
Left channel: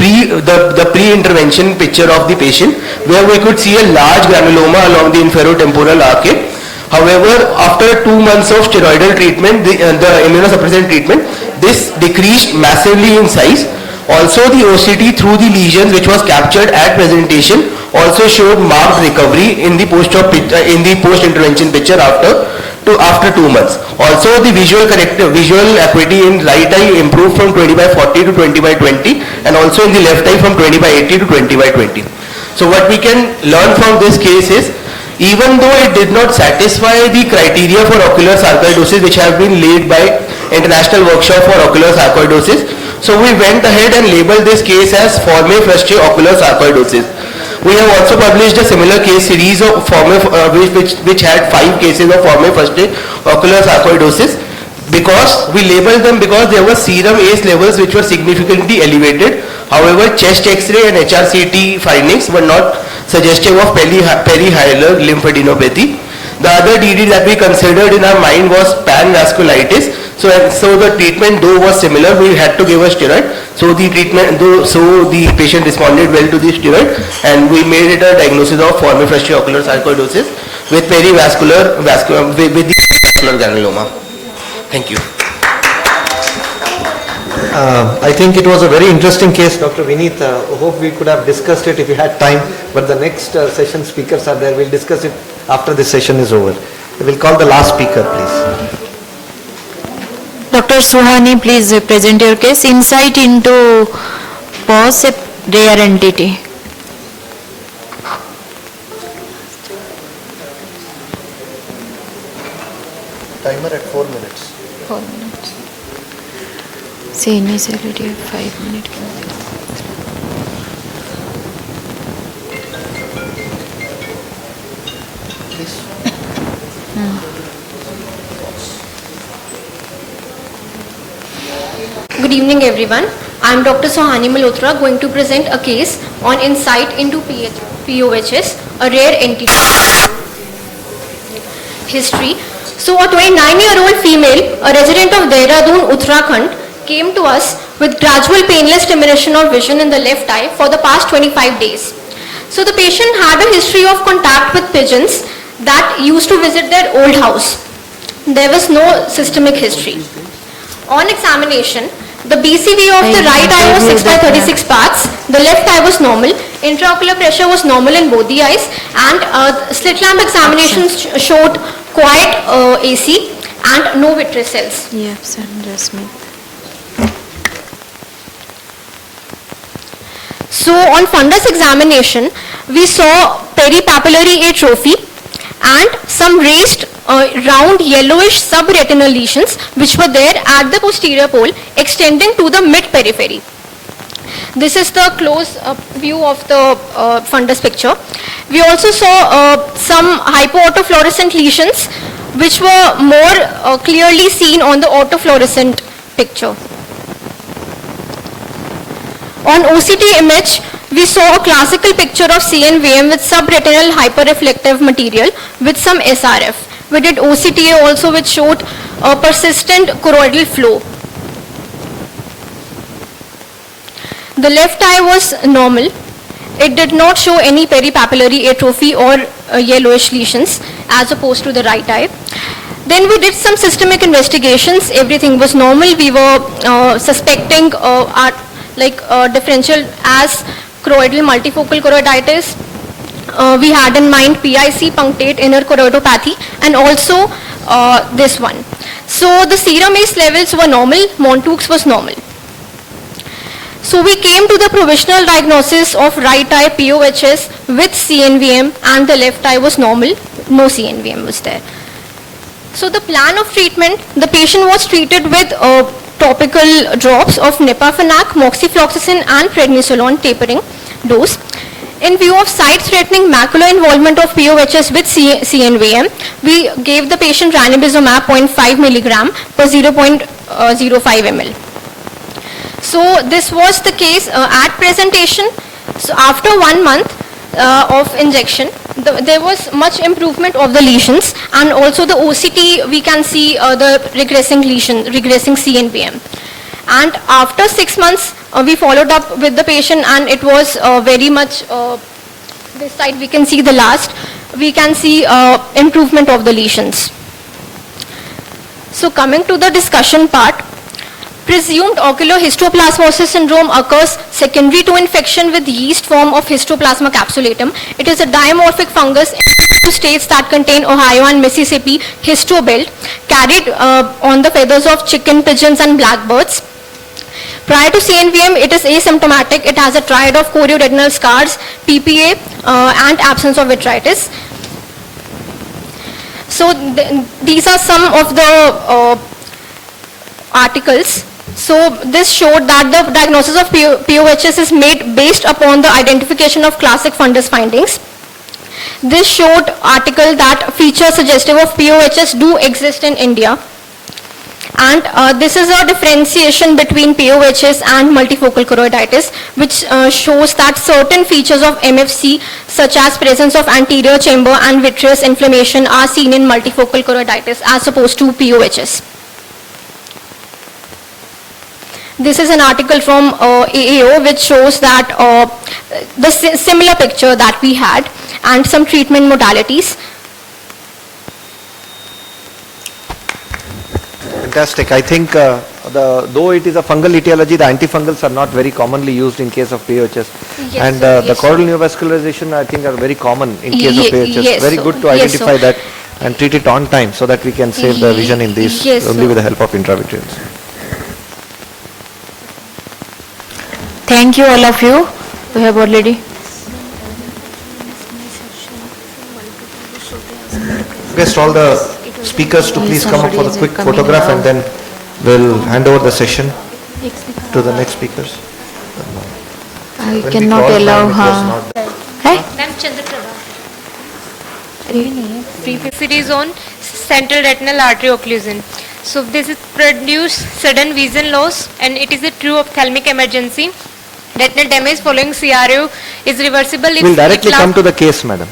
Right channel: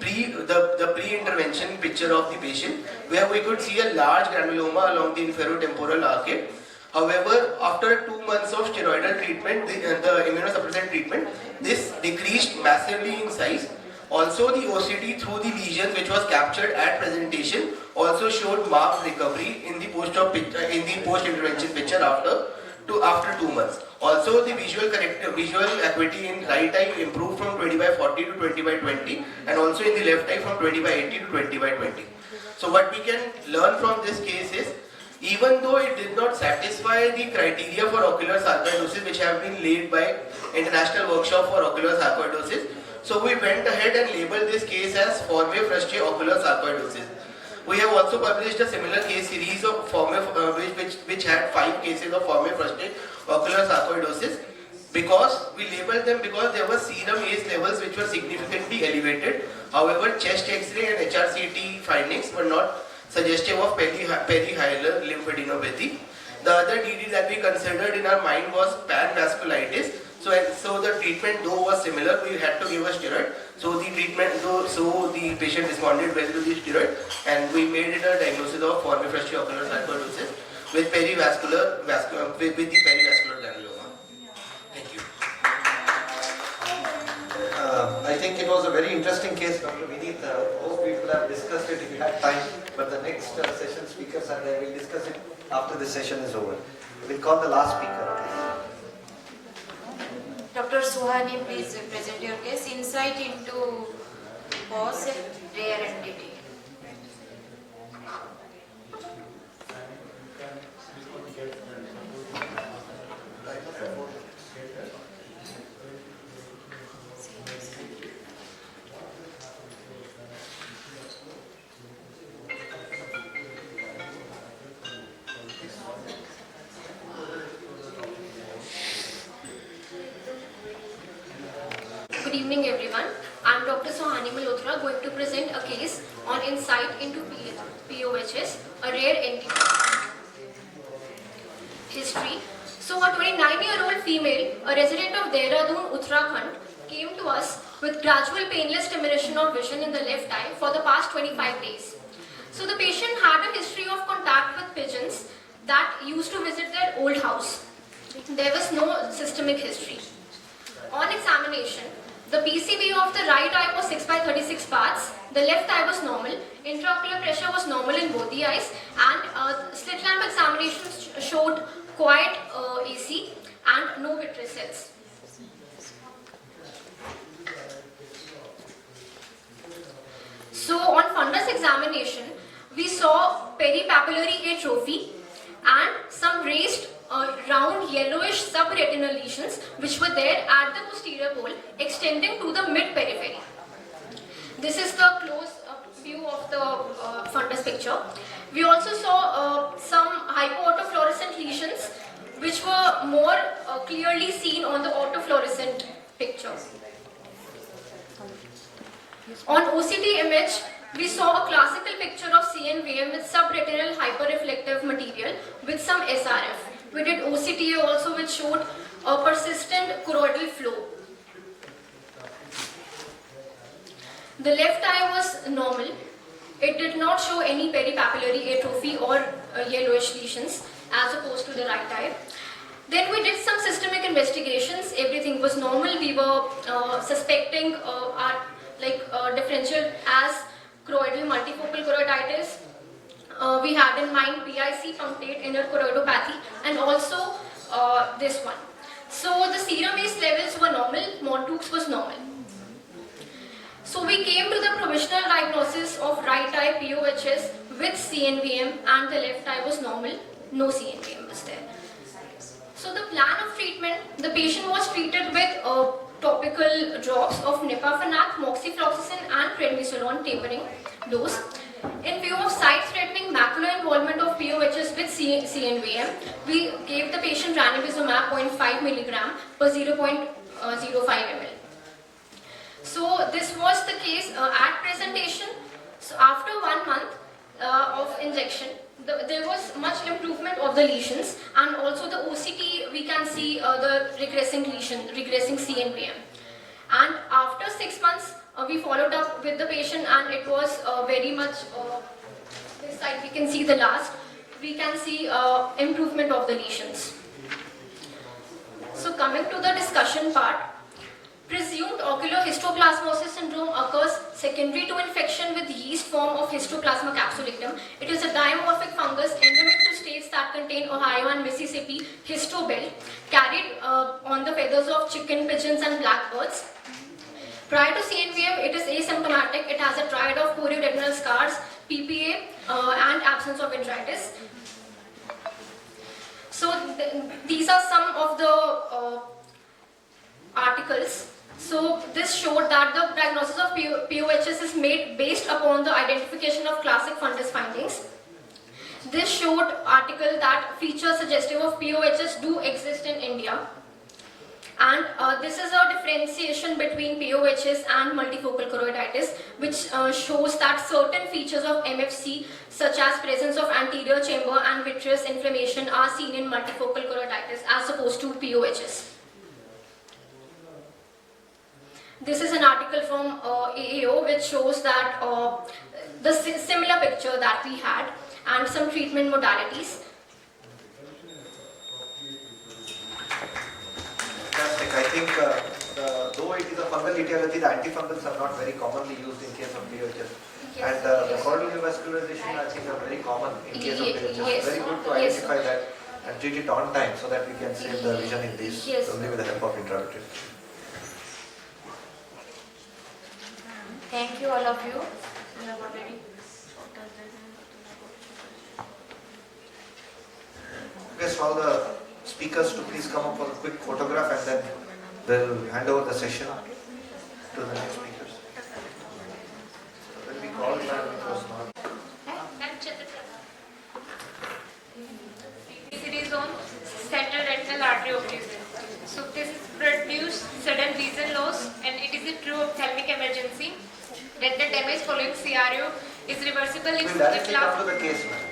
pre-intervention picture of the patient, where we could see a large granuloma along the inferotemporal arcade. However, after 2 months of steroidal treatment, the immunosuppressant treatment, this decreased massively in size. Also, the OCT through the lesions, which was captured at presentation, also showed marked recovery in the post-intervention picture after 2 months. Also, the visual acuity in right eye improved from 20/40 to 20/20, and also in the left eye from 20/80 to 20/20. So what we can learn from this case is, even though it did not satisfy the criteria for ocular sarcoidosis which have been laid by International Workshop for Ocular Sarcoidosis, so we went ahead and labeled this case as forme fruste ocular sarcoidosis. We have also published a similar case series of which had 5 cases of forme fruste ocular sarcoidosis, because we labeled them because there were serum ACE levels which were significantly elevated. However, chest X-ray and HRCT findings were not suggestive of perihilar lymphadenopathy. The other DD that we considered in our mind was panvasculitis. So the treatment though was similar, we had to give a steroid. So the patient responded well to the steroid, and we made it a diagnosis of forme fruste ocular sarcoidosis with perivascular granuloma. Thank you. I think it was a very interesting case, Dr. Vineet. Hope we could have discussed it if we had time, but the next session speakers are there. We'll discuss it after this session is over. We'll call the last speaker, please. Dr. Suhani, please present your case. Insight into POS, a rare entity. Timer at 4 minutes. 4 minutes. Say initiality of 5 minutes. Good evening everyone. I am Dr. Sohani Malhotra, going to present a case on insight into POHS, a rare entity. History. So a 29-year-old female, a resident of Dehradun, Uttarakhand, came to us with gradual painless diminution of vision in the left eye for the past 25 days. So the patient had a history of contact with pigeons that used to visit their old house. There was no systemic history. On examination, the BCV of the right eye was 6/36 parts, the left eye was normal, intraocular pressure was normal in both the eyes, and slit lamp examinations showed quiet AC and no vitreous cells. Yes, Smith. So on fundus examination, we saw peripapillary atrophy and some raised round yellowish subretinal lesions which were there at the posterior pole extending to the mid-periphery. This is the close view of the fundus picture. We also saw some hypoautofluorescent lesions which were more clearly seen on the autofluorescent picture. On OCT image, we saw a classical picture of CNVM with subretinal hyperreflective material with some SRF. We did OCTA also, which showed a persistent choroidal flow. The left eye was normal. It did not show any peripapillary atrophy or yellowish lesions as opposed to the right eye. Then we did some systemic investigations. Everything was normal. We were suspecting differential as choroidal multifocal choroiditis. We had in mind PIC, punctate inner choroidopathy, and also this one. So the serum ACE levels were normal, Montaux was normal. So we came to the provisional diagnosis of right eye POHS with CNVM, and the left eye was normal, no CNVM was there. So the plan of treatment, the patient was treated with topical drops of Nipafenac, moxifloxacin and prednisolone tapering dose. In view of sight-threatening macular involvement of POHS with CNVM, we gave the patient ranibizumab 0.5 milligram per 0.05 ml. So this was the case at presentation. So after 1 month of injection, there was much improvement of the lesions, and also the OCT we can see the regressing lesion, regressing CNVM. And after 6 months, we followed up with the patient, and it was very much, this side we can see the last, we can see improvement of the lesions. So coming to the discussion part, presumed ocular histoplasmosis syndrome occurs secondary to infection with yeast form of Histoplasma capsulatum. It is a dimorphic fungus in states that contain Ohio and Mississippi histobelt, carried on the feathers of chicken, pigeons and blackbirds. Prior to CNVM, it is asymptomatic. It has a triad of chorioretinal scars, PPA, and absence of vitritis. So these are some of the articles. So this showed that the diagnosis of POHS is made based upon the identification of classic fundus findings. This showed article that features suggestive of POHS do exist in India. And this is a differentiation between POHS and multifocal choroiditis, which shows that certain features of MFC, such as presence of anterior chamber and vitreous inflammation, are seen in multifocal choroiditis as opposed to POHS. This is an article from AAO which shows that the similar picture that we had and some treatment modalities. Fantastic. I think though it is a fungal etiology, the antifungals are not very commonly used in case of POHS. Yes, and sir, the yes, choroidal neovascularization I think are very common in case of POHS. Yes, very sir. good to Yes, identify sir. that and treat it on time so that we can save the vision in these Yes, only sir. with the help of intravitreals. Thank you all of you. We have already. Request all the speakers to please come up for the quick photograph and then we'll hand over the session to the next speakers. I When we cannot called allow ma'am, it was her. not- Hey? Ma'am Chandraprabha. It is on central retinal artery occlusion. So this is produce sudden vision loss and it is a true ophthalmic emergency. Retinal damage following CRO is reversible if We'll directly it come to the case, madam.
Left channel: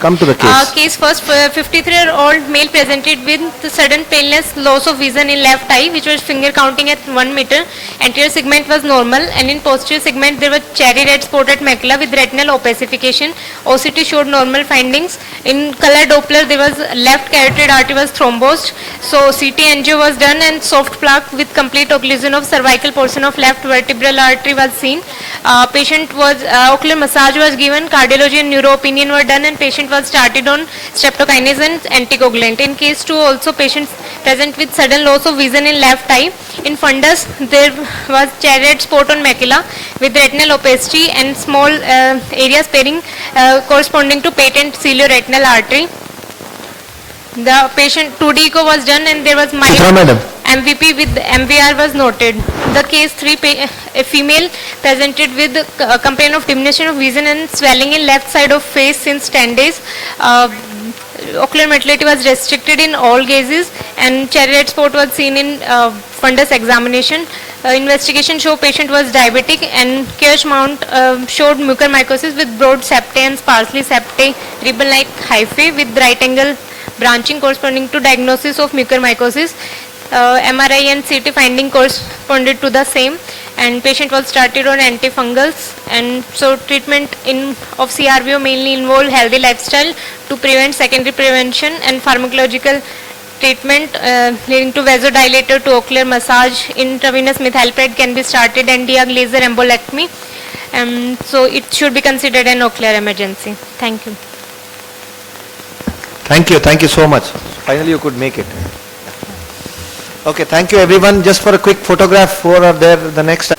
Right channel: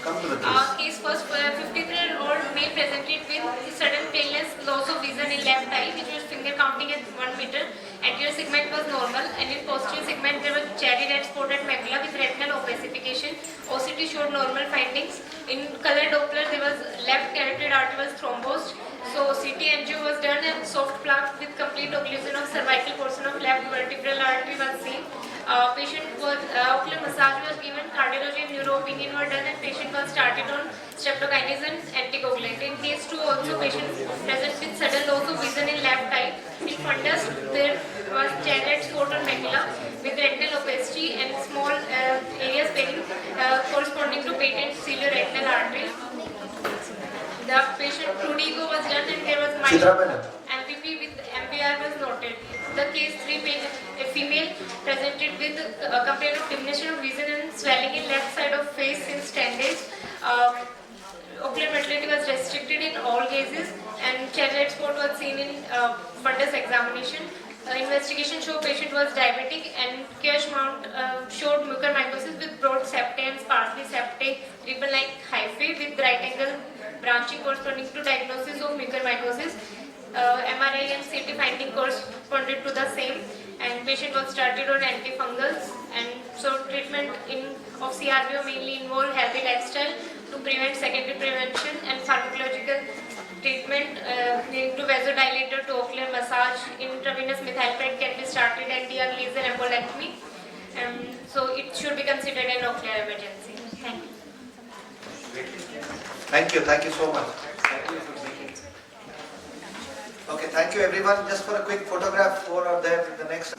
Come to the case. Case first, 53-year-old male presented with sudden paleness, loss of vision in left eye, which was finger counting at 1 meter. Anterior segment was normal, and in posterior segment there was cherry red spotted macula with retinal opacification. OCT showed normal findings. In color Doppler, there was left carotid artery was thrombosed. So CT angio was done, and soft plaque with complete occlusion of cervical portion of left vertebral artery was seen. Patient was ocular massage was given. Cardiology and neuro opinion were done, and patient was started on streptokinase and anticoagulant. In case 2 also patients present with sudden loss of vision in left eye. In fundus there was cherry red spot on macula with retinal opacity and small area sparing corresponding to patent cilio-retinal artery. The patient 2D echo was done and there was mild MVP with MVR was noted. The case 3, a female presented with complaint of diminution of vision and swelling in left side of face since 10 days. Ocular motility was restricted in all gazes and cherry red spot was seen in fundus examination. Investigation show patient was diabetic and Kirsch mount showed mucormycosis with broad septae and sparsely septae ribbon-like hyphae with right angle branching corresponding to diagnosis of mucormycosis. MRI and CT finding corresponded to the same, and patient was started on antifungals. And so treatment of CRVO mainly involved healthy lifestyle to prevent secondary prevention and pharmacological treatment leading to vasodilator to ocular massage. Intravenous methylpred can be started and diag laser embolectomy. So it should be considered an ocular emergency. Thank you. Thank you so much. Finally you could make it. Okay, thank you everyone. Just for a quick photograph, 4 are there, the next